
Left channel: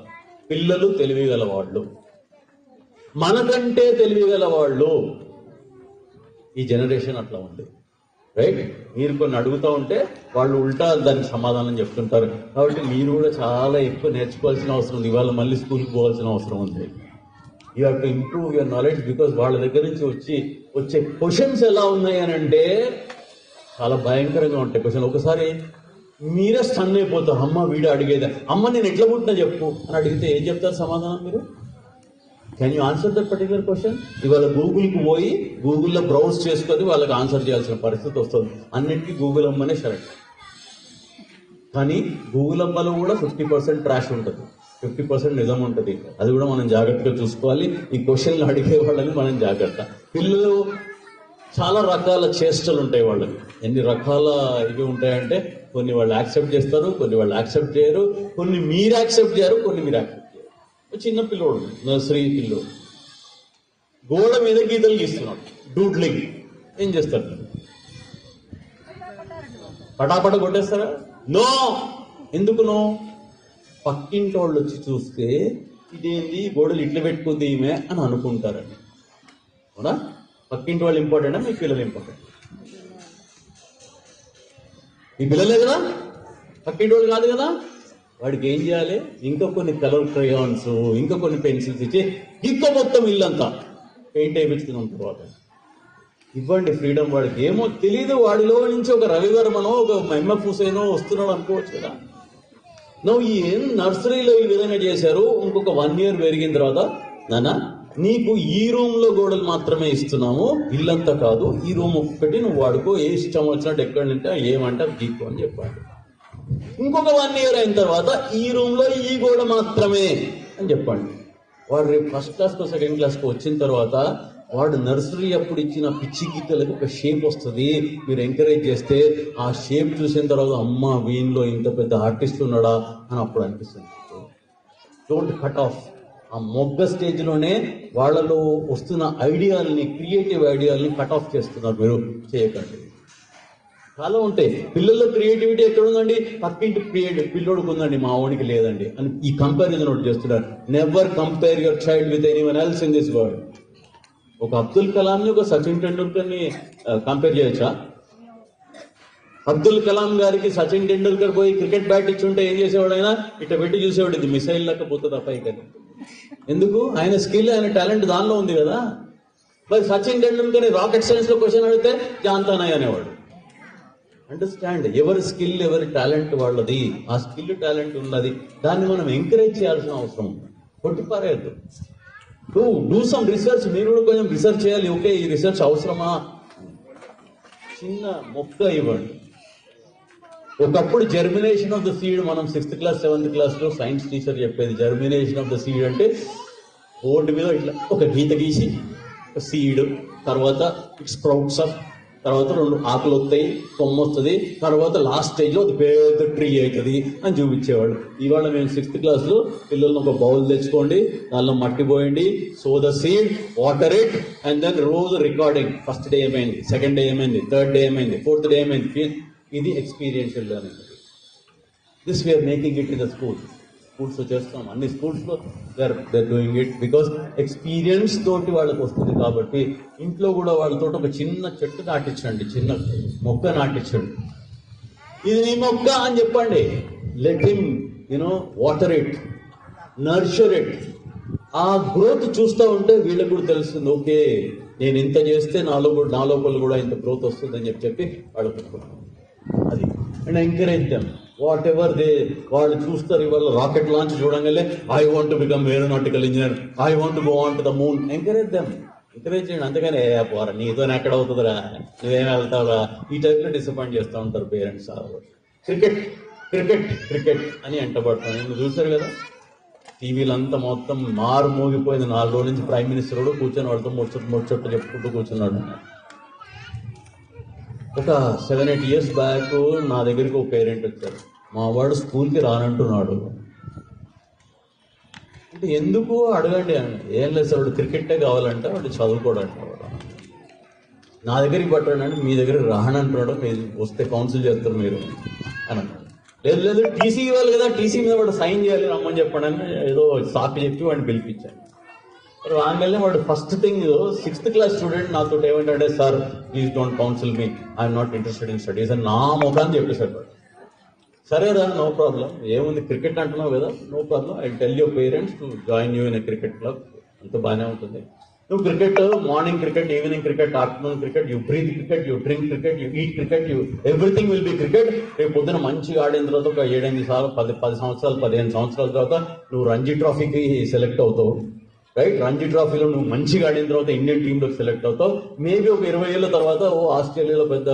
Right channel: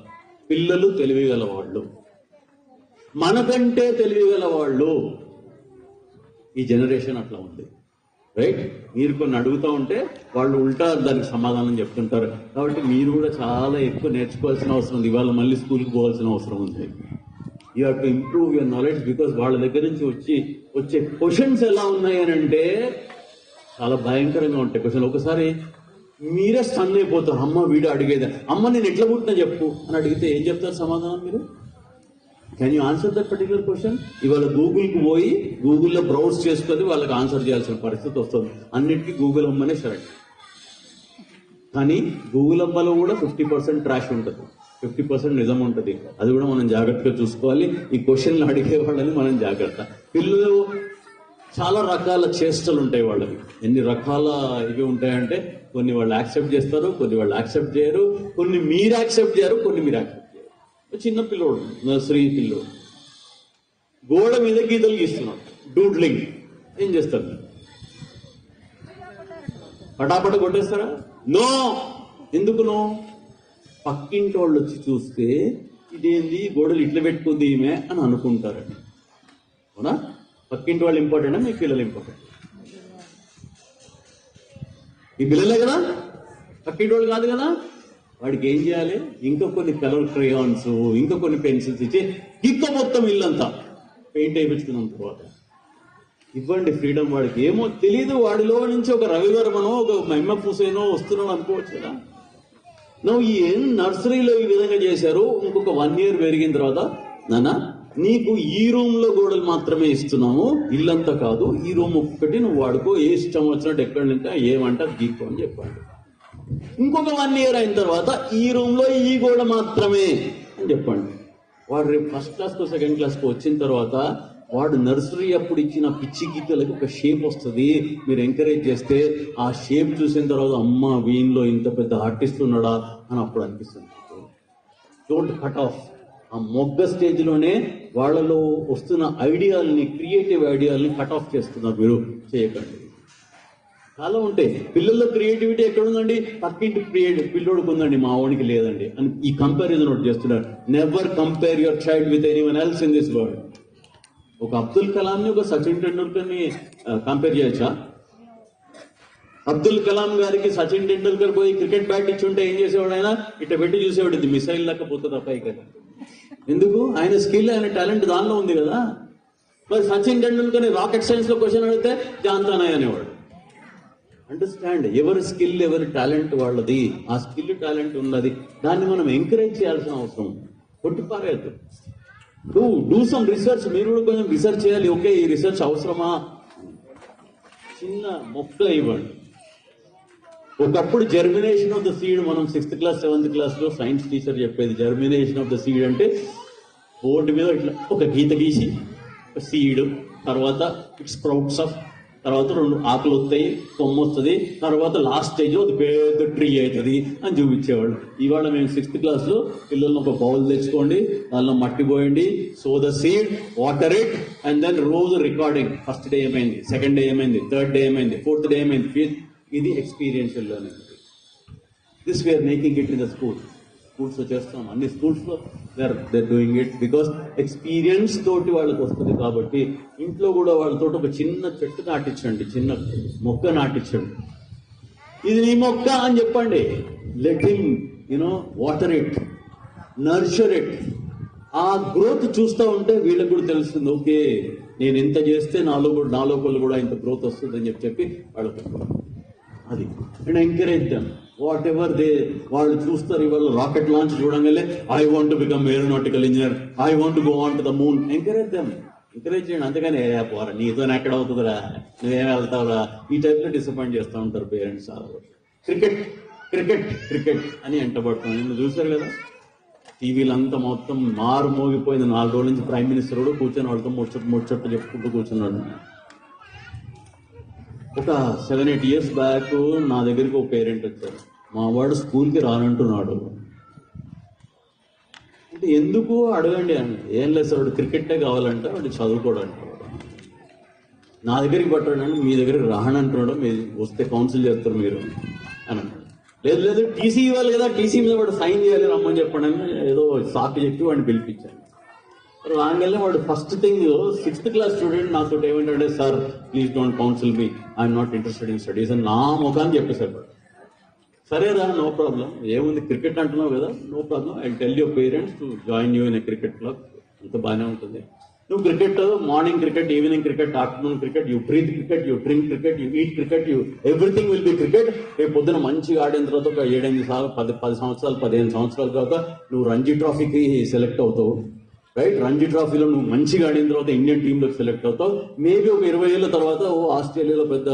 పిల్లలు తెలివిగల వాళ్ళు, మనకంటే తెలివిగల వాళ్ళు. ఈ జనరేషన్ అట్లా ఉంది, రైట్? మీరు కొన్ని అడుగుతూ ఉంటే వాళ్ళు ఉల్టా దానికి సమాధానం చెప్తుంటారు. కాబట్టి మీరు కూడా చాలా ఎక్కువ నేర్చుకోవాల్సిన అవసరం ఉంది. ఇవాళ మళ్ళీ స్కూల్కి పోవాల్సిన అవసరం ఉంది. You have to improve your knowledge. Because వాళ్ళ దగ్గర నుంచి వచ్చే క్వశ్చన్స్ ఎలా ఉన్నాయి అని అంటే చాలా భయంకరంగా ఉంటాయి క్వశ్చన్. ఒకసారి మీరే స్టన్ అయిపోతారు. అమ్మ వీడు అడిగేది, అమ్మ నేను ఎట్లా పుట్టినా చెప్పు అని అడిగితే ఏం చెప్తారు సమాధానం మీరు? Can you answer that particular question? ఇవాళ గూగుల్కి పోయి గూగుల్లో బ్రౌజ్ చేసుకొని వాళ్ళకి ఆన్సర్ చేయాల్సిన పరిస్థితి వస్తుంది. అన్నిటికీ గూగుల్ అమ్మనే సరే. కానీ గూగుల్ అమ్మలో కూడా 50% ట్రాష్ ఉంటుంది, 50% నిజం ఉంటుంది. అది కూడా మనం జాగ్రత్తగా చూసుకోవాలి. ఈ క్వశ్చన్లు అడిగే వాళ్ళని మనం జాగ్రత్త. పిల్లలు చాలా రకాల చేష్టలు ఉంటాయి వాళ్ళకి. ఎన్ని రకాల ఇవి ఉంటాయంటే కొన్ని వాళ్ళు యాక్సెప్ట్ చేస్తారు, కొన్ని వాళ్ళు యాక్సెప్ట్ చేయరు, కొన్ని మీరు యాక్సెప్ట్ చేయరు, కొన్ని మీరు యాక్సెప్ట్ చేయరు. చిన్న పిల్లోడు, నర్సరీ పిల్లోడు గోడ మీద గీతలు గీస్తున్నాడు, డూడ్లింగ్. ఏం చేస్తారు? పటాపట కొట్టేస్తారా? నో. ఎందుకు నో? పక్కింటి వాళ్ళు వచ్చి చూస్తే ఇదేంది గోడలు ఇట్లా పెట్టుకుంది ఈమె అని అనుకుంటారండి. అవునా? పక్కింటి వాళ్ళు ఇంపార్టెంటా మీ పిల్లలు ఇంపార్టెంట్? మీ పిల్లలే కదా, పక్కింటి వాళ్ళు కాదు కదా. వాడికి ఏం చేయాలి? ఇంకా కొన్ని కలర్ క్రేయాన్స్, ఇంకా కొన్ని పెన్సిల్స్ ఇచ్చి ఇంకో మొత్తం ఇల్లంతా పెయింట్ వేయించుకున్న తర్వాత ఇవ్వండి ఫ్రీడమ్. వాడికి ఏమో తెలియదు, వాడిలో నుంచి ఒక రవివర్మనో ఒక ఎంఎఫ్ హుసేనో వస్తున్నాడు అనుకోవచ్చు కదా. నువ్వు ఏం నర్సరీలో ఈ విధంగా చేశారు, ఇంకొక 1 year పెరిగిన తర్వాత నాన్న నీకు ఈ రూమ్ లో గోడలు మాత్రమే ఇస్తున్నాము, ఇల్లంతా కాదు, ఈ రూమ్ ఒక్కటి నువ్వు వాడుకో, ఏ ఇష్టం వచ్చినట్టు ఎక్కడ నింటే ఏమంటారు గీకో అని చెప్పండి. ఇంకొక 1 year అయిన తర్వాత ఈ రూమ్ లో ఈ గోడ మాత్రమే అని చెప్పండి. వాడు రేపు ఫస్ట్ క్లాస్కో సెకండ్ క్లాస్కో వచ్చిన తర్వాత వాడు నర్సరీ అప్పుడు ఇచ్చిన పిచ్చి గీతలకు ఒక షేప్ వస్తుంది. మీరు ఎంకరేజ్ చేస్తే ఆ షేప్ చూసిన తర్వాత అమ్మ వీన్లో ఇంత పెద్ద ఆర్టిస్ట్ ఉన్నాడా అని అప్పుడు అనిపిస్తుంది. Don't cut off. ఆ మొగ్గ స్టేజ్లోనే వాళ్ళలో వస్తున్న ఐడియాలని, క్రియేటివ్ ఐడియాలని కట్ ఆఫ్ చేస్తున్నారు. మీరు చేయకండి. చాలా ఉంటాయి పిల్లల్లో క్రియేటివిటీ ఎక్కడ ఉందండి, పక్కింటి పిల్లోడికి ఉందండి, మా వాడికి లేదండి అని ఈ కంపారిజన్ ఒకటి చేస్తున్నారు. Never compare your child with anyone else in this world. ఒక అబ్దుల్ కలాంని ఒక సచిన్ టెండూల్కర్ని కంపేర్ చేయొచ్చా? అబ్దుల్ కలాం గారికి సచిన్ టెండూల్కర్ పోయి క్రికెట్ బ్యాట్ ఇచ్చుంటే ఏం చేసేవాడు? ఆయన ఇట్లా పెట్టి చూసేవాడు, ఇది మిసైల్ లేకపోతే తప్ప కదా. ఎందుకు? ఆయన స్కిల్, ఆయన టాలెంట్ దానిలో ఉంది కదా. మరి సచిన్ టెండూల్కర్ రాకెట్ సైన్స్ లో క్వశ్చన్ అడిగితే జాన్తానాయ్ అనేవాడు. అండర్స్టాండ్, ఎవరి స్కిల్ ఎవరి టాలెంట్ వాళ్ళది. ఆ స్కిల్ టాలెంట్ ఉన్నది, దాన్ని మనం ఎంకరేజ్ చేయాల్సిన అవసరం. కొట్టిపారేయద్దు. Do some research. మీరు కూడా కొంచెం రీసెర్చ్ చేయాలి. ఓకే, ఈ రీసెర్చ్ అవసరమా? చిన్న మొక్క ఇవ్వండి. ఒకప్పుడు జర్మినేషన్ ఆఫ్ ద సీడ్, మనం 6th class 7th class లో సైన్స్ టీచర్ చెప్పేది జర్మినేషన్ ఆఫ్ ద సీడ్ అంటే బోర్డు మీద ఇట్లా ఒక గీత గీసి సీడ్, తర్వాత ఇట్ స్ప్రౌట్స్ ఆఫ్, తర్వాత 2 ఆకులు వస్తాయి, కొమ్మ వస్తుంది, తర్వాత లాస్ట్ స్టేజ్ లో అది పెద్ద ట్రీ అవుతుంది అని చూపించేవాడు. ఇవాళ మేము 6th class లో పిల్లల్ని ఒక బౌల్ తెచ్చుకోండి, దానిలో మట్టి పోయండి, so the seed, water it, and then రోజు రికార్డింగ్. ఫస్ట్ డే ఏమైంది, సెకండ్ డే ఏమైంది, థర్డ్ డే ఏమైంది, ఫోర్త్ డే ఏమైంది. ఇది experiential learning. This we're making it in the schools చేస్తాం. అన్ని స్కూల్స్లో they're doing it because experience తోటి వాళ్ళకి వస్తుంది. కాబట్టి ఇంట్లో కూడా వాళ్ళతో ఒక చిన్న చెట్టు నాటించండి, చిన్న మొక్క నాటించండి. ఇది నీ మొక్క అని చెప్పండి. Let him water it, nurture it. ఆ గ్రోత్ చూస్తూ ఉంటే వీళ్ళకి కూడా తెలుస్తుంది, ఓకే నేను ఇంత చేస్తే నా లోపల కూడా ఇంత గ్రోత్ వస్తుంది అని చెప్పి వాళ్ళకి అది. And encourage them what ever వాళ్ళు చూస్తారు. ఇవాళ రాకెట్ లాంచ్ చూడంగానే I want to become aeronautical engineer, I want to go on to the moon. Encourage చేయండి. అంతగానే పోరా నీతో ఎక్కడ అవుతుందిరా, నువ్వేం వెళ్తావురా, ఈ టైప్లో డిసప్పాయింట్ చేస్తూ ఉంటారు పేరెంట్స్. క్రికెట్ క్రికెట్ క్రికెట్ అని ఎంటబడతాం. నేను చూశారు కదా టీవీలంతా మొత్తం మారు మోగిపోయింది. 4 రోజుల నుంచి ప్రైమ్ మినిస్టర్ కూడా కూర్చొని వాడితో ముచ్చట్లు చెప్పుకుంటూ కూర్చున్నాడు. ఒక 7-8 years బ్యాక్ నా దగ్గరికి ఒక పేరెంట్ వచ్చారు, మా వాడు స్కూల్కి రానంటున్నాడు అంటే ఎందుకు అడగండి అని. ఏం లేదు సార్, వాడు క్రికెటే కావాలంటే వాడు చదువుకోవడానికి. నా దగ్గరికి పట్టాడంటే మీ దగ్గరికి రానంటున్నాడు, మీరు వస్తే కౌన్సిల్ చేస్తారు మీరు అని. లేదు టీసీ ఇవ్వాలి కదా, టీసీ మీద వాడు సైన్ చేయాలి రమ్మని చెప్పాడని ఏదో సాకు చెప్పి వాడిని పిలిపించాను. రాగానే వాడు first thing 6th class student నాతో ఏమంటే, sir please don't council me, I'm not interested in studies అని నా ముఖాన్ని చెప్పేశారు. సరేరా, నో ప్రాబ్లం, ఏముంది క్రికెట్ అంటున్నావు కదా, no problem, I tell your parents to join you in a cricket club. అంత బాగానే ఉంటుంది. నువ్వు cricket, morning cricket, evening cricket, afternoon cricket, you breathe cricket, you drink cricket, you eat cricket, you everything will be cricket. రేపు పొద్దున మంచిగా ఆడిన తర్వాత ఒక 7-8 సార్లు 10 సంవత్సరాలు 15 సంవత్సరాల తర్వాత నువ్వు రంజీ ట్రోఫీకి సెలెక్ట్ అవుతావు, రైట్? రంజీ ట్రోఫీలో నువ్వు మంచిగా ఆడిన తర్వాత ఇండియన్ టీంలోకి సెలెక్ట్ అవుతావు. మేబీ ఒక 20 ఏళ్ళ తర్వాత ఆస్ట్రేలియాలో పెద్ద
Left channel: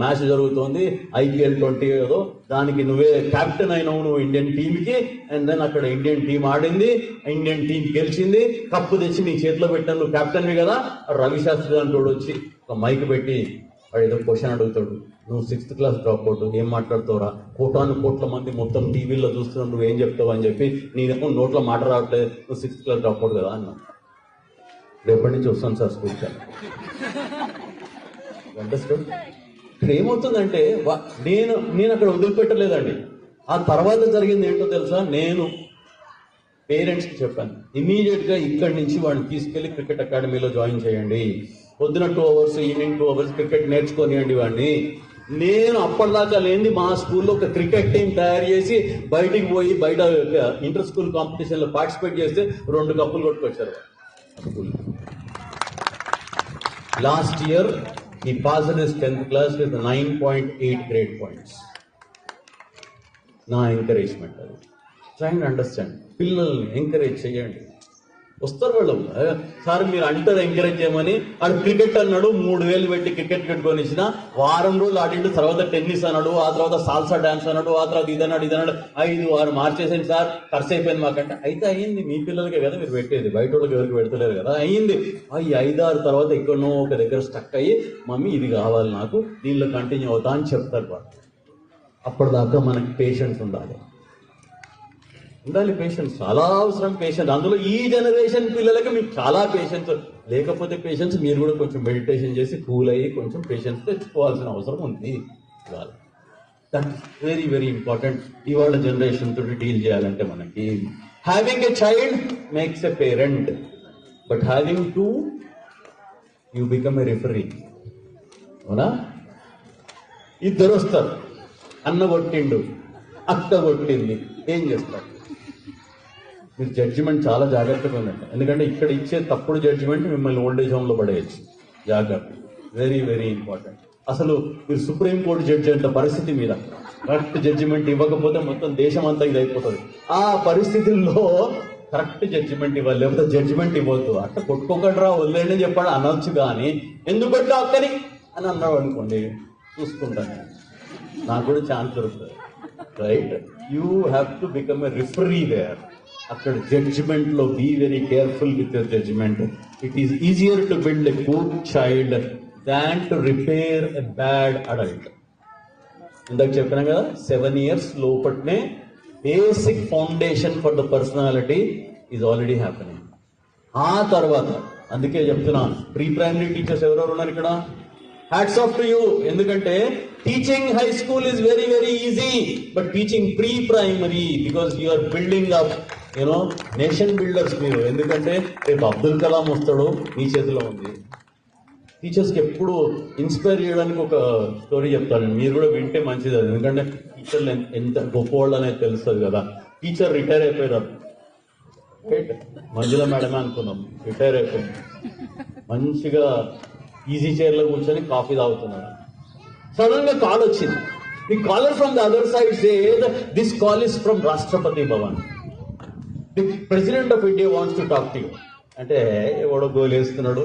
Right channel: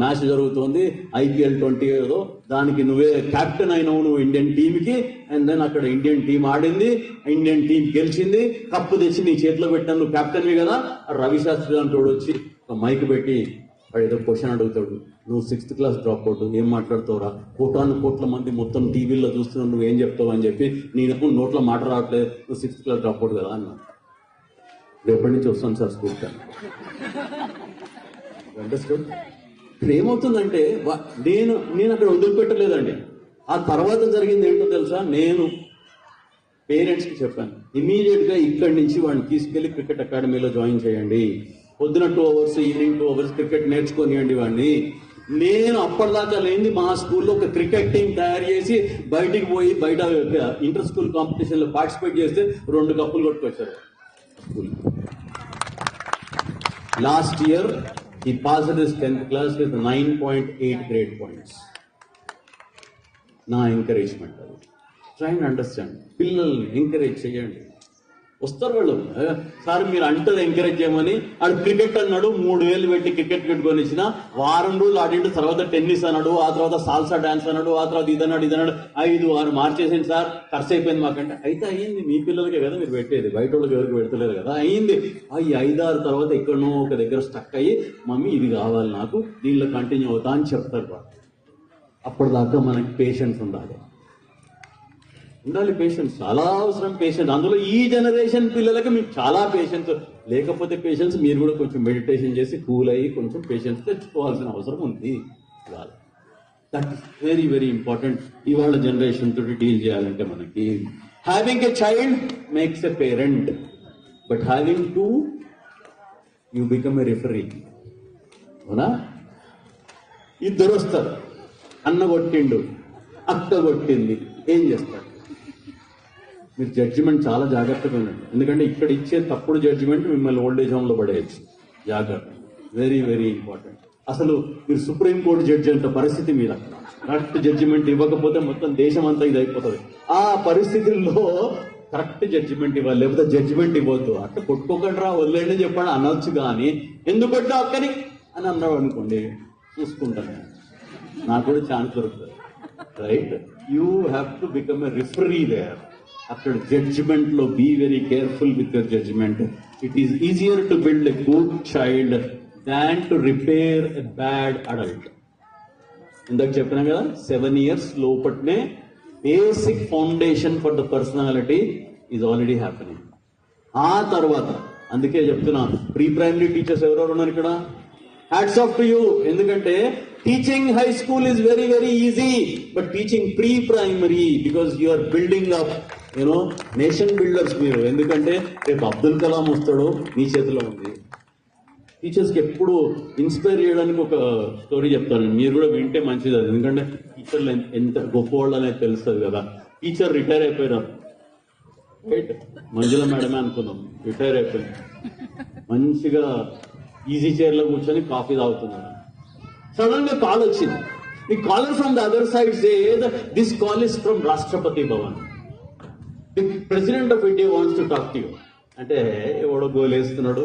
మ్యాచ్ జరుగుతుంది, IPL 20 ఏదో, దానికి నువ్వే కెప్టెన్ అయినావు నువ్వు ఇండియన్ టీంకి. అండ్ దెన్ అక్కడ ఇండియన్ టీం ఆడింది, ఇండియన్ టీం గెలిచింది, కప్పు తెచ్చి నీ చేతిలో పెట్టాను, నువ్వు కెప్టెన్వి కదా. రవి శాస్త్రి అని కూడా వచ్చి ఒక మైక్ పెట్టి వాడు ఏదో క్వశ్చన్ అడుగుతాడు, నువ్వు 6th class డ్రాప్ అవుట్, ఏం మాట్లాడుతావురా, కోట్ల మంది మొత్తం టీవీలో చూస్తున్నావు, నువ్వు ఏం చెప్తావు అని చెప్పి నేను నోట్లో మాట రావట్లేదు, నువ్వు 6th class డ్రాప్ అవుట్ కదా అన్నా. రేపటి నుంచి వస్తాను సార్ స్కూల్కి. అండర్స్టాండ్? ఇక్కడ ఏమవుతుందంటే నేను అక్కడ వదిలిపెట్టలేదండి. ఆ తర్వాత జరిగింది ఏంటో తెలుసా, నేను పేరెంట్స్కి చెప్పాను, ఇమీడియట్గా ఇక్కడి నుంచి వాడిని తీసుకెళ్లి క్రికెట్ అకాడమీలో జాయిన్ చేయండి, పొద్దున 2 hours ఈవినింగ్ 2 hours క్రికెట్ నేర్చుకోనియండి వాడిని. నేను అప్పటిదాకా లేని మా స్కూల్లో ఒక క్రికెట్ టీం తయారు చేసి బయటికి పోయి బయట ఇంటర్ స్కూల్ కాంపిటీషన్లో పార్టిసిపేట్ చేస్తే 2 కప్పులు కొట్టుకొచ్చారు school. Last year, he passed his 10th class with 9.8 grade points. నా ఎంకరేజ్మెంట్ అది. Try and understand. పిల్లల్ని ఎంకరేజ్ చేయండి. వస్తారు వాళ్ళు. సార్ మీరు అంటారు ఎంకరేజ్ చేయమని. ఆడు క్రికెట్ అన్నాడు, 3,000 పెట్టి క్రికెట్ పెట్టుకొని ఇచ్చిన, వారం రోజులు ఆడిండు, తర్వాత టెన్నిస్ అన్నాడు, ఆ తర్వాత సాల్సా డాన్స్ అన్నాడు, ఆ తర్వాత ఇదన్నాడు 5-6 మార్చేసింది సార్, ఖర్చు అయిపోయింది మాకంటే. అయితే అయ్యింది, మీ పిల్లలకే కదా మీరు పెట్టేది, బయట వాళ్ళకి ఎవరికి పెడతలేదు కదా. అయ్యింది. ఈ 5-6 తర్వాత ఎక్కడనో ఒక దగ్గర స్టక్ అయ్యి, మమ్మీ ఇది కావాలి నాకు, దీనిలో కంటిన్యూ అవుతా అని చెప్తారు వాళ్ళు. అప్పటిదాకా మనకి పేషెన్స్ ఉండాలి. పేషెన్స్ చాలా అవసరం. పేషెన్స్ అందులో ఈ జనరేషన్ పిల్లలకి మీకు చాలా పేషెన్స్ లేకపోతే, పేషెన్స్ మీరు కూడా కొంచెం మెడిటేషన్ చేసి కూల్ అయ్యి కొంచెం పేషెన్స్ తెచ్చుకోవాల్సిన అవసరం ఉంది. దట్ వెరీ వెరీ ఇంపార్టెంట్ ఇవాళ జనరేషన్ తోటి డీల్ చేయాలంటే. మనకి having a child makes a parent, but having two you become a referee. అవునా? ఇద్దరు వస్తారు, అన్న కొట్టిండు, అక్క కొట్టింది, ఏం చేస్తారు? మీరు జడ్జిమెంట్ చాలా జాగ్రత్తగా ఉందండి. ఎందుకంటే ఇక్కడ ఇచ్చే తప్పుడు జడ్జిమెంట్ మిమ్మల్ని ఓల్డేజ్ హోమ్లో పడేయచ్చు. జాగ్రత్త, వెరీ వెరీ ఇంపార్టెంట్. అసలు మీరు సుప్రీంకోర్టు జడ్జి అంత పరిస్థితి మీద కరెక్ట్ జడ్జిమెంట్ ఇవ్వకపోతే మొత్తం దేశం అంతా ఇది అయిపోతుంది. ఆ పరిస్థితుల్లో కరెక్ట్ జడ్జిమెంట్ ఇవ్వాలి, లేకపోతే జడ్జిమెంట్ ఇవ్వద్దు. అట్లా కొట్టుకోకట్రా వదిలేండి అని చెప్పాడు అనొచ్చు, కానీ ఎందుకంటే అక్కని అని అన్నాడు అనుకోండి, చూసుకుంటాను, నాకు కూడా ఛాన్స్ దొరుకుతుంది. Right? You have to become a referee there. అక్కడ జడ్జిమెంట్ లో be very careful with your judgement. It is easier to build a good child than to repair a bad adult. ఇందాక చెప్పిన కదా, 7 years లోపట్నే basic foundation for the personality is already happening. ఆ తర్వాత అందుకే చెప్తున్నా, ప్రీ ప్రైమరీ టీచర్స్ ఎవరెవరు ఉన్నారు ఇక్కడ? Hats off to you. ఎందుకంటే teaching high school is very very easy, but teaching pre primary, because you are building up nation builders మీరు. ఎందుకంటే రేపు అబ్దుల్ కలాం వస్తాడు, మీ చేతిలో ఉంది. టీచర్స్కి ఎప్పుడు ఇన్స్పైర్ చేయడానికి ఒక స్టోరీ చెప్తాను, మీరు కూడా వింటే మంచిది. అది ఎందుకంటే టీచర్లు ఎంత గొప్పవాళ్ళు అనేది తెలుస్తుంది కదా. టీచర్ రిటైర్ అయిపోయారు, మంజుల మేడమే అనుకుందాం, రిటైర్ అయిపోయింది. మంచిగా ఈజీ చైర్లో కూర్చొని కాఫీ తాగుతున్నారు. సడన్ గా కాల్ వచ్చింది. The caller from the other side said this call is from Rashtrapati Bhavan, the President of India wants to talk to you. అంటే ఎవడో గోలేస్తున్నాడు,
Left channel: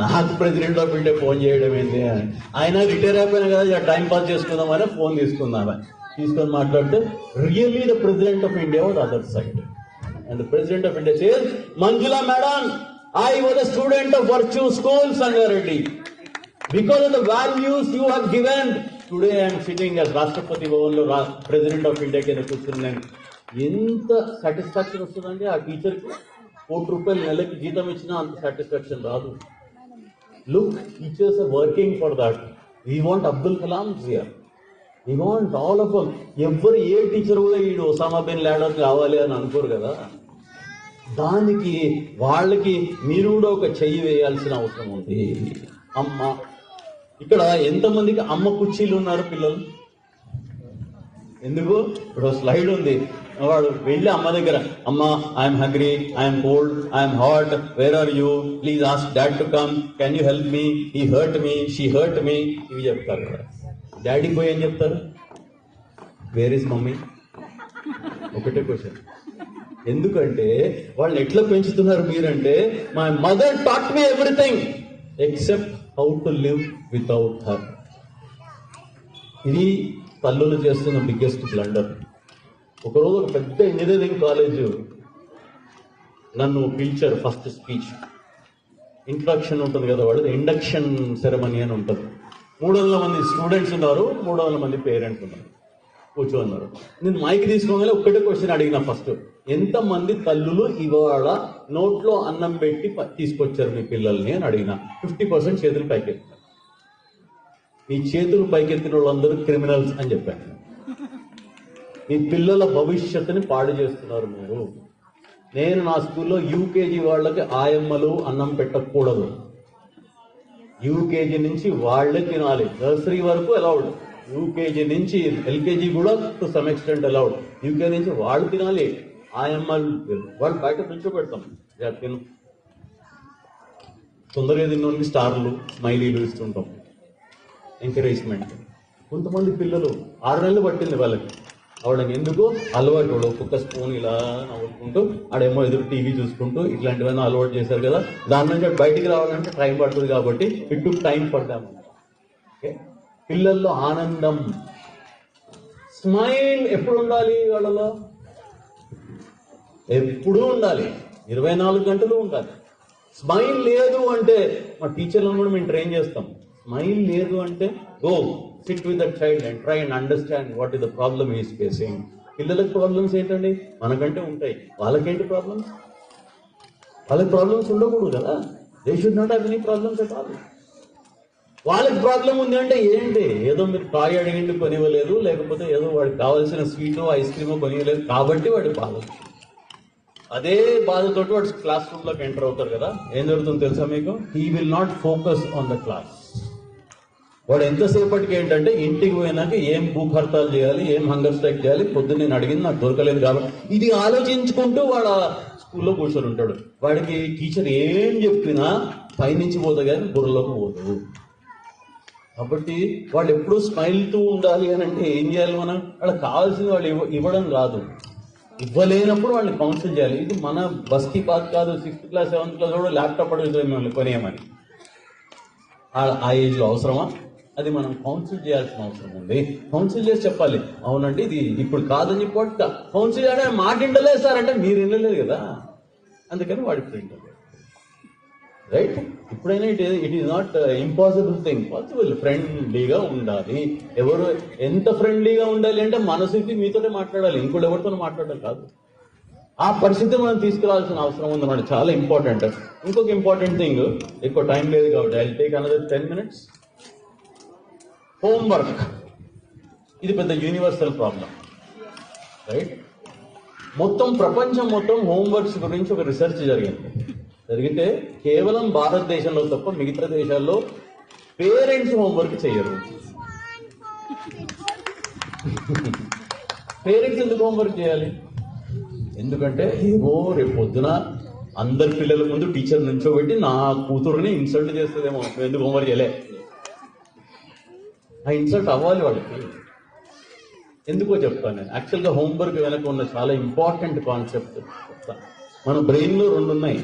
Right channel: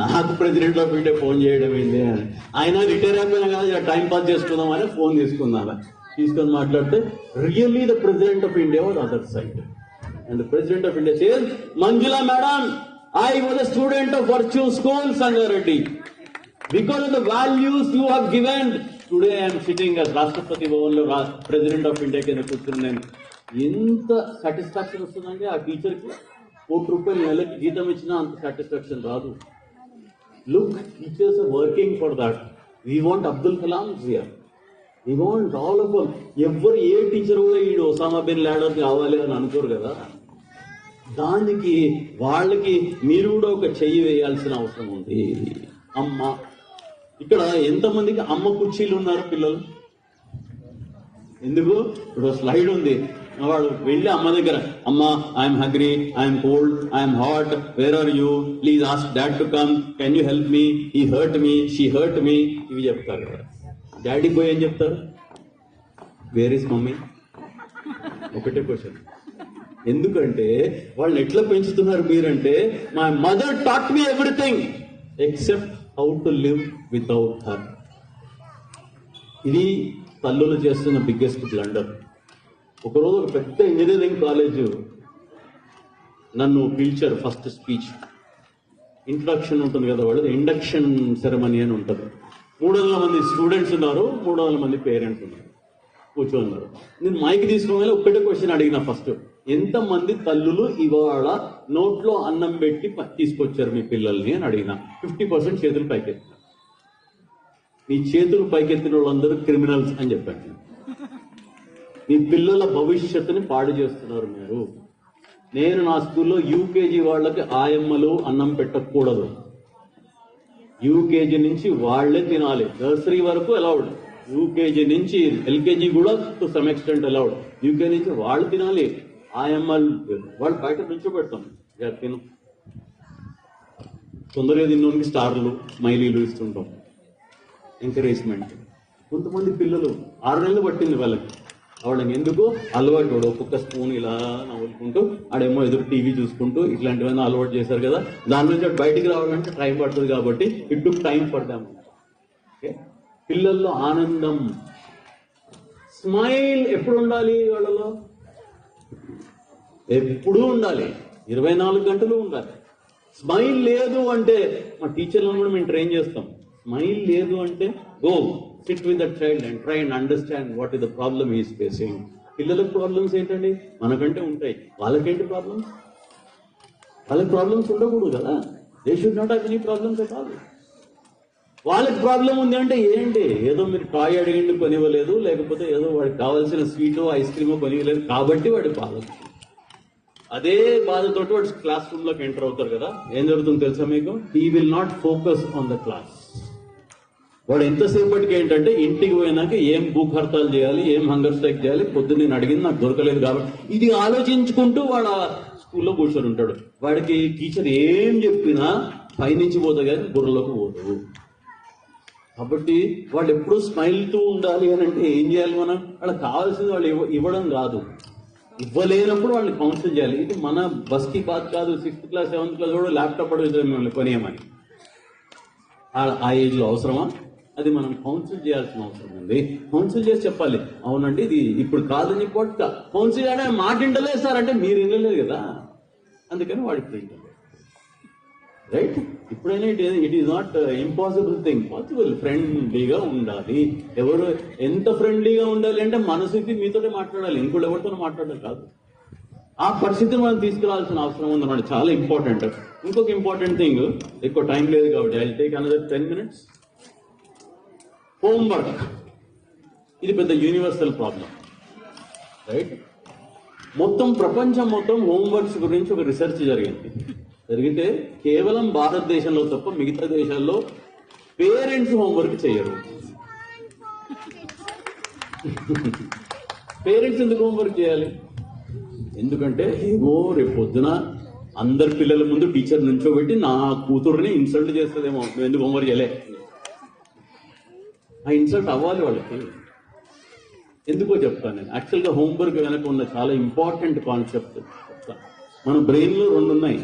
నాకు ప్రెసిడెంట్ ఆఫ్ ఇండియా ఫోన్ చేయడం ఏంటి? ఆయన రిటైర్ అయిపోయినా కదా, టైం పాస్ చేసుకుందామని ఫోన్ తీసుకొని మాట్లాడితే, really the president of India was other side. And the president of India says, Manjula madam, I was a student of Virtue School, Sangareddy. Because of the values you have given, today I am sitting as Rashtrapati Bhavanlo, President of India కింద కూర్చున్నాను. ఎంత satisfaction వస్తుందంటే ఆ టీచర్కి. 1 రూపాయలు నెలకి జీతం ఇచ్చినా అంత సాటిస్ఫాక్షన్ రాదు. Look, teachers are working for that. We want Abdul Kalam here, we want all of them. ఎవరు ఏ టీచర్ కూడా ఈ ఒసామా బిన్ లాడెన్ కావాలి అని అనుకోరు కదా. దానికి వాళ్ళకి మీరు కూడా ఒక చెయ్యి వేయాల్సిన అవసరం ఉంది. అమ్మ, ఇక్కడ ఎంతమందికి అమ్మ కుర్చీలు ఉన్నారు పిల్లలు? ఎందుకు? ఇప్పుడు స్లైడ్ ఉంది, వాడు వెళ్ళి అమ్మ దగ్గర, అమ్మ I'm hungry, I'm cold, I'm hot, where are you, please ask dad to come, can you help me, he hurt me, she hurt me, ఇవి చెప్తారు కదా. డాడీకి పోయి ఏం చెప్తారు? Where is mummy? ఒకటే క్వశ్చన్. ఎందుకంటే వాళ్ళని ఎట్లా పెంచుతున్నారు మీరంటే, my mother taught me everything except how to live without her. ఇది తల్లులు చేస్తున్న బిగ్గెస్ట్ బ్లండర్. ఒకరోజు ఒక పెద్ద ఇంజనీరింగ్ కాలేజ్ నన్ను పిలిచారు. ఫస్ట్ స్పీచ్, ఇంట్రడక్షన్ ఉంటుంది కదా, వాళ్ళది ఇండక్షన్ సెరమనీ అని ఉంటుంది. 300 మంది స్టూడెంట్స్ ఉన్నారు, 300 మంది పేరెంట్స్ ఉన్నారు, కూర్చోన్నారు. నేను మైక్ తీసుకున్న ఒక్కటే క్వశ్చన్ అడిగిన. ఫస్ట్, ఎంతమంది తల్లులు ఇవాళ నోట్లో అన్నం పెట్టి తీసుకొచ్చారు మీ పిల్లల్ని అని అడిగిన. 50% చేతులు పైకెత్తారు. మీ చేతులు పైకెత్తిన వాళ్ళందరూ క్రిమినల్స్ అని చెప్పాను. మీ పిల్లల భవిష్యత్తుని పాడు చేస్తున్నారు మీరు. నేను నా స్కూల్లో యూకేజీ వాళ్ళకి ఆయమ్మలు అన్నం పెట్టకూడదు. యూకేజీ నుంచి వాళ్లే తినాలి. నర్సరీ వరకు అలౌడ్, యూకేజీ నుంచి ఎల్కేజీ కూడా to some extent allowed. UK నుంచి వాళ్ళు తినాలి. ఆయమ్మలు వాళ్ళు బయట కూర్చోబెడతాం, తిను. తొందరగా తిన్నోనికి స్టార్లు స్మైలీలు ఇస్తుంటాం, ఎంకరేజ్మెంట్. కొంతమంది పిల్లలు 6 నెలలు పట్టింది వాళ్ళకి అవడం, ఎందుకు అలవాటు వాడు ఒక్కొక్క స్పూన్ ఇలా నవ్వుకుంటూ ఆడేమో ఎదురు టీవీ చూసుకుంటూ ఇట్లాంటివన్నీ అలవాటు చేశారు కదా, దాని నుంచి బయటికి రావాలంటే టైం పడుతుంది కాబట్టి ఇటు టైం పడదాము. ఓకే, పిల్లల్లో ఆనందం, స్మైల్ ఎప్పుడు ఉండాలి వాళ్ళలో? ఎప్పుడూ ఉండాలి, 24 గంటలు ఉండాలి. స్మైల్ లేదు అంటే మా టీచర్లను కూడా మేము ట్రైన్ చేస్తాం. స్మైల్ లేదు అంటే go SIT with the child and try and understand what is the problem is facing. పిల్లలకు ప్రాబ్లమ్స్ ఏంటండి? మనకంటే ఉంటాయి, వాళ్ళకేంటి ప్రాబ్లమ్స్? వాళ్ళకి ప్రాబ్లమ్స్ ఉండకూడదు కదా. They should not have any problems at all. వాళ్ళకి ప్రాబ్లం ఉంది అంటే ఏంటి? ఏదో మీరు టాయ్ అడిగిండి కొనివ్వలేదు, లేకపోతే ఏదో వాడికి కావాల్సిన స్వీటు ఐస్ క్రీమ్ కొనివ్వలేదు కాబట్టి వాడికి బాధ. అదే బాధతో వాడు క్లాస్ రూమ్ లోకి ఎంటర్ అవుతారు కదా, ఏం జరుగుతుందో తెలుసా మీకు? He will not focus on the class. వాడు ఎంతసేపటికి ఏంటంటే ఇంటికి పోయినాక ఏం భూక్ హర్తాలు చేయాలి, ఏం హంగర్ స్ట్రైక్ చేయాలి, పొద్దున్న నేను అడిగింది నాకు దొరకలేదు కాబట్టి ఇది ఆలోచించుకుంటూ వాడు స్కూల్లో కూర్చొని ఉంటాడు. వాడికి టీచర్ ఏం చెప్పినా పైనుంచి పోతుంది కానీ బుర్రలోకి పోదు. కాబట్టి వాళ్ళు ఎప్పుడూ స్మైల్తో ఉండాలి అని అంటే ఏం చేయాలి మనం? వాళ్ళకి కావాల్సింది వాళ్ళు ఇవ్వడం కాదు, ఇవ్వలేనప్పుడు వాళ్ళని కౌన్సిల్ చేయాలి. ఇది మన బస్కి బాధ కాదు. 6th క్లాస్ 7th క్లాస్ కూడా ల్యాప్టాప్ అడుగుతుంది మిమ్మల్ని కొనియమని. ఆ ఏజ్లో అవసరమా? అది మనం కౌన్సిల్ చేయాల్సిన అవసరం ఉంది. కౌన్సిల్ చేసి చెప్పాలి, అవునండి ఇది ఇప్పుడు కాదని చెప్పి కౌన్సిల్ చేయడం మాట వింటలేదు సార్ అంటే మీరు వినలేదు కదా, అందుకని వాడికి వింటలేదు. రైట్? ఇప్పుడైనా it is not impossible thing, possible. ఫ్రెండ్లీగా ఉండాలి. ఎవరు ఎంత ఫ్రెండ్లీగా ఉండాలి అంటే మనసుకి మీతోనే మాట్లాడాలి, ఇంకోటి ఎవరితో మాట్లాడడం కాదు. ఆ పరిస్థితిని మనం తీసుకురావాల్సిన అవసరం ఉంది అన్నమాట. చాలా ఇంపార్టెంట్. ఇంకొక ఇంపార్టెంట్ థింగ్, ఎక్కువ టైం లేదు కాబట్టి I take another 10 minutes. Homework. ఇది పెద్ద యూనివర్సల్ ప్రాబ్లం. రైట్? మొత్తం ప్రపంచం మొత్తం హోంవర్క్స్ గురించి ఒక రీసెర్చ్ జరిగితే కేవలం భారతదేశంలో తప్ప మిగతా దేశాల్లో పేరెంట్స్ హోంవర్క్ చేయరు. పేరెంట్స్ ఎందుకు హోంవర్క్ చేయాలి? ఎందుకంటే ఏవో రేపు పొద్దున అందరి పిల్లల ముందు టీచర్ నుంచోబెట్టి నా కూతురుని ఇన్సల్ట్ చేస్తుందేమో, నువ్వు ఎందుకు హోంవర్క్ చేయలే, ఆ ఇన్సల్ట్ అవ్వాలి వాళ్ళకి. ఎందుకో చెప్తాను నేను. యాక్చువల్గా హోంవర్క్ వెనక ఉన్న చాలా ఇంపార్టెంట్ కాన్సెప్ట్ చెప్తాను. మన బ్రెయిన్లో 2 ఉన్నాయి.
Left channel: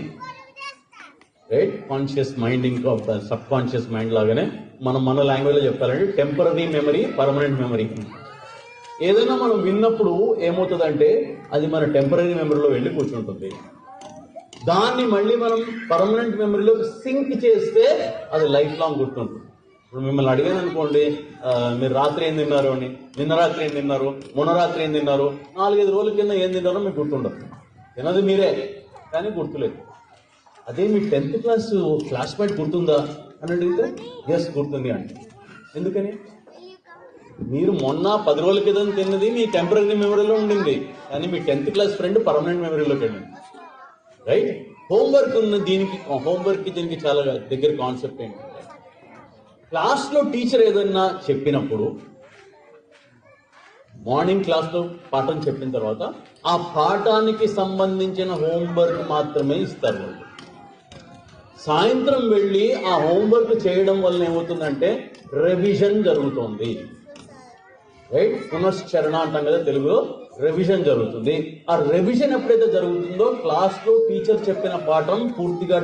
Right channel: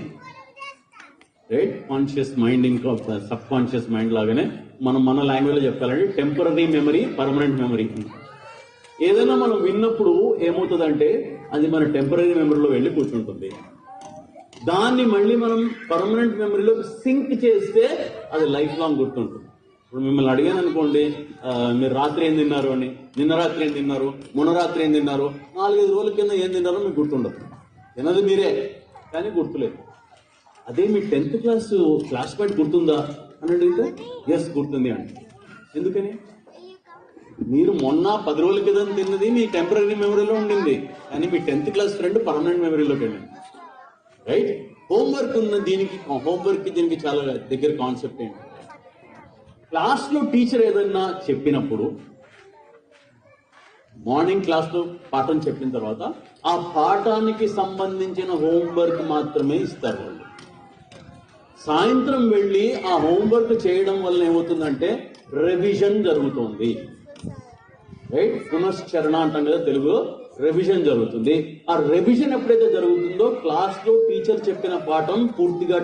రైట్? కాన్షియస్ మైండ్, ఇంకా సబ్ కాన్షియస్ మైండ్ లాగానే మన లాంగ్వేజ్లో చెప్పాలంటే టెంపరరీ మెమరీ, పర్మనెంట్ మెమరీ. ఏదైనా మనం విన్నప్పుడు ఏమవుతుందంటే అది మన టెంపరరీ మెమరీలో వెళ్ళి కూర్చుంటుంది. దాన్ని మళ్ళీ మనం పర్మనెంట్ మెమరీలో సింక్ చేస్తే అది లైఫ్ లాంగ్ గుర్తుంటుంది. ఇప్పుడు మిమ్మల్ని అడిగాను అనుకోండి, మీరు రాత్రి ఏం తిన్నారు అని, నిన్న రాత్రి ఏం తిన్నారు, మొన్న రాత్రి ఏం తిన్నారు, 4-5 రోజుల కింద ఏం తిన్నారో మీకు గుర్తుండదు. తినది మీరే కానీ గుర్తులేదు. అదే మీ 10th క్లాస్ క్లాస్ పాయింట్ గుర్తుందా అని అడిగితే ఎస్ గుర్తుంది అండి. ఎందుకని? మీరు మొన్న 10 రోజుల క్రితం తిన్నది మీ టెంపరీ మెమరీలో ఉండింది, కానీ మీ 10th క్లాస్ ఫ్రెండ్ పర్మనెంట్ మెమరీలోకి వెళ్ళింది. రైట్? హోంవర్క్ ఉన్న దీనికి చాలా దగ్గర కాన్సెప్ట్ ఏంటి? క్లాస్లో టీచర్ ఏదన్నా చెప్పినప్పుడు, మార్నింగ్ క్లాస్లో పాఠం చెప్పిన తర్వాత ఆ పాఠానికి సంబంధించిన హోంవర్క్ మాత్రమే ఇస్తారు వాళ్ళు. సాయంత్రం వెళ్ళి ఆ హోంవర్క్ చేయడం వల్ల ఏమవుతుందంటే రివిజన్ జరుగుతుంది. రైట్? పునశ్చరణ అంటాం కదా తెలుగులో. రివిజన్ జరుగుతుంది. ఆ రివిజన్ ఎప్పుడైతే జరుగుతుందో క్లాస్లో టీచర్ చెప్పిన పాఠం పూర్తిగా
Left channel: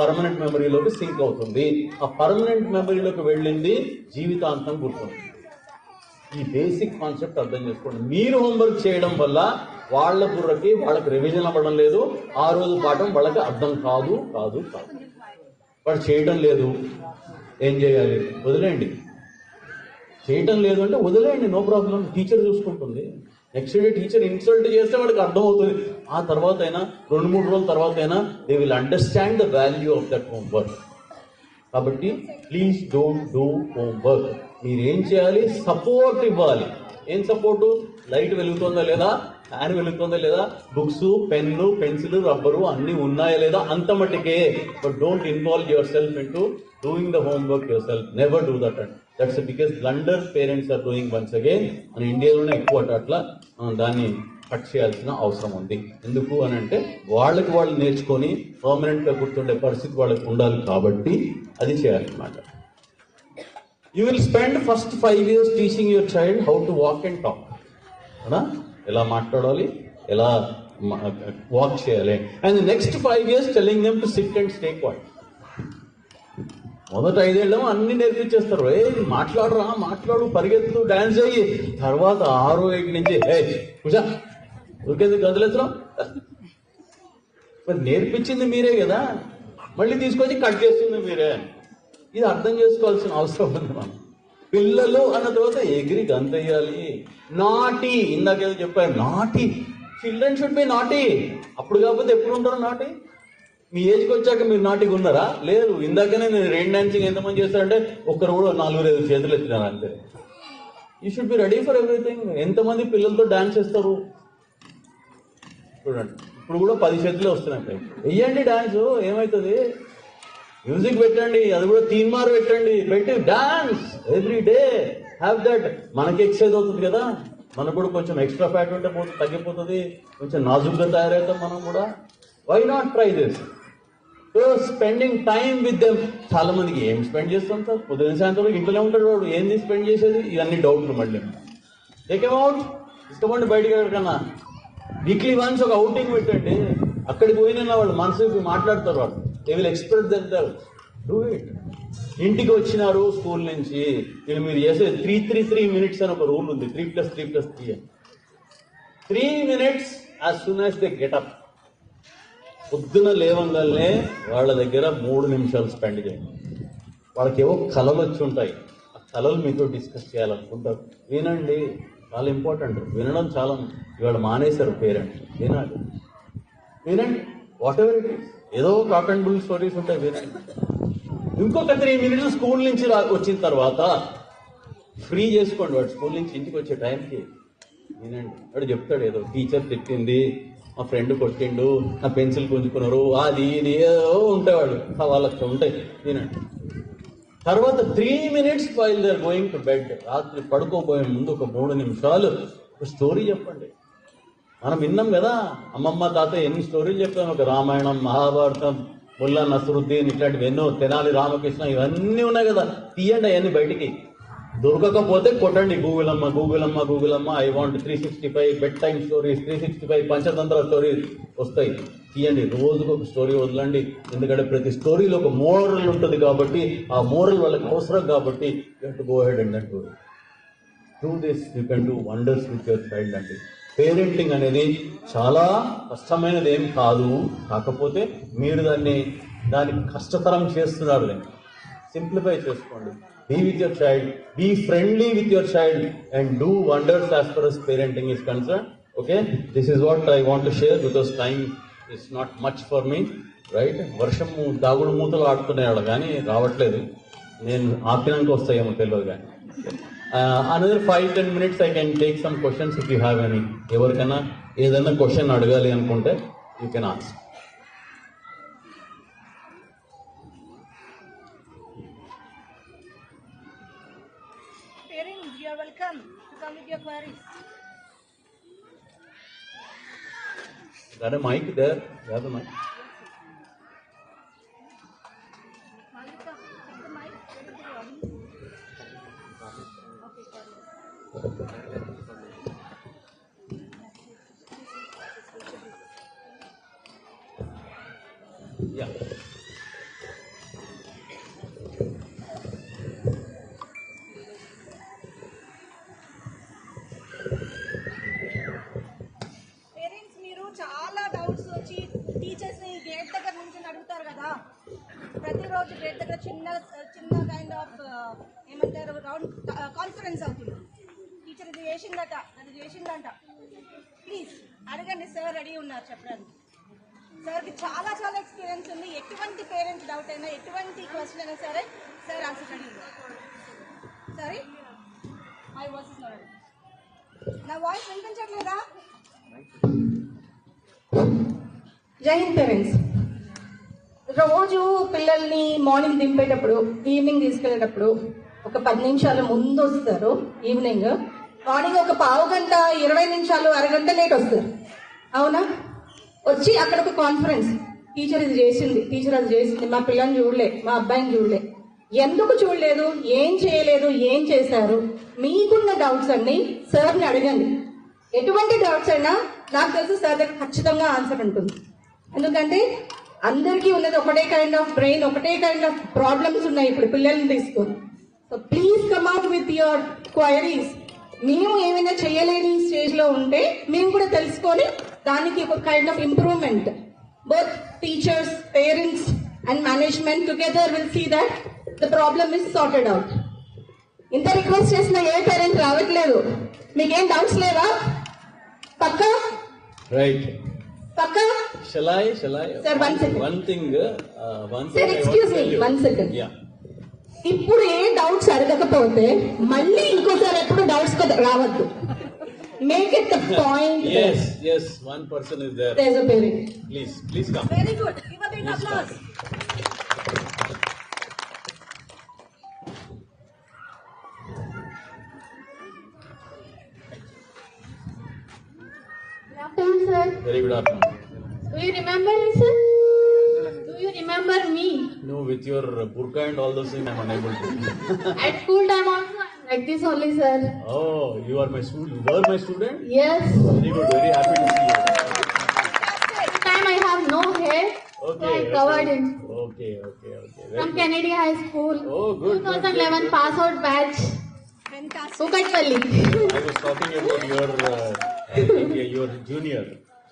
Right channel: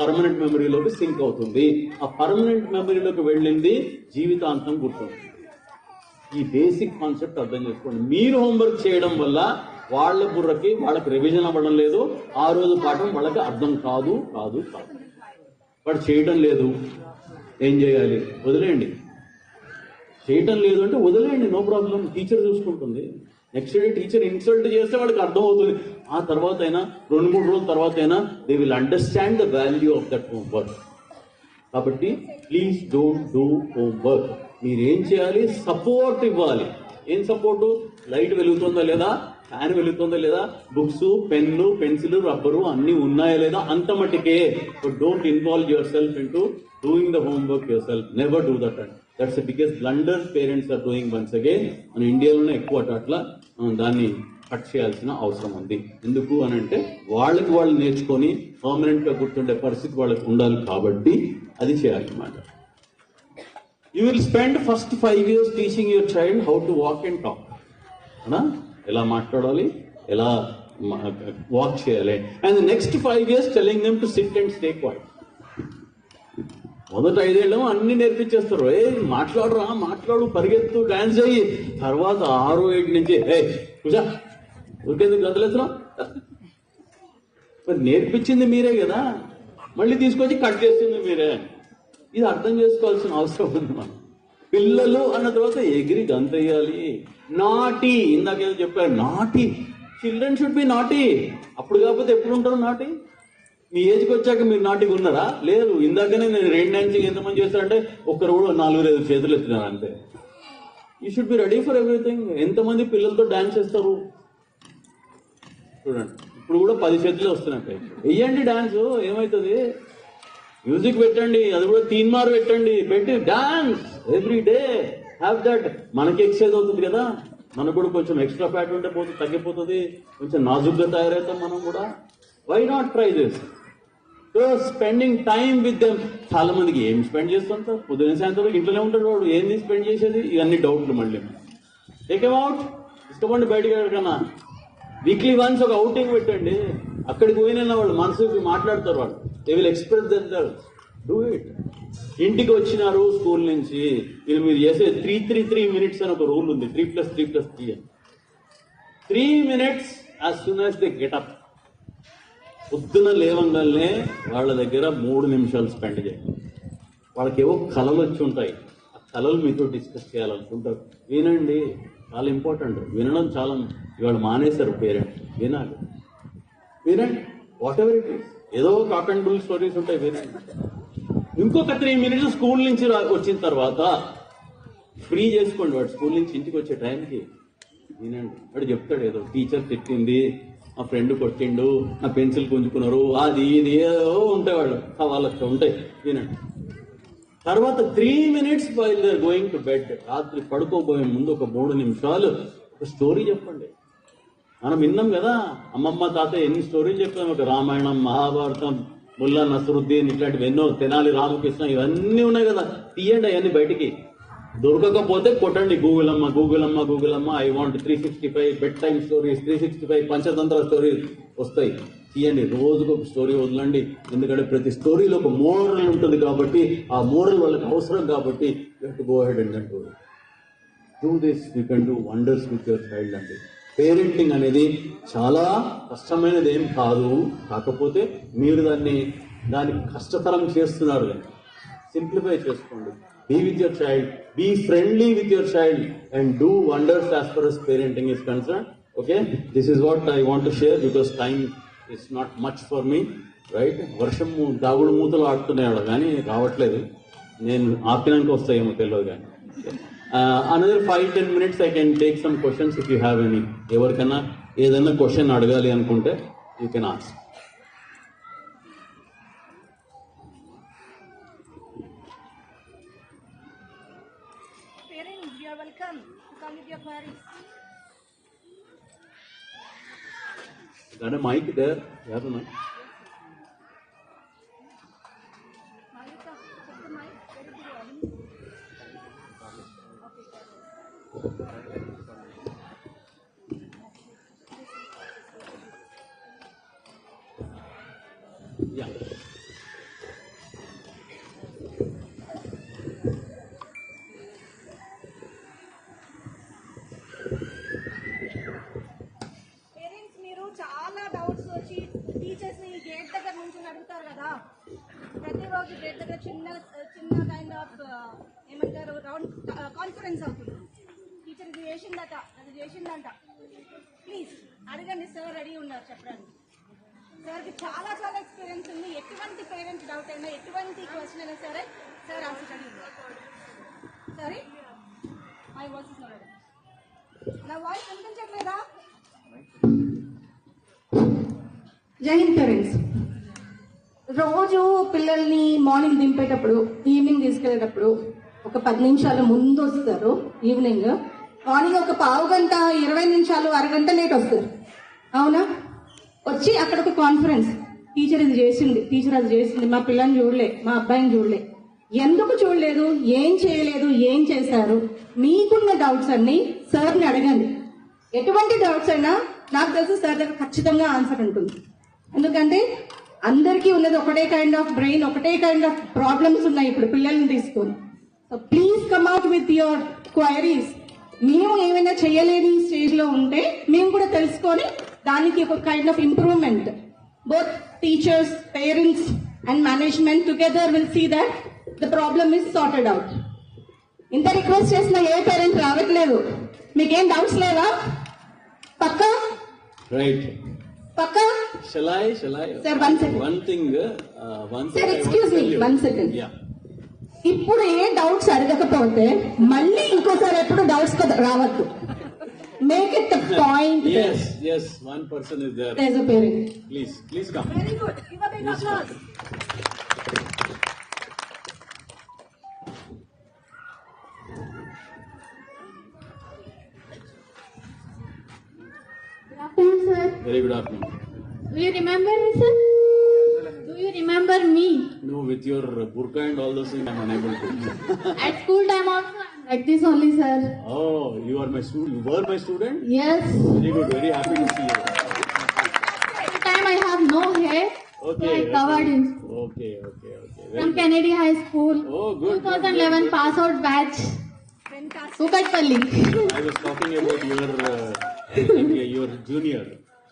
పర్మనెంట్ మెమరీలోకి సింక్ అవుతుంది. ఆ పర్మనెంట్ మెమరీలోకి వెళ్ళింది జీవితాంతం గుర్తుంది. ఈ బేసిక్ కాన్సెప్ట్ అర్థం చేసుకోండి. మీరు హోంవర్క్ చేయడం వల్ల వాళ్ళ బుర్రకి వాళ్ళకి రివిజన్ అవ్వడం లేదు, ఆ రోజు పాఠం వాళ్ళకి అర్థం కాదు. వాడు చేయడం లేదు, ఏం చేయాలి? వదిలేయండి. చేయటం లేదు అంటే వదిలేయండి, నో ప్రాబ్లం, టీచర్ చూసుకుంటుంది. నెక్స్ట్ డే టీచర్ ఇన్సల్ట్ చేస్తే వాడికి అర్థమవుతుంది. ఆ తర్వాత అయినా 2-3 రోజుల తర్వాత అయినా they will understand the value of that homework. కాబట్టి ప్లీజ్ డోంట్ డూ హోంవర్క్. మీరు ఏం చేయాలి? సపోర్ట్ ఇవ్వాలి. ఏం సపోర్టు? లైట్ వెలుగుతుందా లేదా, ఫ్యాన్ వెలుగుతుందా లేదా, బుక్స్, పెన్ను, పెన్సిల్, రబ్బరు అన్నీ ఉన్నాయా లేదా, అంత మట్టికే. But don't involve yourself into doing the homework yourself. Never do that. That's the biggest blunder parents are doing once again. మన ఇండియాలోనే ఎక్కువ అట్లా దాన్ని కట్ చేయాల్సిన అవసరం ఉంది. ఎందుకు అని అంటే వాళ్ళకి వాళ్ళు నేర్చుకొని పర్మనెంట్ గా గుర్తుండే పరిస్థితి వాళ్ళకి ఉండాలి కాబట్టి అది చేయాలన్నమాట. You will spend first 5 years teaching your child how to walk and talk. ఎలా మాట్లాడాలి, ఎలా వాక్ చేయాలి. And next 5 years telling them to sit and stay quiet. మొదట 5 ఏళ్ళు అన్ని నేర్పించేస్తారు. మాట్లాడు, పరిగెత్తు, డాన్స్ అయ్యి. తర్వాత 6-8 నుంచి కూర్చో, ఊరికేది గదిలేస్తున్నాం. మరి నేర్పించింది మీరే కదా, మళ్ళీ తీసుకొచ్చి కట్ చేసింది మీరే. ఇది అర్థం చేసుకోవాల్సిన అవసరం ఉంది. మనం పిల్లలు అన్న తర్వాత ఎగిరి గంతయ్యాలి. నాటి, ఇందాకేదో చెప్పారు, నాటి. చిల్డ్రన్ షుడ్ బి నాటి. అప్పుడు కాకపోతే ఎప్పుడు ఉంటారు నాటి? మీ ఏజ్కి వచ్చాక మీరు నాటిగా ఉన్నారా? లేదు. ఇందాకనే నేను రెయిన్ డాన్సింగ్ ఎంతమంది చేస్తారంటే ఒక్కరు కూడా 4-5 చేతులు ఎత్తినారు అంతే. You should be ready for everything. ఎంతమంది పిల్లలతో డాన్స్ చేస్తారు చూడండి. ఇప్పుడు కూడా 10 చేతులే వస్తున్నాయి. వెయ్యండి డాన్స్, ఏమవుతుంది? మ్యూజిక్ పెట్టండి, అది కూడా 3 మార్ పెట్టి dance every day. Have that. మనకి ఎక్సర్సైజ్ అవుతుంది కదా, మనకు కూడా కొంచెం ఎక్స్ట్రా ఫ్యాట్ ఉంటే తగ్గిపోతుంది, కొంచెం నాజుగ్గా తయారవుతాం మనం కూడా. Why not try this? So spending time with them. చాలా మందికి ఏం స్పెండ్ చేస్తుంటారు? పొద్దున్న సాయంత్రం ఇంట్లోనే ఉంటాడు వాడు, ఏంది స్పెండ్ చేసేది? ఇవన్నీ డౌట్లు. మళ్ళీ టేక్ అవుట్, ఇష్టపడి బయటకు వెళ్ళకన్నా వీక్లీ వన్స్ ఒక అవుటింగ్ పెట్టండి. అక్కడికి పోయినా వాళ్ళు మనసుకి మాట్లాడతారు, వాళ్ళు they will express themselves. Do it. ఇంటికి వచ్చినారు స్కూల్ నుంచి, మీరు చేసే 3 minutes అని ఒక రూల్ ఉంది. 3+3+3 అని. 3 minutes as soon as they get up. పొద్దున లేవంగానే వాళ్ళ దగ్గర 3 నిమిషాలు స్పెండ్ చేయండి. వాళ్ళకి ఏవో కళలు వచ్చి ఉంటాయి, ఆ కళలు మీతో డిస్కస్ చేయాలనుకుంటారు. వినండి, చాలా ఇంపార్టెంట్. వినడం చాలా ఇవాళ మానేశారు పేరెంట్స్. వినండి, వాట్ ఎవర్ ఇట్ ఈస్. ఏదో కాక్ అండ్ బుల్ స్టోరీస్ ఉంటాయి, వినండి. ఇంకొక 3 minutes స్కూల్ నుంచి వచ్చిన తర్వాత ఫ్రీ చేసుకోండి. వాడు స్కూల్ నుంచి ఇంటికి వచ్చే టైంకి వినండి. వాడు చెప్తాడు, ఏదో టీచర్ తిట్టింది, మా ఫ్రెండ్ కొట్టిండు, నా పెన్సిల్ గుంజుకున్నారు, అది ఇది ఏదో ఉంటాయి, వాళ్ళకి ఉంటాయి. వినండి. తర్వాత 3 minutes while they are going to bed. రాత్రి పడుకోబోయే ముందు ఒక 3 నిమిషాలు ఒక స్టోరీ చెప్పండి. మనం విన్నాం కదా, అమ్మమ్మ తాత ఎన్ని స్టోరీలు చెప్పాను. ఒక రామాయణం, మహాభారతం, ముల్లా నసరుద్దీన్, ఇట్లాంటివి ఎన్నో, తెనాలి రామకృష్ణ, ఇవన్నీ ఉన్నాయి కదా. తీయండి అవన్నీ బయటికి. దొరకకపోతే కొట్టండి గూగుల్ అమ్మ I want 365 bed time stories, 365 Panchatantra stories వస్తాయి. తీయండి, రోజుకు ఒక స్టోరీ వదలండి. ఎందుకంటే ప్రతి స్టోరీలో ఒక మోరల్ ఉంటుంది కాబట్టి, ఆ మోరల్ వాళ్ళకి అవసరం కాబట్టి you have to go ahead and do this. You can do wonders with your child అండి. పేరెంటింగ్ అనేది చాలా కష్టమైనది ఏం కాదు, కాకపోతే మీరు దాన్ని కష్టతరం చేస్తున్నారు. సింప్లిఫై చేసుకోండి. Be with your child, be friendly with your child, and do wonders as far as parenting is concerned. Okay, this is what I want to share because time is not much for me, right? వర్షం దాగుడు మూతలు ఆడుతున్నాడు కానీ రావట్లేదు. నేను ఆపినాక వస్తాయేమో తెలియదు కానీ. Another 5-10 minutes I can take some questions if you have any. ఎవరికైనా ఏదైనా క్వశ్చన్ అడగాలి అనుకుంటే you can ask. Parents, you are welcome to come with your queries. Got a mic there? You have a mic? Yeah. Parents మీరు చాలా doubts వచ్చి teachers ని gate దగ్గర నుంచి అడుగుతారు కదా. ప్రతిరోజు గేట్ దగ్గర చిన్న కైండ్ ఆఫ్ ఏమంటారు రౌండ్ కాన్ఫరెన్స్ అవుతుంది. టీచర్ ఇది చేసిందట, అది చేసిందంట. ప్లీజ్ అడగండి, సార్ రెడీ ఉన్నారు చెప్పడానికి. సార్కి చాలా ఎక్స్పీరియన్స్ ఉంది. ఎటువంటి పేరెంట్స్ డౌట్ అయినా, ఎటువంటి క్వశ్చన్ అయినా సరే సార్ ఆన్సర్ రెడీ ఉన్నారు. సరే, మై వాయిస్ ఇస్ నాట్. నా వాయిస్ వినిపించట్లేదా? జై హింద్ పేరెంట్స్. రోజు పిల్లల్ని మార్నింగ్ దింపేటప్పుడు, ఈవినింగ్ తీసుకెళ్ళేటప్పుడు ఒక 10 నిమిషాల ముందు వస్తారు ఈవినింగ్. మార్నింగ్ ఒక పావు గంట 20 నిమిషాలు అరగంట లేట్ వస్తారు. అవునా? వచ్చి అక్కడ ఒక కాన్ఫరెన్స్, టీచర్ ఇది చేసింది, టీచర్ అది చేసింది, మా పిల్లని చూడలే, మా అబ్బాయిని చూడలే. ఎందుకు చూడలేదు, ఏం చేయలేదు, ఏం చేశారు, మీకున్న డౌట్స్ అన్ని సార్ని అడగండి. ఎటువంటి డౌట్స్ అయినా నాకు తెలిసి సార్ దగ్గర ఖచ్చితంగా ఆన్సర్ ఉంటుంది. ఎందుకంటే అందరికీ ఉన్నది ఒకటే కైండ్ ఆఫ్ బ్రెయిన్, ఒకటే కైండ్ ఆఫ్ ప్రాబ్లమ్స్ ఉన్నాయి ఇప్పుడు పిల్లల్ని తీసుకొని. So please come out with your queries. మేము ఏమైనా చేయలేని స్టేజ్ లో ఉంటే మేము కూడా తెలుసుకొని దానికి ఒక kind of improvement, both teachers, parents and management together will see that the problem is sorted out. ఇంత రిక్వెస్ట్ చేసిన ఏ పేరెంట్ రావట్లేదు. మీకేం డౌట్స్ లేవా? పక్కా? రైట్. పక్కా? Shall I? Sir, one second. One thing. Sir, excuse me, 1 second. Yeah. ఇప్పుడు ఏ doubts అడగకపోతే మళ్ళీ ఇంకోసారి ఎప్పుడు డౌట్స్ రావద్దు. Make it the point. Yes. One person is there. There's a parent. Please come. Very good. Give a big applause. Good afternoon, sir. Very good afternoon. Do you remember me, sir? Do you remember me? No, with your burqa and all those things, I'm unable to. At school time also, I'm like this only, sir. Oh, you are my student. You were my student. Yes. Very good. Very happy to see you. At the time I have no hair, so I covered him. Okay. Very From good. Kennedy High School. Oh, good. 2011 pass out batch. Kukatpalli. I was talking about your junior.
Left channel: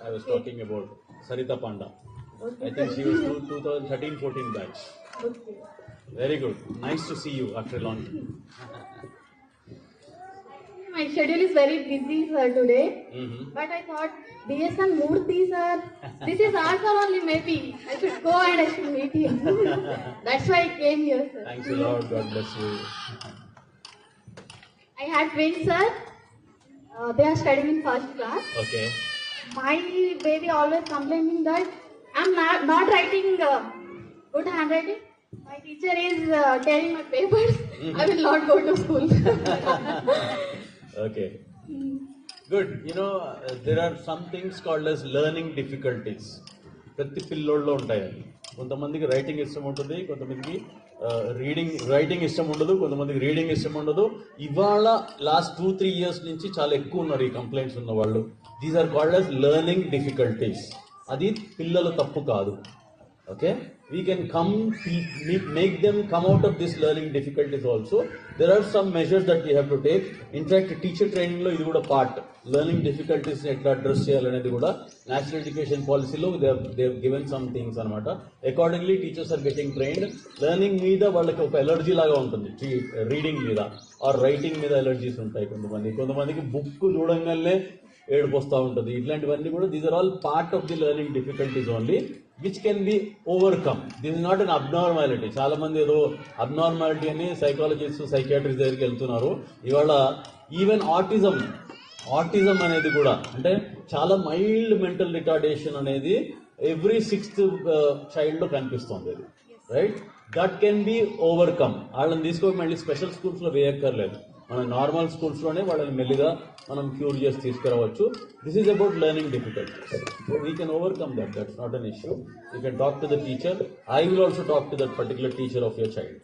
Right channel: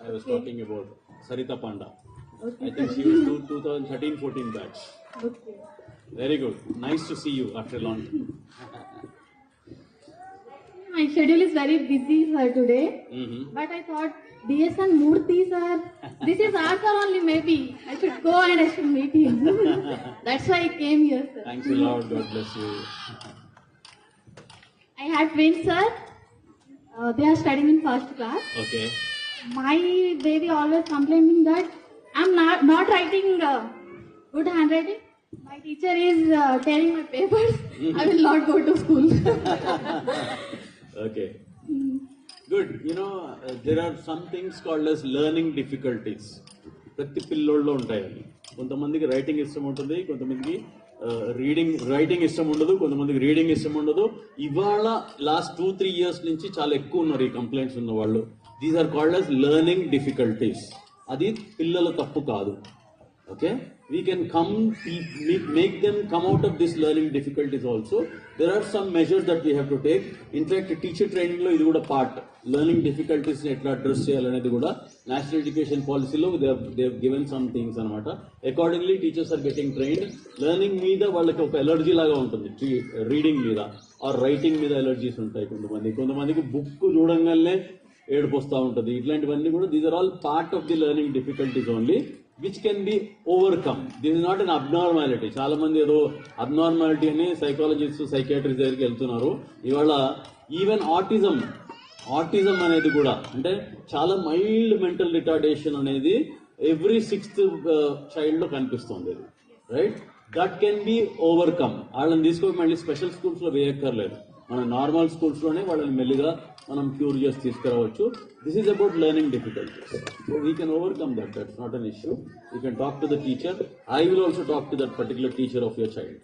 I was talking about Sarita Panda. I think she was 2013-14 batch. Very good. Nice to see you after a long time. My schedule is very busy, sir, today. Mm-hmm. But I thought, DSM Murthy, sir, this is answer only maybe. I should go and I should meet him. That's why I came here, sir. Thanks a lot. God bless you. I had twins, sir. They are studying in first class. Okay. My baby always complaining that I'm not writing good handwriting. My teacher is telling my papers. I will not go to school. Okay. Good. You know, there are some things called as learning difficulties. ప్రతి పిల్లోళ్ళలో ఉంటాయి. కొంతమందికి writing ఇష్టం ఉంటుంది, కొంతమందికి writing ఇష్టం ఉండదు, కొంతమందికి reading ఇష్టం ఉండదు. ఇవాళ లాస్ట్ 2-3 years నుంచి చాలా ఎక్కువ ఉన్నారు ఈ కంప్లైంట్స్ ఉన్న వాళ్ళు. These are called as learning difficulties. అది పిల్లల తప్పు కాదు. Okay, we can make them come out of this learning difficulties also. There are some measures that we have to take. In fact, teacher training lo idi kuda part, learning difficulties ni etla address cheyalanedi kuda national education policy lo they have given some things anamata. Accordingly, teachers are getting trained. Learning meeda vallaki oka allergy laga untundi, reading meeda or writing meeda allergies untayi. కొంతమందికి book చూడంగానే ఏడుపు వస్తూ ఉంటుంది. ఇట్లాంటివన్నీ కూడా these are all part of the learning difficulties only, which can be overcome. This is not an abnormality. చాలా మంది ఏదో అబ్నార్మాలిటీ అని సైకాలజిస్ట్, సైకియాట్రిస్ట్ దగ్గరికి వెళ్తున్నారు. ఇవాళ ఈవెన్ ఆటిజం అనేది కూడా, అంటే చాలా మైల్డ్ మెంటల్ రిటార్డేషన్ అనేది ఎవ్రీ 6th child లో కనిపిస్తుంది. Right, that can be overcome. వాళ్ళని తీసుకొని మళ్ళీ స్పెషల్ స్కూల్స్ లో వేయక్కర్లేదు, మన నార్మల్ స్కూల్స్ లోనే వాళ్ళని మెల్లిగా మనం క్యూర్ చేసి తీసుకురావచ్చు. This is about learning difficulties. So we can overcome that. That's not an issue. You can talk to the teacher. I will also talk to that particular teacher of your child.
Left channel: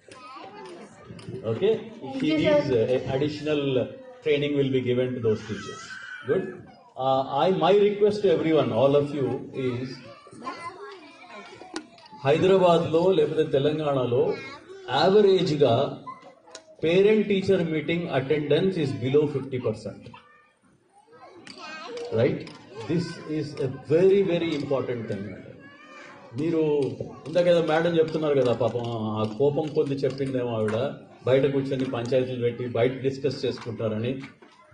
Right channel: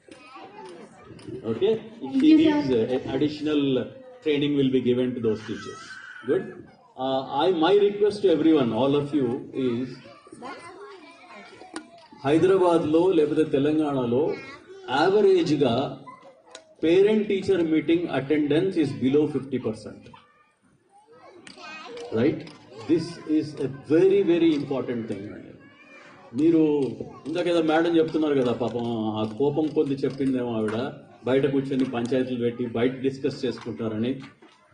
Okay, if he needs additional training will be given to those teachers. Good. My request to everyone, all of you, is Hyderabad లో లేకపోతే తెలంగాణలో average గా parent teacher meeting attendance is below 50%. Right, this is a very very important thing. మీరు ఇందాకేదో madam చెప్తున్నారు కదా, పాపం ఆ కోపం కొద్ది చెప్పిందేమో ఆవిడ, బయట కూర్చొని పంచాయతీలు పెట్టి బయట డిస్కస్ చేసుకుంటారని.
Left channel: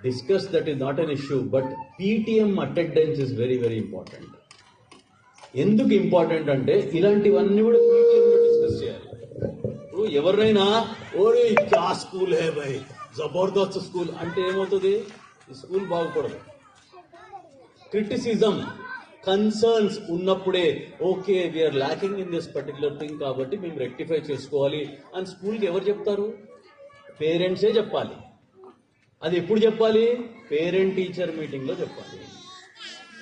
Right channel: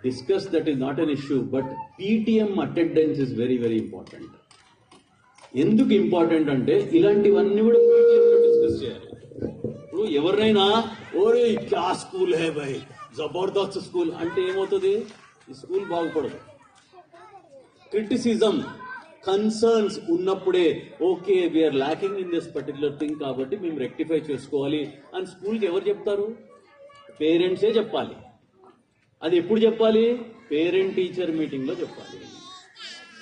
Discuss, that is not an issue, but PTM attendance is very very important. ఎందుకు ఇంపార్టెంట్ అంటే ఇలాంటివన్నీ కూడా డిస్కస్ చేయాలి. ఇప్పుడు ఎవరినైనా ఓరే క్యా స్కూల్ హే భాయ్, జబర్దస్త్ స్కూల్ అంటే ఏమవుతుంది? ఈ స్కూల్ బాగుపడదు. క్రిటిసిజం, కన్సర్న్స్ ఉన్నప్పుడే okay we're lacking in this particular thing కాబట్టి మేము రెక్టిఫై చేసుకోవాలి అని స్కూల్కి ఎవరు చెప్తారు? పేరెంట్సే చెప్పాలి. అది ఎప్పుడు చెప్పాలి? పేరెంట్ టీచర్ మీటింగ్ లో చెప్పాలి.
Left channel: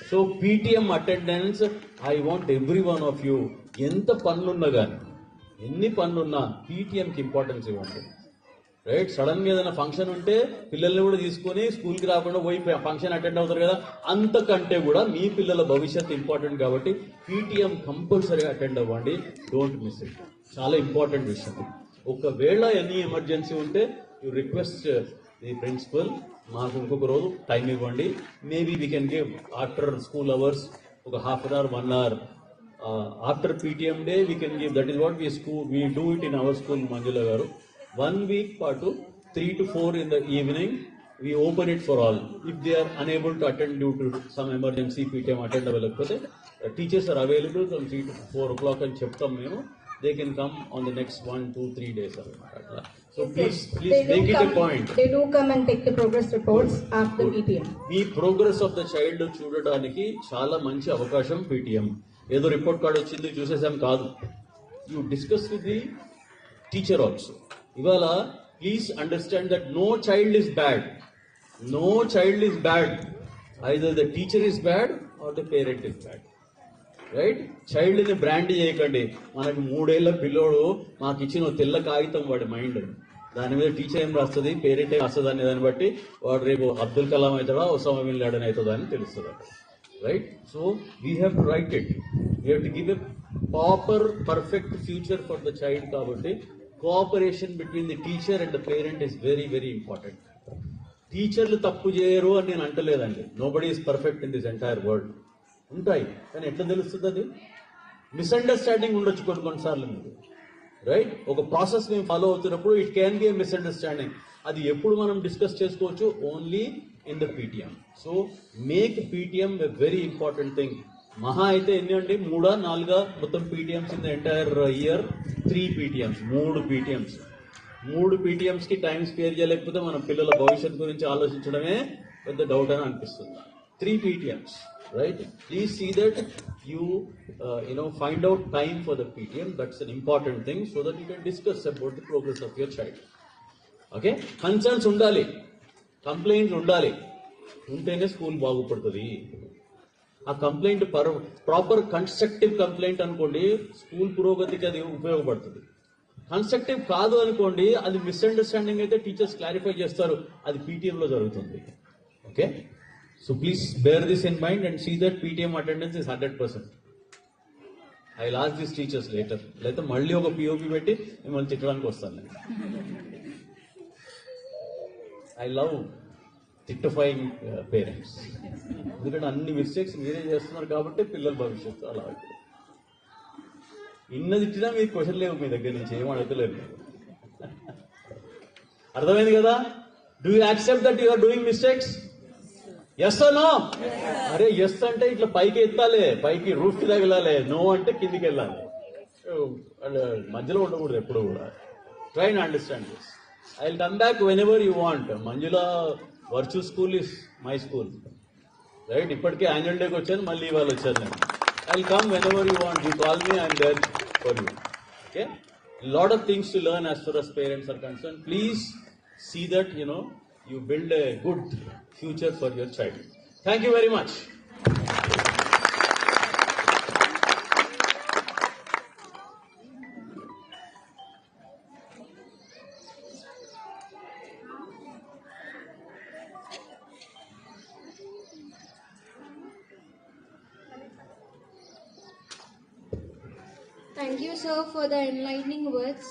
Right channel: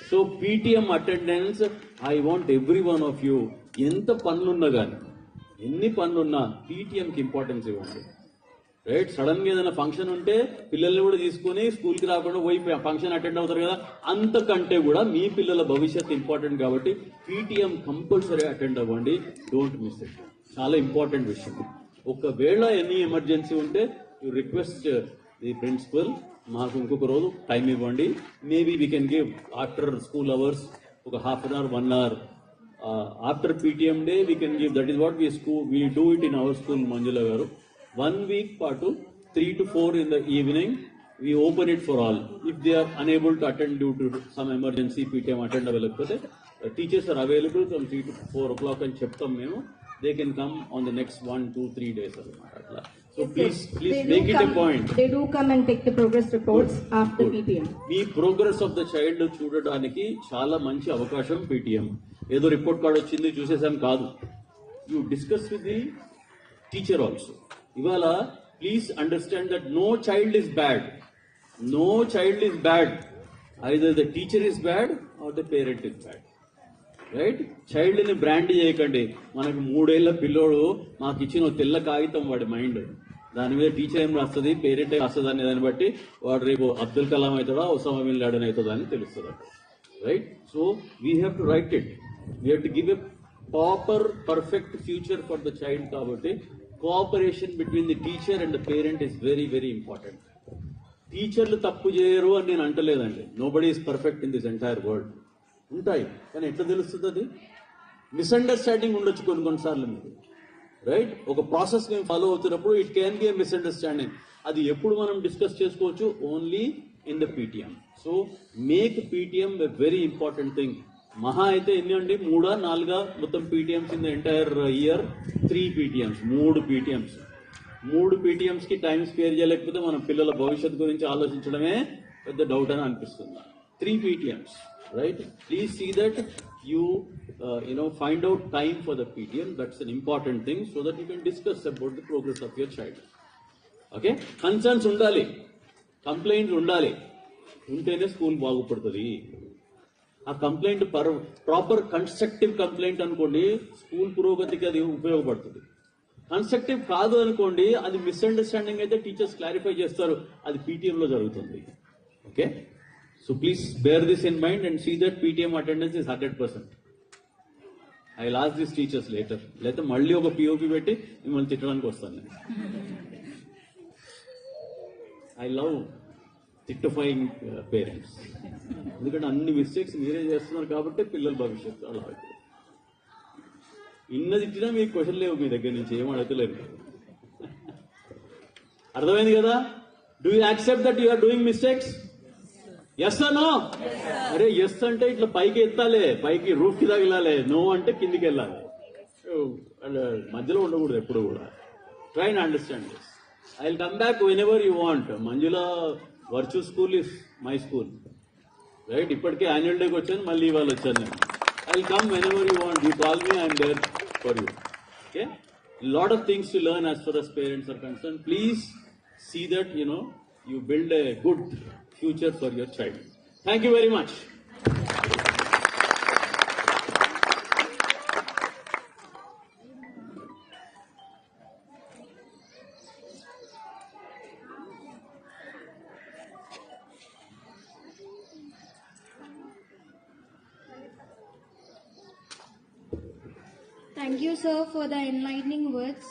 So PTM attendance, I want every one of you, ఎంత పనులున్నా కానీ, ఎన్ని పనులున్నా పీటీఎంకి ఇంపార్టెన్స్ ఇవ్వండి. రైట్? సడన్ గా ఏదైనా ఫంక్షన్ ఉంటే పిల్లల్ని కూడా తీసుకొని స్కూల్కి రాకుండా పోయి ఫంక్షన్ అటెండ్ అవుతారు కదా, అంతకంటే కూడా మీ పిల్లల భవిష్యత్తు ఇంపార్టెంట్ కాబట్టి పీటీఎం కంపల్సరీ అటెండ్ అవ్వండి. Don't miss it. చాలా ఇంపార్టెంట్ విషయం. ఒకవేళ ఎనీ ఎమర్జెన్సీ ఉంటే యూ రిక్వెస్ట్ ది ప్రిన్సిపల్, మాకు ఇంకొక రోజు టైం ఇవ్వండి, maybe we can give after school hours ఒక half an hour, 1 hour after PTM day we can give. That is what we do it in our school Manjula garu. 1 week పాటు 3 to 4 in the evening we open it for all. If they are unable to attend due to some emergency, PTM attend అవ్వలేకపోతే teachers are available from 3 to 4 o'clock అని చెప్తాం మేము. They can come on the next 1, 2, 3 days. So please make it a point. They do come and take the progress reports after PTM. Me progress of the child చూడడానికి చాలా మంచి అవకాశం PTM. ఏదో report card వచ్చింది చూసేసాం కాదు. You discuss with the teacher also. ఇవాళ please understand that no child is bad. No child is bad. Either the teacher is bad or the parent is bad. Right? Child ని brand చేయకండి. మనకు 3 ఏళ్ల పిల్లోడు మాకు ఇచ్చిన తెల్ల కాగితం వాడి మైండ్, దాని మీద టీచర్ ఏం రాస్తుంది, పేరెంట్ ఏం వస్తుంది అనే దాన్ని బట్టి వాడు రేపు అబ్దుల్ కలాం అవుతాడా, ఒసామా బిన్ లాడెన్ అవుతుందా అని తెలుస్తుంది. Right? So we have to write it. We have to give a proper perfect future for the child. కాబట్టి cooperation between the teacher and the parent is very very important. టీచర్లు తప్పు చేయరు అని నేను అంటలేదండి. Nobody is perfect in this entire world. ఉంటాయి, కానీ ఎట్లా తెలుస్తుంది? అది మిస్అండర్స్టాండింగ్ ఉండొచ్చు కొన్నిసార్లు మీకు. రైట్? ఒక ప్రాసెస్ మేము ఫాలో అవుతున్నప్పుడు ఇట్ క్యాన్ బి మిస్అండర్స్టాండింగ్. అది ఎప్పుడు మనం డిస్కస్ చేసుకోవచ్చు? Only in the PTM. So make PTM a very important thing. మహా అయితే ఎన్ని అండి? 3 or 4 మొత్తం PTMs in the entire year. 3 PTMs, 3 PTMs. 3 PTMs కి టైం స్పేర్ చేయలేకపోతే మన పిల్లల భవిష్యత్తు గురించి ఆలోచించడమే పెద్ద డౌట్ అని అనిపిస్తుంది. 3 PTMs, right? Please see that you find out time for the PTM. That's an important thing so that you can discuss about the progress of your child. Okay? Concerns ఉండాలి, complaints ఉండాలి, ఉంటేనే school బాగుపడుతుంది. ఆ complaint proper constructive complaint అనుకోండి, school పురోగతికి అది ఉపయోగపడుతుంది. Constructive కాదు అనుకోండి, అది మిస్అండర్స్టాండింగ్ అయితే టీచర్స్ క్లారిఫై చేస్తారు, అది పీటీఎం లో జరుగుతుంది. Okay? So please bear this in mind and see that PTM attendance is 100%. I will ask this teachers later. లేకపోతే మళ్ళీ ఒక పిఓపి పెట్టి మిమ్మల్ని తిట్టడానికి వస్తాను నేను. ఐ లవ్ తిట్టఫైయింగ్ పేరెంట్స్. ఎందుకంటే అన్ని మిస్టేక్స్ మీరే చేస్తున్నారు కాబట్టి పిల్లల భవిష్యత్తు అలా అవుతుంది. ఇన్నది ఇచ్చినా మీకు క్వశ్చన్ లేవు మీ దగ్గర నుంచి, ఏం అడగలేరు. అర్థమైంది కదా? Do you accept that you are doing mistakes? Yes or no? అరే ఎస్ అంటే ఇట్లా పైకి ఎత్తాలి, పైకి రూఫ్ కి తగిలాలి. నో అంటే కిందికి వెళ్ళాలి. మధ్యలో ఉండకూడదు ఎప్పుడు కూడా. Try and understand this. I will come back whenever you want. Manjula వర్చు school is my school. Right? ఇప్పటికే యాన్యువల్ డేకి వచ్చాను, మళ్ళీ ఇవాళ వచ్చాను నేను. I will come whenever you want. You call me, I'm there for you. Okay? Lot of things to learn as far us parents are concern. Please see that you build a good future for your child. Thank you very much. Thank you, sir, for the enlightening words.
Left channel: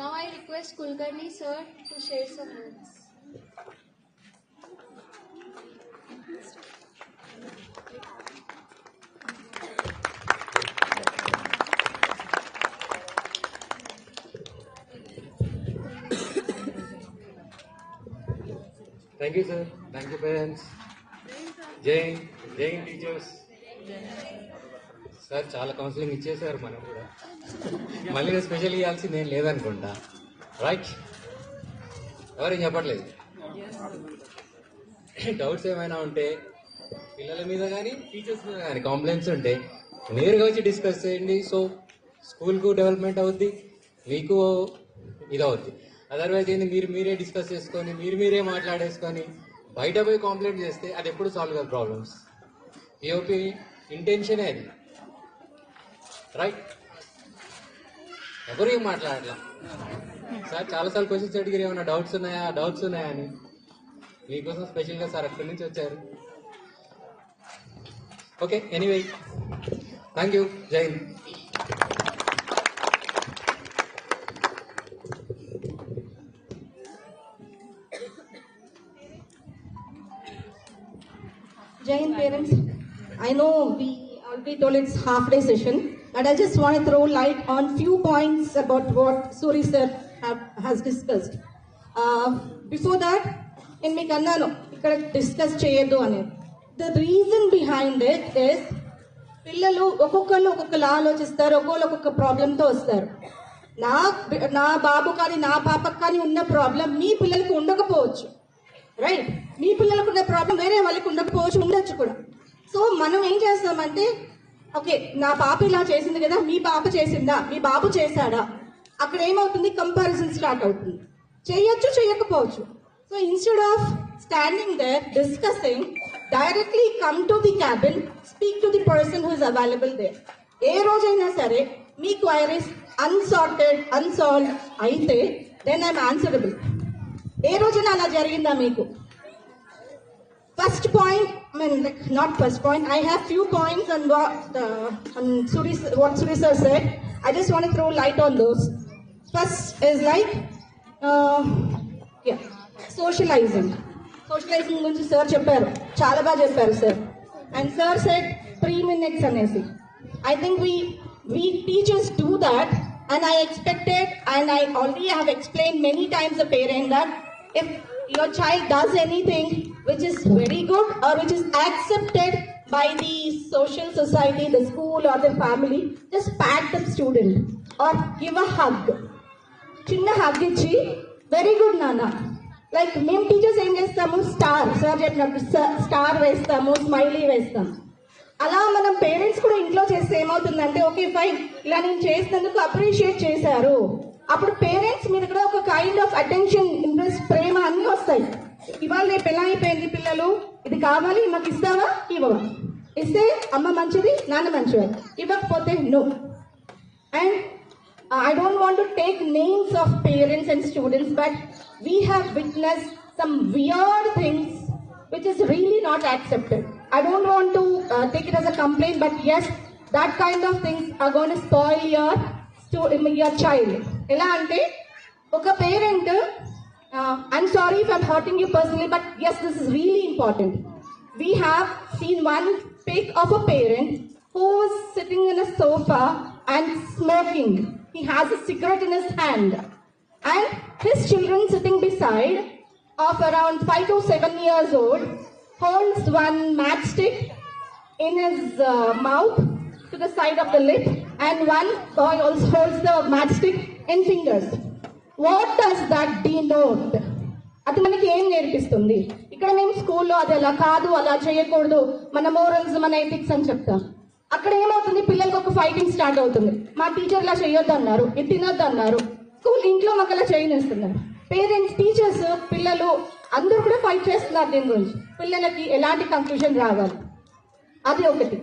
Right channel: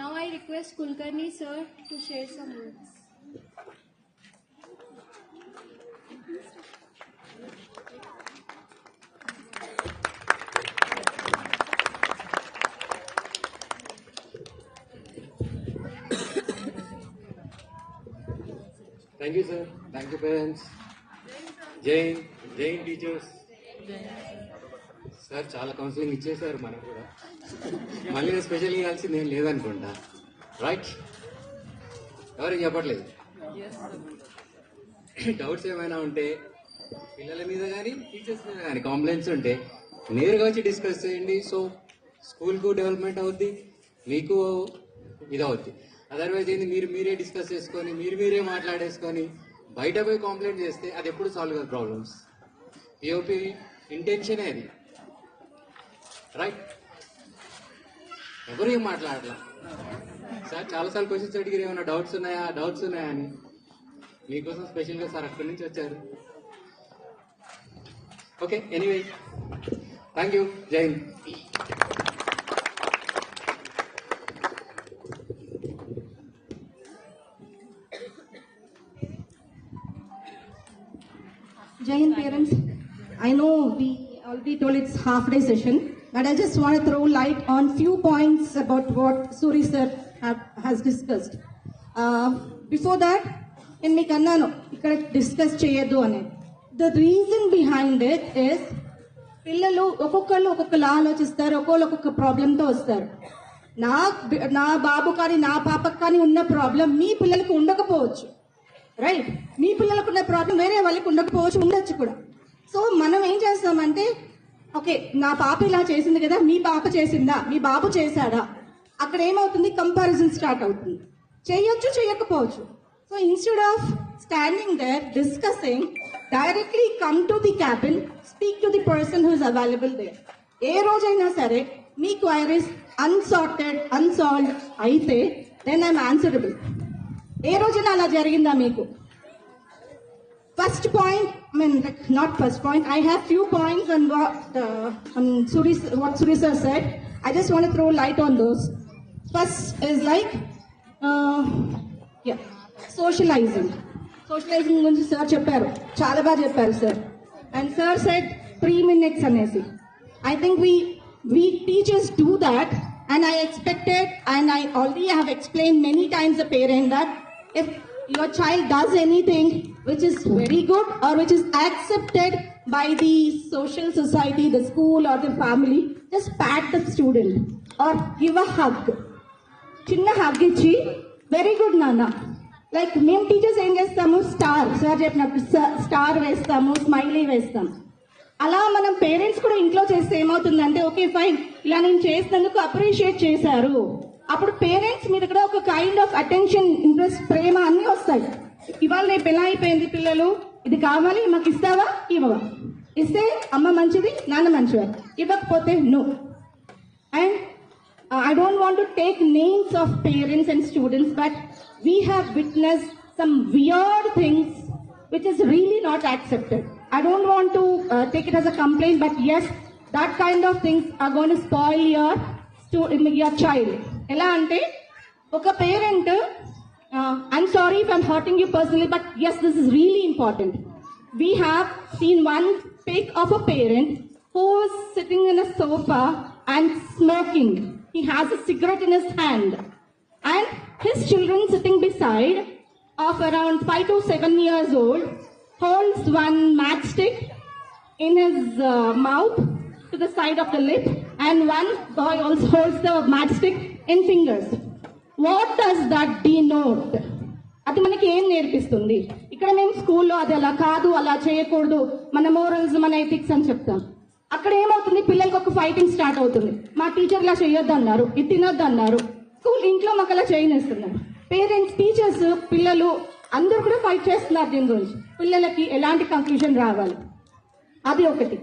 Now I request Kulkarni sir to share some words. Thank you, sir. Thank you, parents. Jai teachers. Sir చాలా counselling ఇచ్చేసారు మనకు కూడా. మళ్ళీ నేను special ఇవ్వాల్సింది ఏం లేదనుకుంటా. Right? ఎవరేం చెప్పట్లేదు. డౌట్స్ ఏమైనా ఉంటే పిల్లల మీద కానీ టీచర్స్ మీద కానీ కంప్లైంట్స్ ఉంటే నేరుగా వచ్చి డిస్కస్ చేయండి. సో స్కూల్కు డెవలప్మెంట్ అవుద్ది, మీకు ఇది అవుద్ది. అదర్వైజ్ ఏంది మీరే డిస్కస్ చేసుకొని మీరే మాట్లాడేసుకొని బయట పోయి కంప్లైంట్ చేస్తే అది ఎప్పుడు సాల్వ్ కాదు ప్రాబ్లమ్స్. పిఓపి ఇంటెన్షనే అది, రైట్? ఎవరు ఏం మాట్లాడలేదు సార్. చాలాసార్లు క్వశ్చన్స్ అడిగారు, ఏమన్నా డౌట్స్ ఉన్నాయా అని. మీకోసం స్పెషల్గా సార్ అక్కడి నుంచి వచ్చారు. Okay, anyway, thank you. జై Hind. Jain parents, I know we already told it's half-day session, but I just want to throw light on few points about what Suri sir has discussed. Before that, in me kannano ikkada discuss cheyadu ane. The reason behind it is పిల్లలు ఒక్కొక్కరు ఒక్కొక్కలా ఆలోచిస్తారు, ఒక్కొక్క ప్రాబ్లంతో వస్తారు. నా బాబు కానీ నా పాపకు కానీ ఉన్న ప్రాబ్లం మీ పిల్లలకు ఉండకపోవచ్చు, రైట్? మీ పిల్లలకు ఉన్న ప్రాబ్లం వేరే వాళ్ళకి ఉండకపోవచ్చు, ఉండొచ్చు కూడా. సో మనం ఏం చేస్తామంటే, ఓకే నా పాప ఇలా చేసింది కదా, మీ పాప చేసిందా, మీ బాబు చేశాడా, అక్కడ ఏమవుతుంది, కంపారిజన్ స్టార్ట్ అవుతుంది. చేయొచ్చు, చేయకపోవచ్చు. So instead of standing there discussing, directly come to the cabin, speak to the person who is available there. ఏ రోజైనా సరే మీ క్వైరీస్ అన్సాల్వ్ అయితే దెన్ ఐఎమ్ ఆన్సరబుల్. ఏ రోజున అలా జరిగిందా మీకు? First point, I mean, not first point. I have few points on what Suri sir said. I just want to throw light on those. First is like, socializing. Socializing గురించి sir చెప్పారు, చాలా బాగా చెప్పారు sir. And sir said 3 minutes అనేసి. I think we teachers do that, and I expected, and I already have explained many times the parent that if your child does anything which is very good or which is accepted by the social society, the school or the family, just pat the student or give a hug. Chinna hug ichi, very good nana. Like మేము teachers ఏం చేస్తాము, star sir చెప్పినట్టు star వేస్తాము, smiley వేస్తాము. అలా మనం parents కూడా ఇంట్లో చేస్తే ఏమవుతుందంటే, ఓకే ఫైన్, ఇలా నేను చేసినందుకు అప్రిషియేట్ చేశారు. అప్పుడు పేరెంట్స్ మీద కూడా ఒక కైండ్ ఆఫ్ అటెన్షన్, ఇంట్రెస్ట్, ప్రేమ అన్నీ వస్తాయి. ఇవాళ రేపు ఎలా అయిపోయింది, పిల్లలు ఇది కావాలి నాకు ఇస్తావా, ఇవ్వవా, ఇస్తే అమ్మ మంచిది నాన్న మంచివారు, ఇవ్వకపోతే no. And I don't want to take names of parents and students, but we have witnessed some weird things which is really not accepted. I don't want to take it as a complaint, but yes, that kind of things are going to spoil your child. Ela ante oka parent, I'm sorry if I'm hurting you personally, but yes, this is really important. We have seen one pic of a parent who was sitting in a sofa and smoking. He has a cigarette in his hand, and his children sitting beside, of around 5 to 7 years old, holds one matchstick in his mouth to the side of the lip, and one boy also holds the matchstick in fingers. What does that denote? అది మనకి ఏం నేర్పిస్తుంది? ఇక్కడ మేము స్కూల్లో అది అలా కాదు, అలా చేయకూడదు, మన మోరల్స్, మన ఎథిక్స్ అని చెప్తాం. అక్కడ ఏమవుతుంది, పిల్లలకు ఒక ఫైటింగ్ స్టార్ట్ అవుతుంది. మా టీచర్ ఇలా చేయొద్దు అన్నారు, ఇది తినొద్దు అన్నారు, స్కూల్ ఇంట్లో మాకు అలా చేయనిస్తున్నారు. పేరెంట్స్, టీచర్స్, పిల్లలు అందరూ కూడా ఫైట్ చేస్తున్నారు దీని గురించి. పిల్లలకి ఎలాంటి కన్ఫ్యూజన్ రావాలి, అది ఒకటి,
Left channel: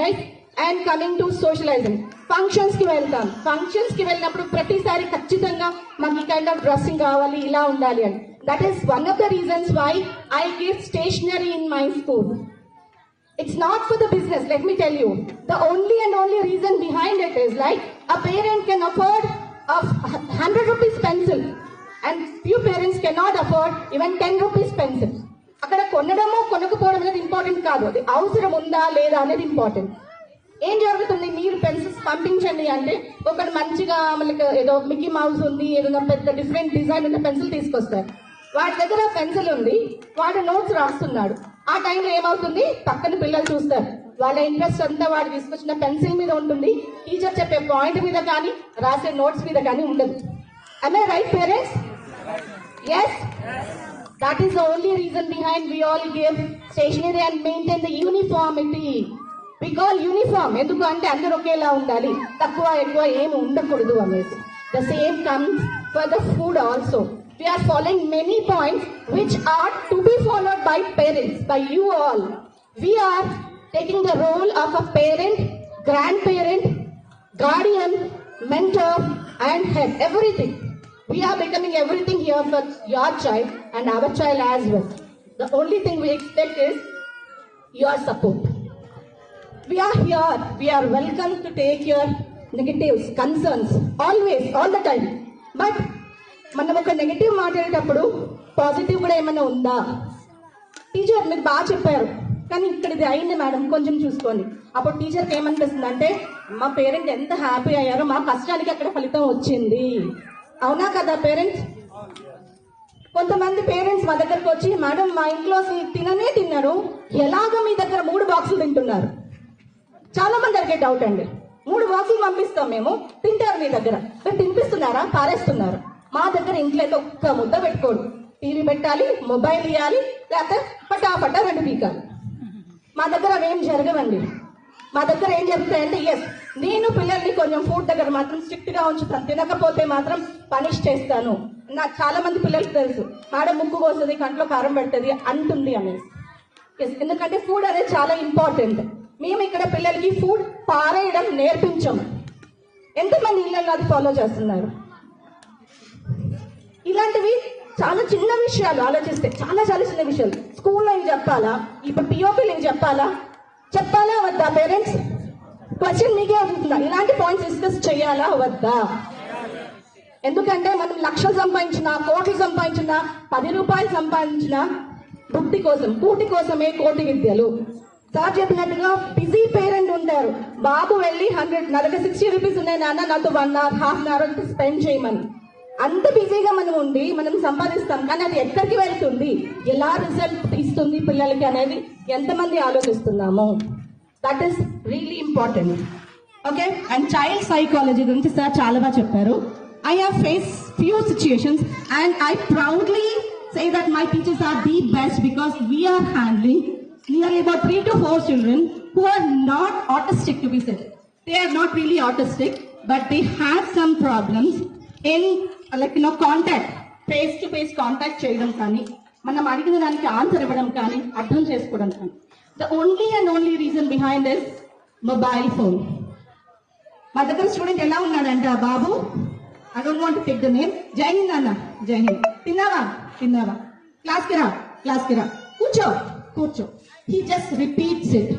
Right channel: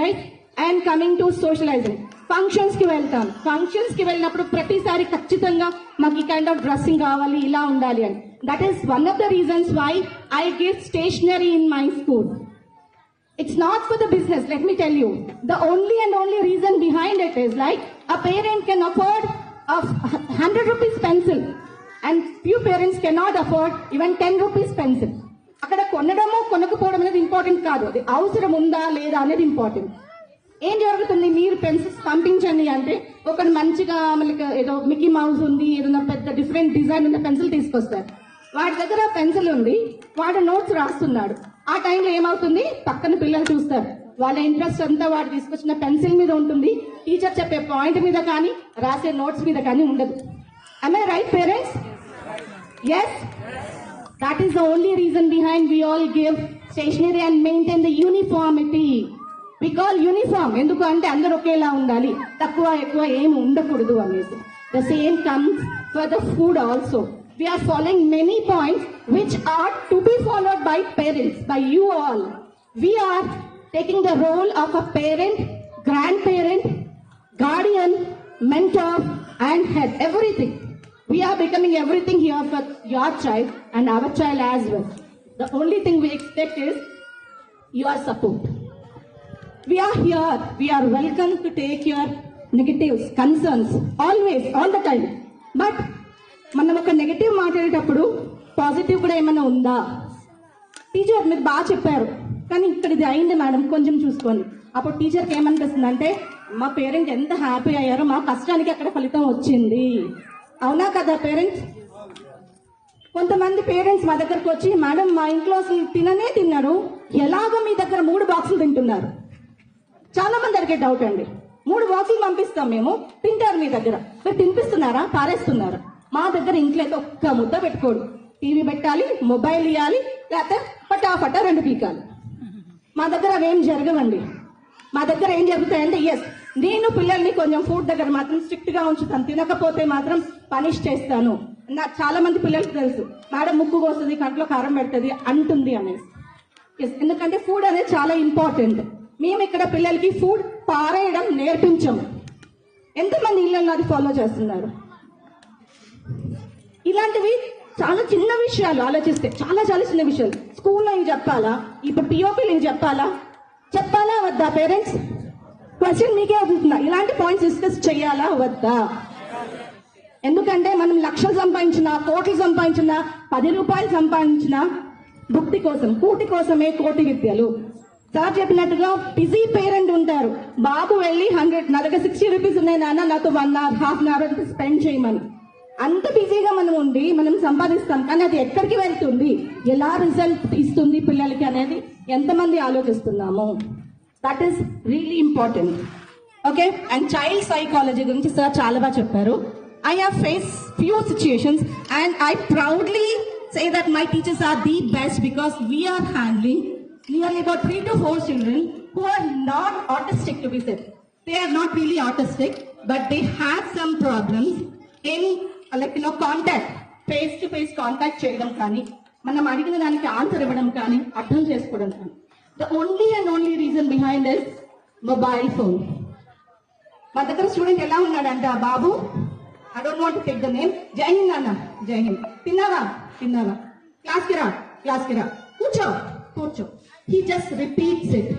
right? And coming to socialising, functions కి వెళ్తాం. ఫంక్షన్స్ కి వెళ్ళినప్పుడు ప్రతిసారి ఖచ్చితంగా మాకు ఈ కైండ్ ఆఫ్ డ్రెస్సింగ్ కావాలి, ఇలా ఉండాలి అని. That is one of the reasons why I give stationery in my school. It's not for the business, let me tell you. The only reason behind it is like a parent can afford a 100 rupees pencil, and few parents cannot afford even 10 rupees pencil. అక్కడ కొనడమో కొనకపోవడం అనేది important కాదు, అది అవసరం ఉందా లేదా అనేది important. ఏం జరుగుతుంది, మీరు పెన్సిల్స్ పంపించండి అంటే ఒకటి మంచిగా మనకి ఏదో మిక్కీ మౌస్ ఉంది, ఏదైనా పెద్ద డిఫరెంట్ డిజైన్ ఉన్న పెన్సిల్ తీసుకొస్తారు. వాడి దగ్గర పెన్సిల్ ఉంది, వాడు నోట్స్ రాస్తున్నాడు. ఆ టైంలో ఏమవుతుంది, పక్కన పిల్లలు చూస్తారు, వాళ్ళ ఇంట్రెస్ట్ అంతా వాడు తీసుకొచ్చిన పెన్సిల్ మీద ఉంటుంది, టీచర్ చెప్పే పాయింట్ మీద కానీ రాసే నోట్స్ మీద కానీ ఉండదు. Am I right, parents? Yes? That is the only reason behind we all give stationery and maintain the uniformity. We call uniform. ఎందుకు అంటే అందరూ ఒకేలా ఉండాలి, తక్కువ ఎక్కువ ఏమి ఉండకూడదు అనేసి. The same comes for the food also. We are following many points which are to be followed by parents, by you all. We are taking the role of a parent, grandparent, guardian, mentor and head, everything. We are becoming everything here for your child and our child as well. The only thing we expect is your support. We are here. We are welcome to take your negatives, concerns, always, all the time. But మనం ఒక negative మాట్లాడేటప్పుడు positive కూడా ఏమైనా ఉందా? Teacher మీరు బాగా చెప్పారు కానీ ఇక్కడ ఇది అయింది మేడం కొంచెం చూసుకోండి. అప్పుడు టీచర్కి ఏమనిపిస్తుంది అంటే మా పేరెంట్ ఎంత హ్యాపీ అయ్యారో మా కష్టానికి అక్కడ ఫలితం వచ్చింది. అవునా కదా పేరెంట్స్? కొంతమంది పేరెంట్స్ మా దగ్గరకు వచ్చి మేడం మా ఇంట్లో అసలు తినరు, ఎలాగో మీ దగ్గర 3 బాక్సులు తింటున్నారు. చాలా మంది అడిగే డౌట్ అండి. 3 బాక్సులు పంపిస్తాం మేము, తింటారు మీ దగ్గర, మీరు తినిపిస్తున్నారా పారేస్తున్నారా? మా దగ్గర ఇంట్లో అయితే ఒక్క ముద్ద పెట్టుకోడు. టీవీ పెట్టాలి, మొబైల్ ఇవ్వాలి, లేకపోతే పటాపటా 2 పీకాలి. మా దగ్గర అవేం జరగవండి. మా దగ్గర ఏం జరుగుతాయంటే ఎస్ నేను పిల్లల్ని కొంచెం ఫుడ్ దగ్గర మాత్రం స్ట్రిక్ట్ గా ఉంచుతాను, తినకపోతే మాత్రం పనిష్ చేస్తాను. నాకు చాలా మంది పిల్లలకు తెలుసు మేడం ముక్కు కోస్తుంది, కంట్లో కారం పెడుతుంది అంటుంది అనేసి. ఎందుకంటే ఫుడ్ అనేది చాలా ఇంపార్టెంట్. మేము ఇక్కడ పిల్లలకి ఫుడ్ పారేయడం నేర్పించాం. ఎంతమంది ఇళ్లలో అది ఫాలో చేస్తున్నారు? ఇలాంటివి చాలా చిన్న విషయాలు ఆలోచిస్తే చాలా చిన్న విషయాలు. స్కూల్లో ఏం చెప్పాలా, ఇప్పుడు పిఓపీలు ఏం చెప్పాలా వద్దా? పేరెంట్స్ క్వశ్చన్ మీకే అవుతుందా? ఇలాంటి పాయింట్స్ డిస్కస్ చేయాలా వద్దా? ఎందుకంటే మనం లక్షలు సంపాదించినా, కోట్లు సంపాదించినా, 10 రూపాయలు సంపాదించినా బుద్ధి కోసం, కూటి కోసమే కోటి విద్యలు. సార్ చెప్పినట్టుగా బిజీ పేరెంట్ ఉంటారు. బాబు వెళ్ళి 60 రూపీస్ ఉన్నాయి నాన్న, నాతో 1 hour, ½ hour స్పెండ్ చేయమని. అంత బిజీగా మనం ఉండి మనం సంపాదిస్తాం, కానీ అది ఎక్కడికి వెళ్తుంది, ఎలా రిజల్ట్ ఇస్తుంది పిల్లలకి అనేది ఎంతమంది ఆలోచిస్తున్నాము? That is really important. Okay, and child psychology గురించి సార్ చాలా బాగా చెప్పారు. I have faced few situations and I proudly say that my teachers are the best because we are handling nearly about 3 to 4 children who are not autistic, to be said. They are not really autistic, but they have some problems in contact, face to face contact చేయడం కానీ, మనం అడిగిన దానికి answer ఇవ్వడం కానీ, అర్థం చేసుకోవడం కానీ. The only reason behind is mobile phone. మా దగ్గర స్టూడెంట్ ఎలా ఉన్నాడంటే, ఆ బాబు, I don't want to take the name, Jai Hind అన్న, జై హింద్, తిన్నావా, క్లాస్కి రా, కూర్చో. He just repeats it.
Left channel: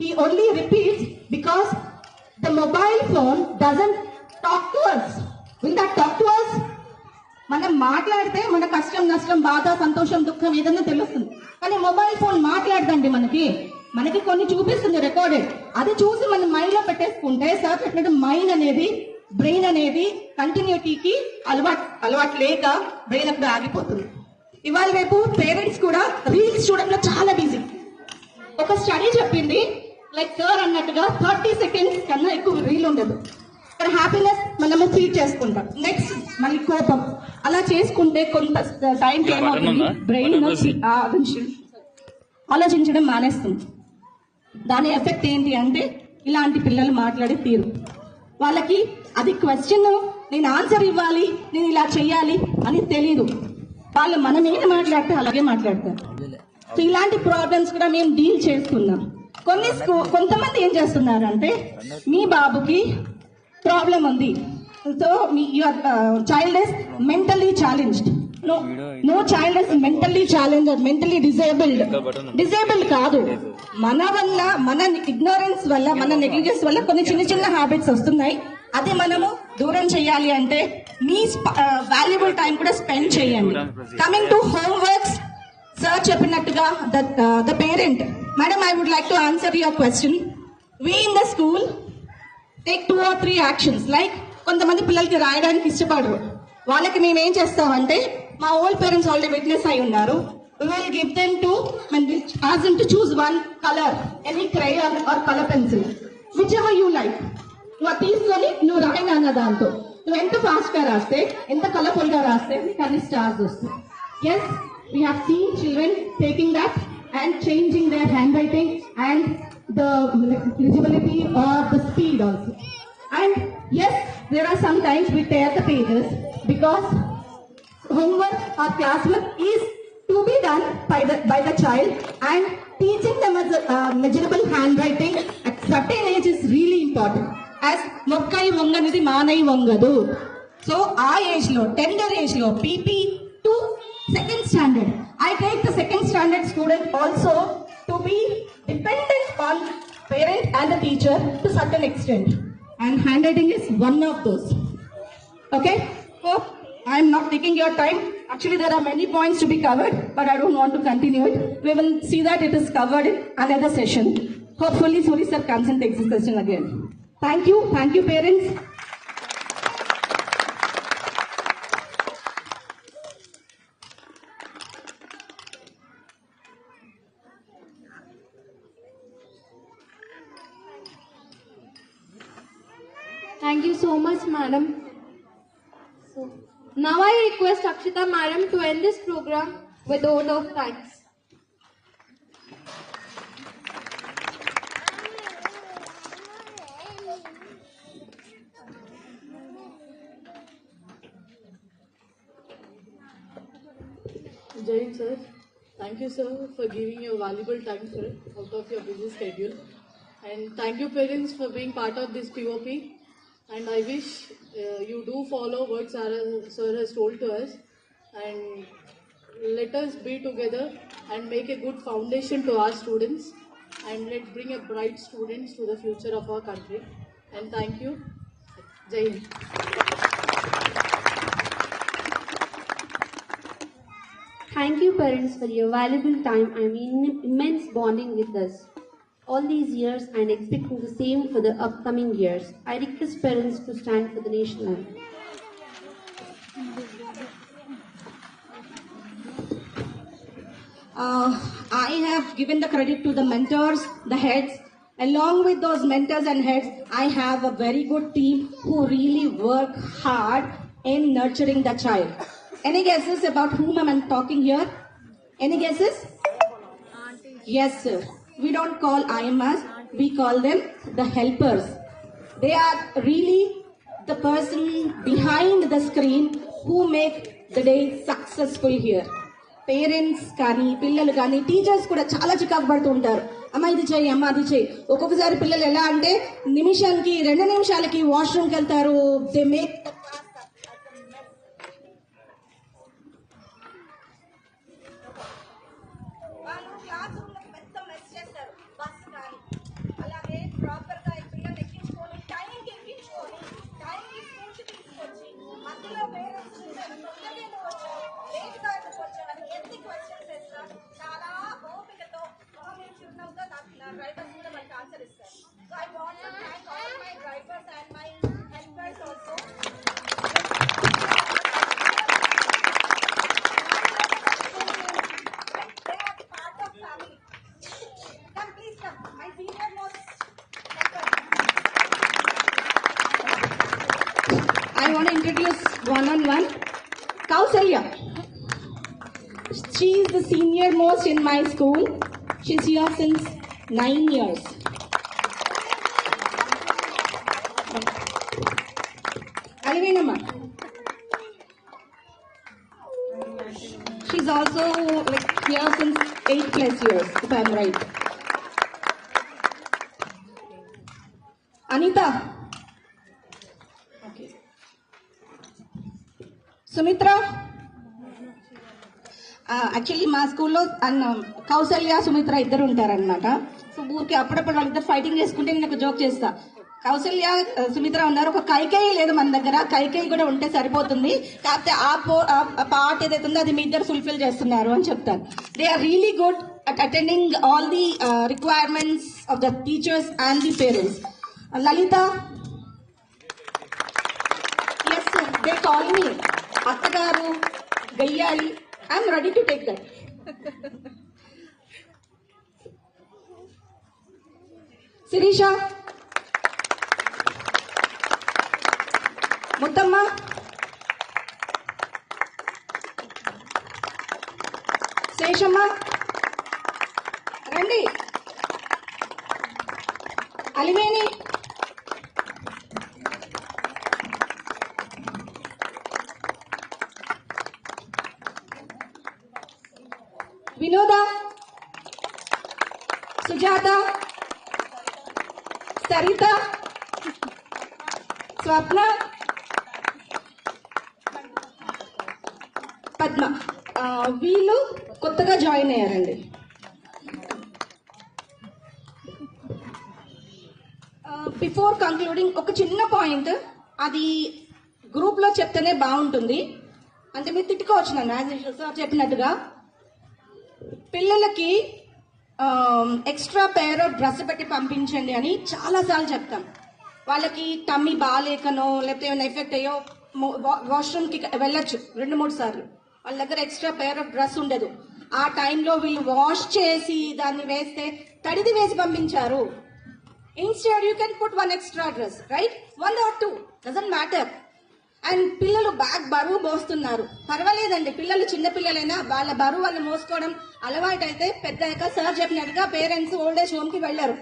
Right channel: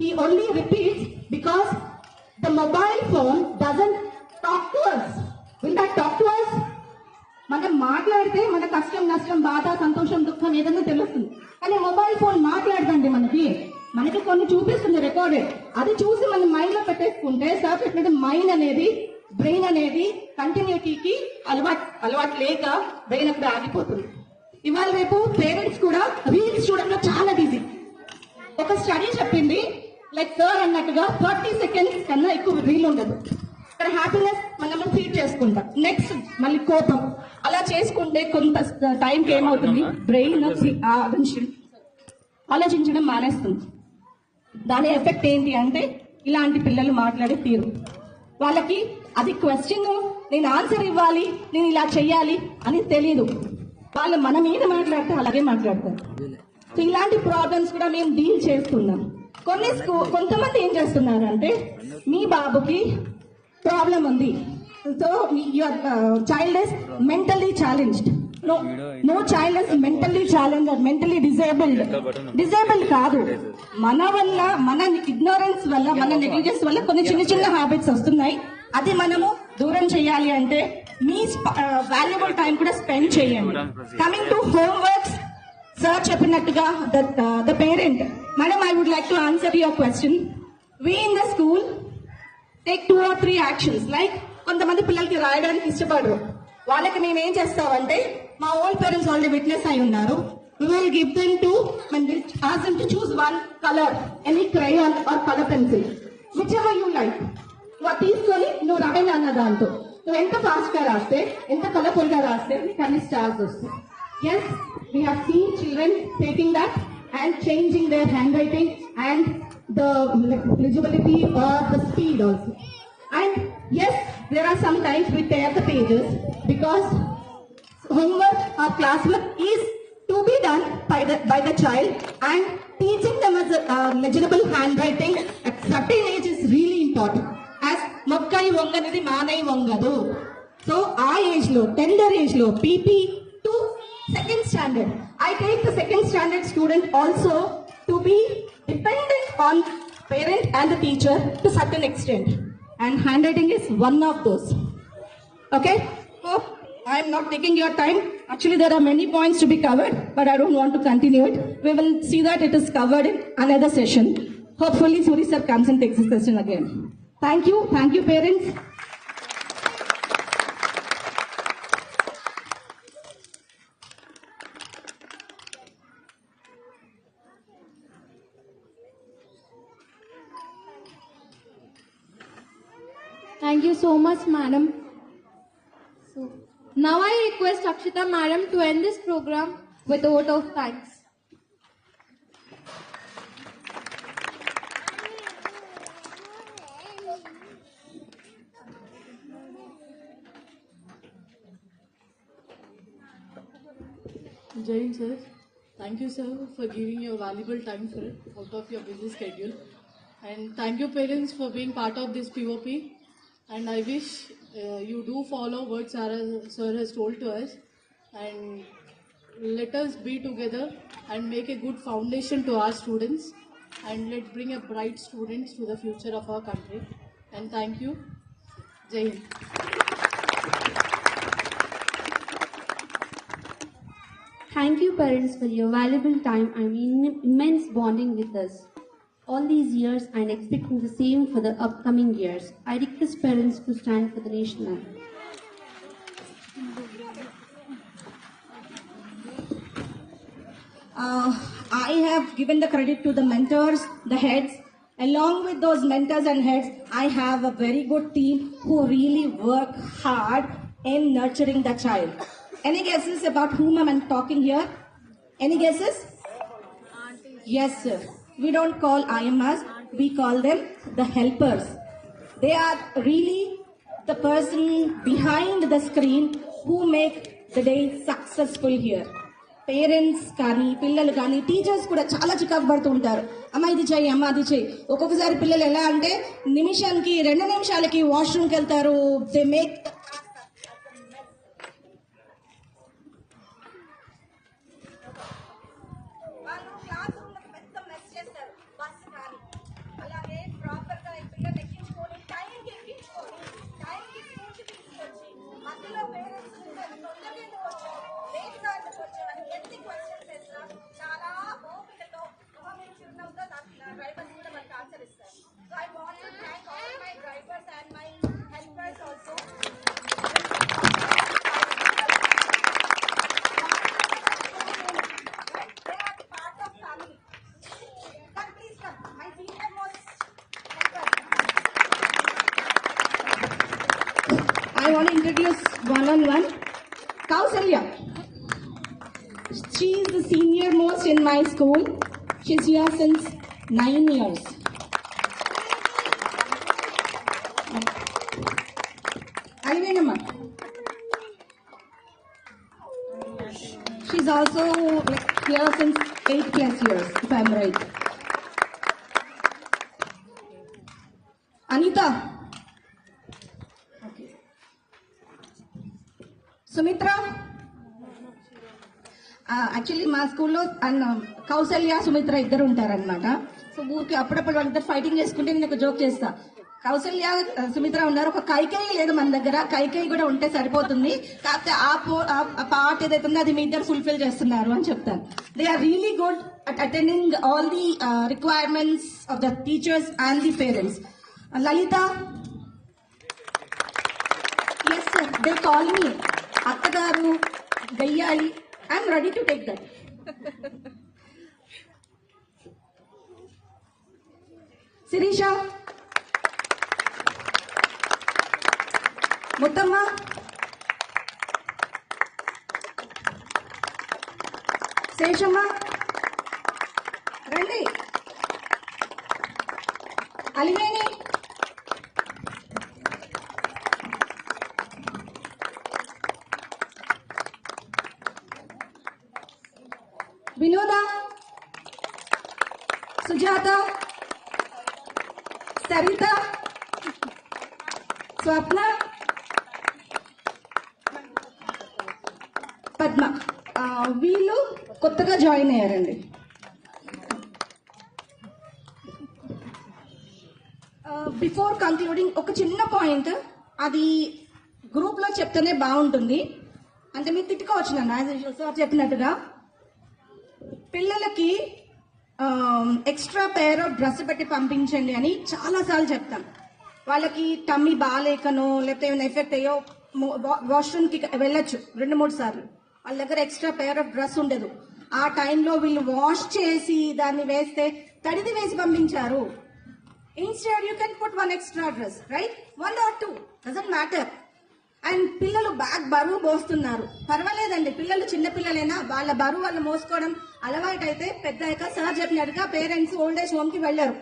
He only repeats because the mobile phone doesn't talk to us. Will that talk to us? మనం మాట్లాడితే మన కష్టం, నష్టం, బాధ, సంతోషం, దుఃఖం ఏదైనా తెలుస్తుంది. కానీ మొబైల్ ఫోన్ మాట్లాడదండి. మనకి కొన్ని చూపిస్తుంది రికార్డెడ్. అది చూసి మనం మైండ్ లో పెట్టేసుకుంటే సార్ పెట్టినట్టు మైండ్ అనేది, బ్రెయిన్ అనేది కంటిన్యూటీకి అలవాటు లేక బ్రెయిన్ అప్పుడు ఆగిపోతుంది. ఇవాళ రేపు పేరెంట్స్ కూడా రీల్స్ చూడడంలో చాలా బిజీ. ఒక స్టడీ చెప్పింది, లైక్ సార్ అన్నట్టుగా 30 seconds కన్నా ఎక్కువ రీల్ ఉండదు. ఇక్కడ హ్యాపీనెస్ మనము ఫీల్ చేసుకుంటాం, నెక్స్ట్ మళ్ళీ కోపం, అలా చేసుకుంటే కొంత టైంకి ఏమవుతుంది, బ్రెయిన్ ఆలోచించడం మానేస్తుంది. దాని ఎఫెక్ట్ ఏంటి అంటే ఇలాంటి పిల్లలు మాట్లాడే తీరు, వాళ్ళకి అది క్వశ్చన్, నేను ఆన్సర్ ఇవ్వాలి, నేను ఇలా చెయ్యాలి అని తెలియదు. వాళ్ళు మనం ఏం మాట్లాడితే అలాగే మాట్లాడతారు. సో ఇలాంటి ప్రాబ్లమ్స్ కూడా మేము డీల్ చేస్తున్నాం. కొంతమంది ఏం చేస్తున్నారు అంటే, మీ బాబుకి ప్రాబ్లం ఉంది, so your child is mentally challenged. No child is mentally challenged, mentally disabled కాదు. మన వల్ల, మన ఇగ్నోరెన్స్ వల్ల, మన నెగ్లిజెన్స్ వల్ల కొన్ని చిన్న హ్యాబిట్స్ వస్తున్నాయి. అది మనము దూరం చేయాలి అంటే మీ వాల్యుబుల్ టైం కూడా స్పెండ్ చేయండి. కమింగ్ టు హోంవర్క్స్, సార్ చెప్పినట్టుగా the parent, madam I would like to answer your question. We in the school take 2 or 3 actions. Like కొంతమంది పిల్లలకి రాయడానికి ఇష్టపడరు, వాళ్ళకి మేము ఏం చేస్తామంటే, మా ఓల్డ్ పేరెంట్స్ ఆల్రెడీ విట్నెస్ అయి ఉన్నారు, we will give them to, ask them to choose one color, any crayon or color pencil, whichever you like. నువ్వు తీసుకొని నువ్వు రాయన అన్న దాంతో నువ్వు ఎంత ఫాస్ట్ గా రాస్తే, ఎంత కలర్ఫుల్ గా రాస్తే నీకు అన్ని స్టార్స్ వస్తాయి. Yes, we have seen children taking that and changing their handwriting and the legibility or the speed also. And yes, there are sometimes we tear the pages because homework or classwork is to be done by the child, and teaching them as a measurable handwriting at certain age is really important. As mokkai vonganadi manai vongadu. So our age lo, tender age lo, PP to second standard. I take the second standard student also to be dependent on parent and the teacher to certain extent, and handwriting is one of those. Okay, hope I am not taking your time. Actually, there are many points to be covered, but I don't want to continue it. We will see that it is covered in another session. Hopefully, Suri sir comes and takes this session again. Thank you, parents. Thank you so much, madam. Now I request Akshita madam to end this program with a vote of thanks. Jain sir, thank you sir for giving your valuable time sir out of your busy schedule, and thank you parents for being part of this POP, and I wish you do follow what sir has told to us, and let us be together and make a good foundation to our students, and let's bring a bright students to the future of our country, and thank you. Jai Hind. Thank you parents for your valuable time and immense bonding with us all these years, and expecting the same for the upcoming years. I request parents to stand for the national anthem. I have given the credit to the mentors, the heads. Along with those mentors and heads, I have a very good team who really work hard in nurturing the child. Any guesses about whom I'm talking here? Any guesses? Yes, sir. We don't call IMAs, we call them the helpers. They are really the person behind the screen who make the day successful here. Parents కానీ పిల్లలు కానీ teachers కూడా చాలా చికాకు పడుతూ ఉంటారు. అమ్మ ఇది చేయి, అమ్మ అది చేయి. ఒక్కొక్కసారి పిల్లలు ఎలా అంటే నిమిషానికి 2 నిమిషాలకి వాష్రూమ్కి వెళ్తారు. They make I want to introduce one-on-one Kausalya. She is the senior most in my school. She's here since 9 years. Alivenamma. She's also here since 8+ years, if I'm right. Anita. Sumitra. Actually మా స్కూల్లో కౌసల్య సుమిత్ర ఇద్దరు ఉంటారనమాట. So ఊరికి అప్పుడప్పుడు వాళ్ళిద్దరు fighting చేసుకుంటే నేను ఒక జోక్ చేస్తా. కౌసల్య సుమిత్ర ఉన్నారు, ఒక కైకేయి లేదు మన దగ్గర, కైకేయి కూడా ఉంటే సరిపోతుంది, కాకపోతే ఆ పార్ట్ ఏదైతే ఉందో అది మీ ఇద్దరు ఫుల్ఫిల్ చేస్తున్నారు అని చెప్తాను. They are really good at attending all the requirements of the teachers and the parents. Lalitha. Yes sir, they call me అత్తగారు, గయ్యాలి. I'm ready to take that. Sirisha. Muthamma. Seshamma. రండి. అలివేణి. వినోద, సుజాత, సరిత, స్వప్న, పద్మ. వీళ్ళు కొత్తగా జాయిన్ అయ్యారండి. బిఫోర్ కంక్లూడింగ్ ఒక చిన్న పాయింట్, అది గ్రూప్లో చెప్తేనే బాగుంటుంది. అంటే మీరు తిట్టుకోవచ్చు నన్ను, యాజ్ సార్ చెప్పినట్టుగా పిల్లలకి ఎక్స్ట్రా పేర్ ఆఫ్ డ్రెస్ పెట్టి పంపించండి అని చాలాసార్లు చెప్తాం. వాళ్ళకి టమ్మీ బాగాలేకనో లేకపోతే ఏమైనా ఎఫెక్ట్ అయ్యో వాష్రూమ్కి వెళ్ళొచ్చు 2-3 సార్లు. వాళ్ళ దగ్గర ఎక్స్ట్రా పేర్ ఆఫ్ డ్రెస్ ఉండదు. ఆ టైంలో వీళ్ళు వాష్ చేసి దాన్ని వేస్తే తడిది వేసి పంపించారు. Instead, you can put one extra dress, right? 1 or 2, doesn't matter. And పిల్లలు బ్యాగ్ బరువు మోస్తున్నారు, పర్వాలేదండి. పిల్లలు చిన్న పిల్లలైనా వాళ్ళ బరువు వాళ్ళు మోసుకోవడం అలవాటు అయితే పెద్దగా సార్ చెప్పినట్టుగా పేరెంట్స్ ఓల్డ్ ఏజ్ హోమ్ కి వెళ్లారు.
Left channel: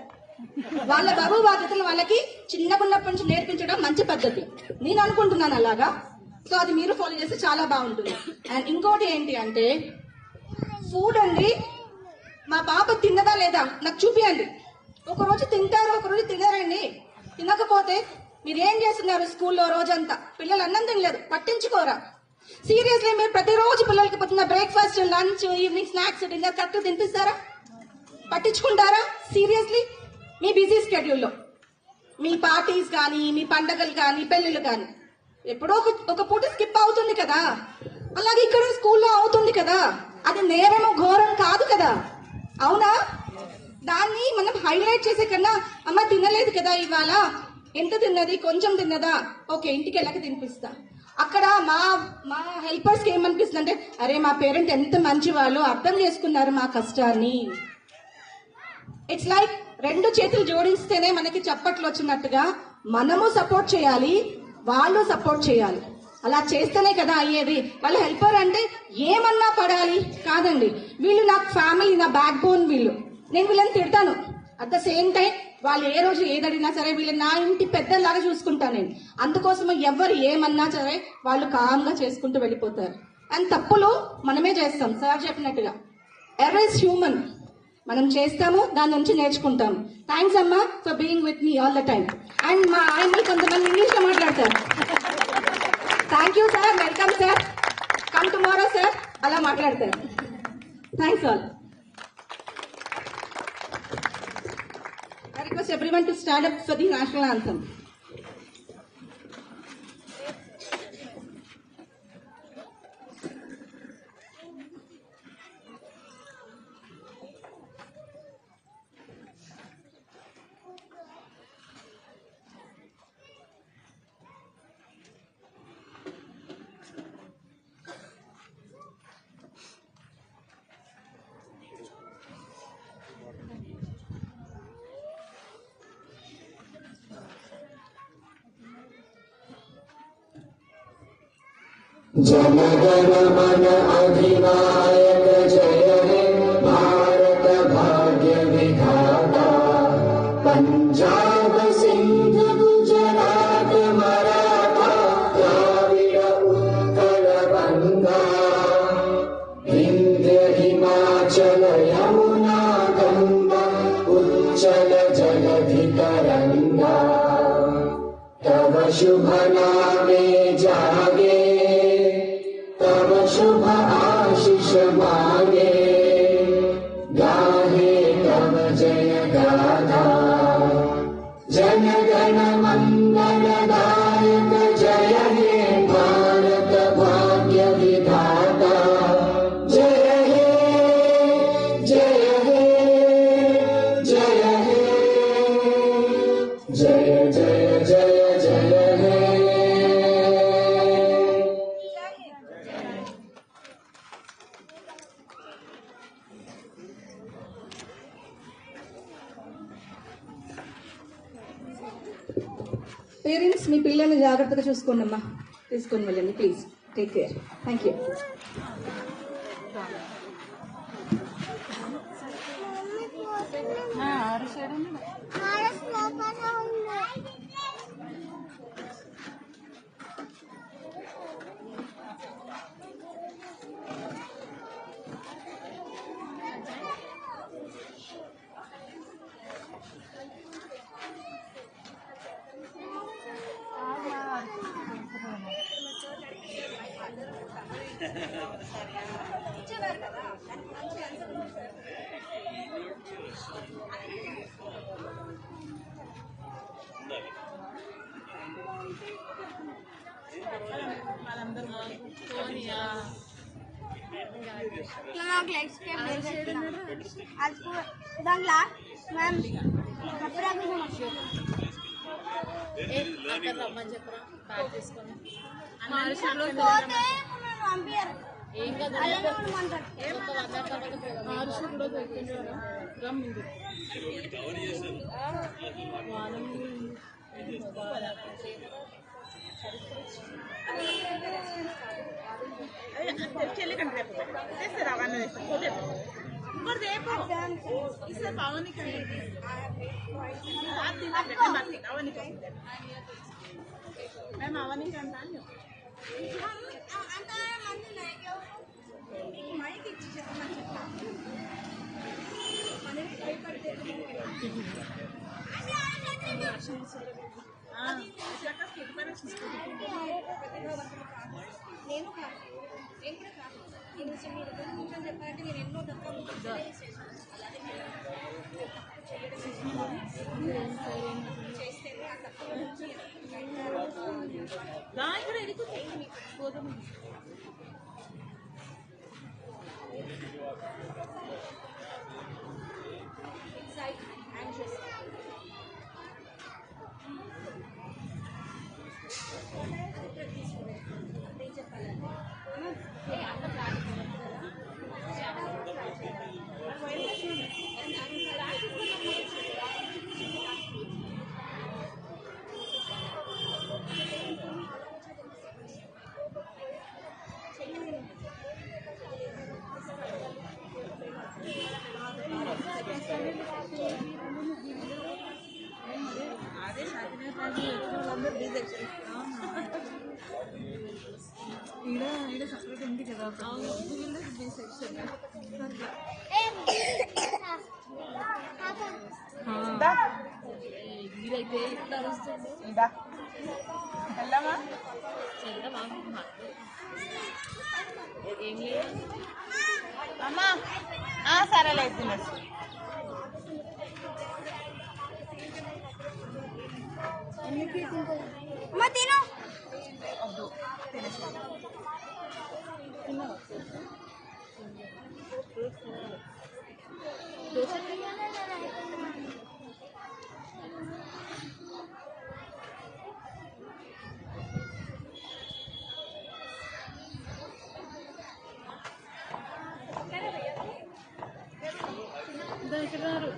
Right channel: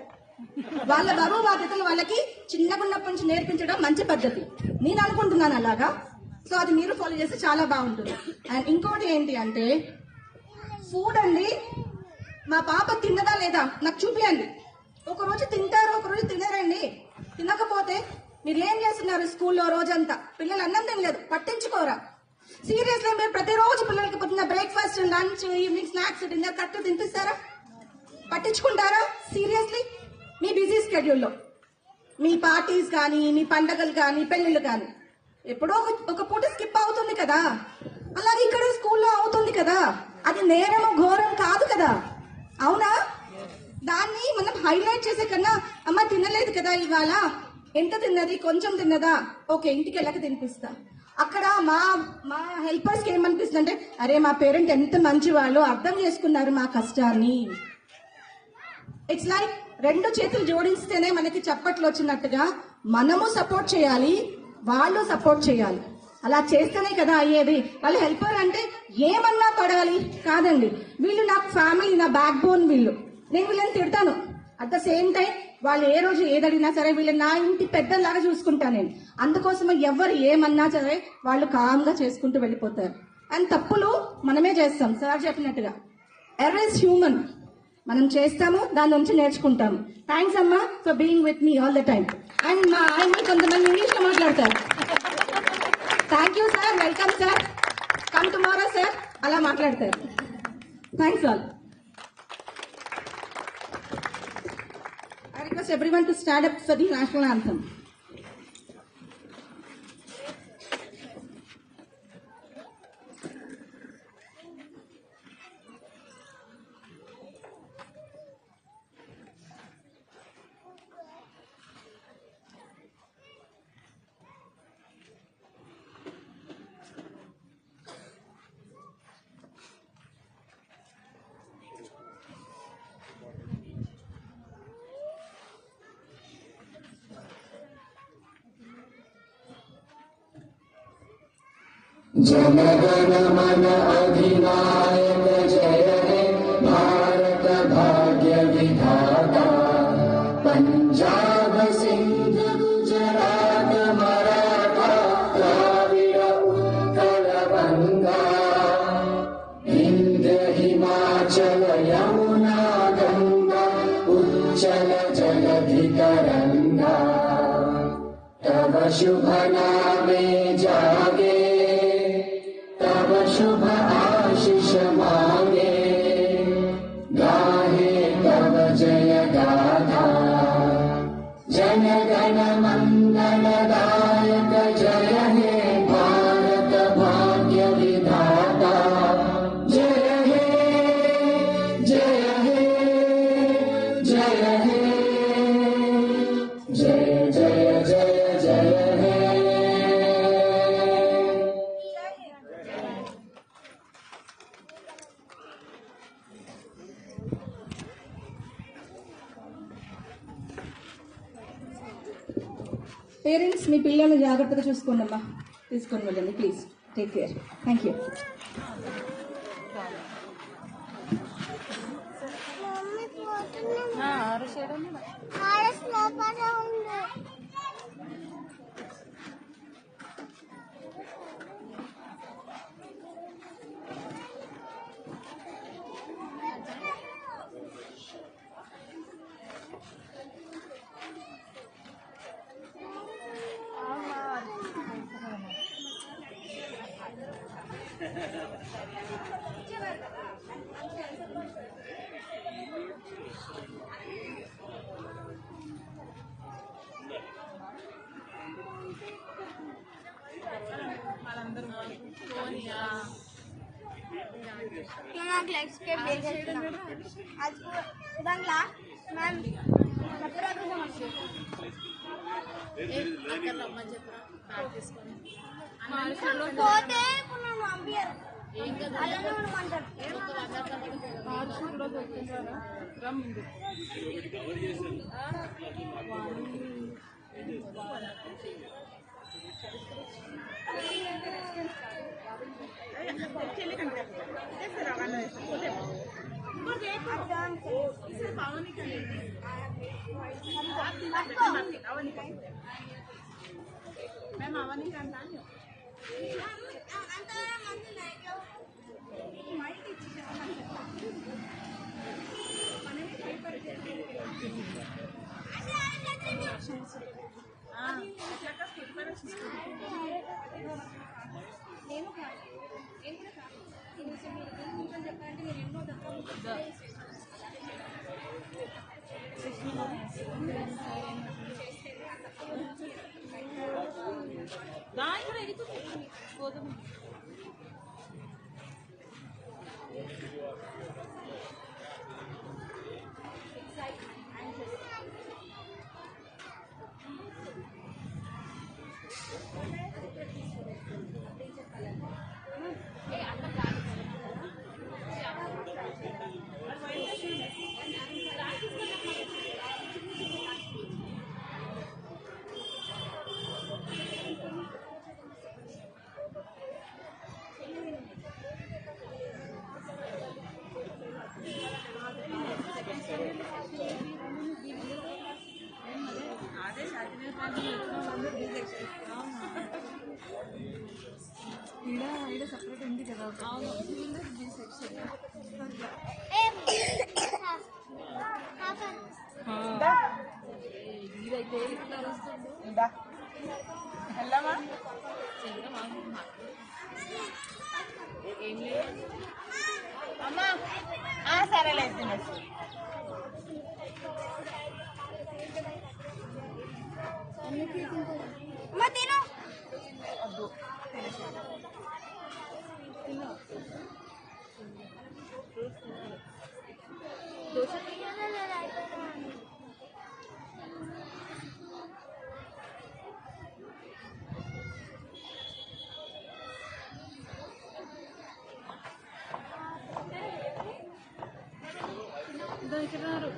వాళ్ళ బరువు బాధ్యతలు వాళ్ళకి చిన్నప్పటి నుంచి నేర్పించడం మంచి పద్ధతి నేను అనుకుంటున్నాను అలాగా. సో అది మీరు ఫాలో చేస్తే చాలా బాగుంటుంది. అండ్ ఇంకోటి ఏంటి అంటే ఫుడ్ అండి, మా పాప తిన్నదా లేదా నాకు చూపియండి. ఒకరోజు తింటారు, ఒకరోజు తినరండి. తినకపోతే మీరు ఏం చేస్తున్నారు స్కూల్లో రోజంతా? పిల్లలు అన్నం తినలేదు, పట్టించుకోరా? సీరియస్లీ మీరు ప్రతిరోజు పిల్లలకి పొద్దున్న breakfast, lunch, evening snacks, dinner correct తినిపిస్తారా? పట్టించుకుంటారా? సీరియస్లీ మీ బిజీ స్కెడ్యూల్లో మీ పార్టీస్ కానీ, మీ పండగలు కానీ, పెళ్లిళ్ళు కానీ ఎప్పుడో ఒక పూట స్కిప్ అవుతుంది కదా. అలాగే ఇక్కడ స్కూల్లో అవుతుంది కదా. అది నేరం, ఘోరం కాదు కదా, అవునా? దాన్ని మనం హైలైట్ చేసే కన్నా అమ్మ తినలేదు కదా ఇవాళ, ఎంత తిన్నది, కొంచెం తిన్నదా, ఓకే ఇంటికి వెళ్ళక తినిపిస్తా. అక్కడ మా హెల్పర్స్ కి ఏమనిపిస్తుంది అంటే అరే మా పేరెంట్ ఎంత మంచి వాళ్ళు, అర్థం చేసుకున్నారు మా కష్టాన్ని. ఇట్స్ లైక్ 2 చేతులు జోడిస్తేనే మనకి చప్పట్లు వచ్చినట్టుగా మనము సపోర్ట్ చేయాలి, వాళ్ళు సపోర్ట్ చేయాలి. అలా చేస్తేనే కదా అయ్యేది. వాళ్ళ హెల్పర్ అంటే ఏమన్నా పడాలి కాదండి. వీళ్ళు నాకు ఫ్యామిలీ, నా బ్యాక్ బోన్. నేను వీళ్ళని తిడతాను, అట్ ద సేమ్ టైం వాళ్ళు ఏ రోజు ఏదడినా సరే వీళ్ళు నా ఇంటి పెద్దలాగా చూసుకుంటాను నేను. అందుకోసమే ఎవరు ఏమన్నా సరే వాళ్ళు కామ్గా చేసుకుంటూ వెళ్ళిపోతారు. అండ్ తప్పులు మనమే చేస్తాం సార్ చెప్పినట్టుగా. ఎర్రర్ ఇస్ హ్యూమన్, మనం చేస్తాము, దాని నుంచి నేర్చుకుంటాము. థ్యాంక్స్ అమ్మా for being with me all the time. And మా ఆయన కొంతమంది ఇంగ్లీష్ లో మాట్లాడతారు. Thank you sir, welcome sir, come tomorrow sir, అలా మాట్లాడతారు. Thanks all. I request everyone to stand up for the national anthem. जनगण मन अधिनायक जय हे भारत भाग्य विधाता। पंजाब सिंध गुजरात मराठा द्राविड़ उत्कल गंगा विंध्य हिमाचल यमुना गंगा उच्चल जलधि तरंगा। तव शुभ नामे जागे, तव शुभ आशीष मांगे, गाहे तव जय गाथा। जन गण मंगल दायक जय हे भारत भाग्य विधाता। जय हे जय हे जय हे जय जय जय जय हे। పేరెంట్స్ మీ పిల్లల్ని జాగ్రత్తగా చూసుకోండి అమ్మా, తీసుకొని వెళ్ళండి please. Take care. Thank you. దాంట్లో మ్యామ్ సపరేట్ ఉంది కదా ఇదైతే వెళ్ళమా ఏం లేదు అమ్మా సరేలే తినేసి అమ్మ తిను వద్దు తిన్నా దోశ ఇక్కడ రారు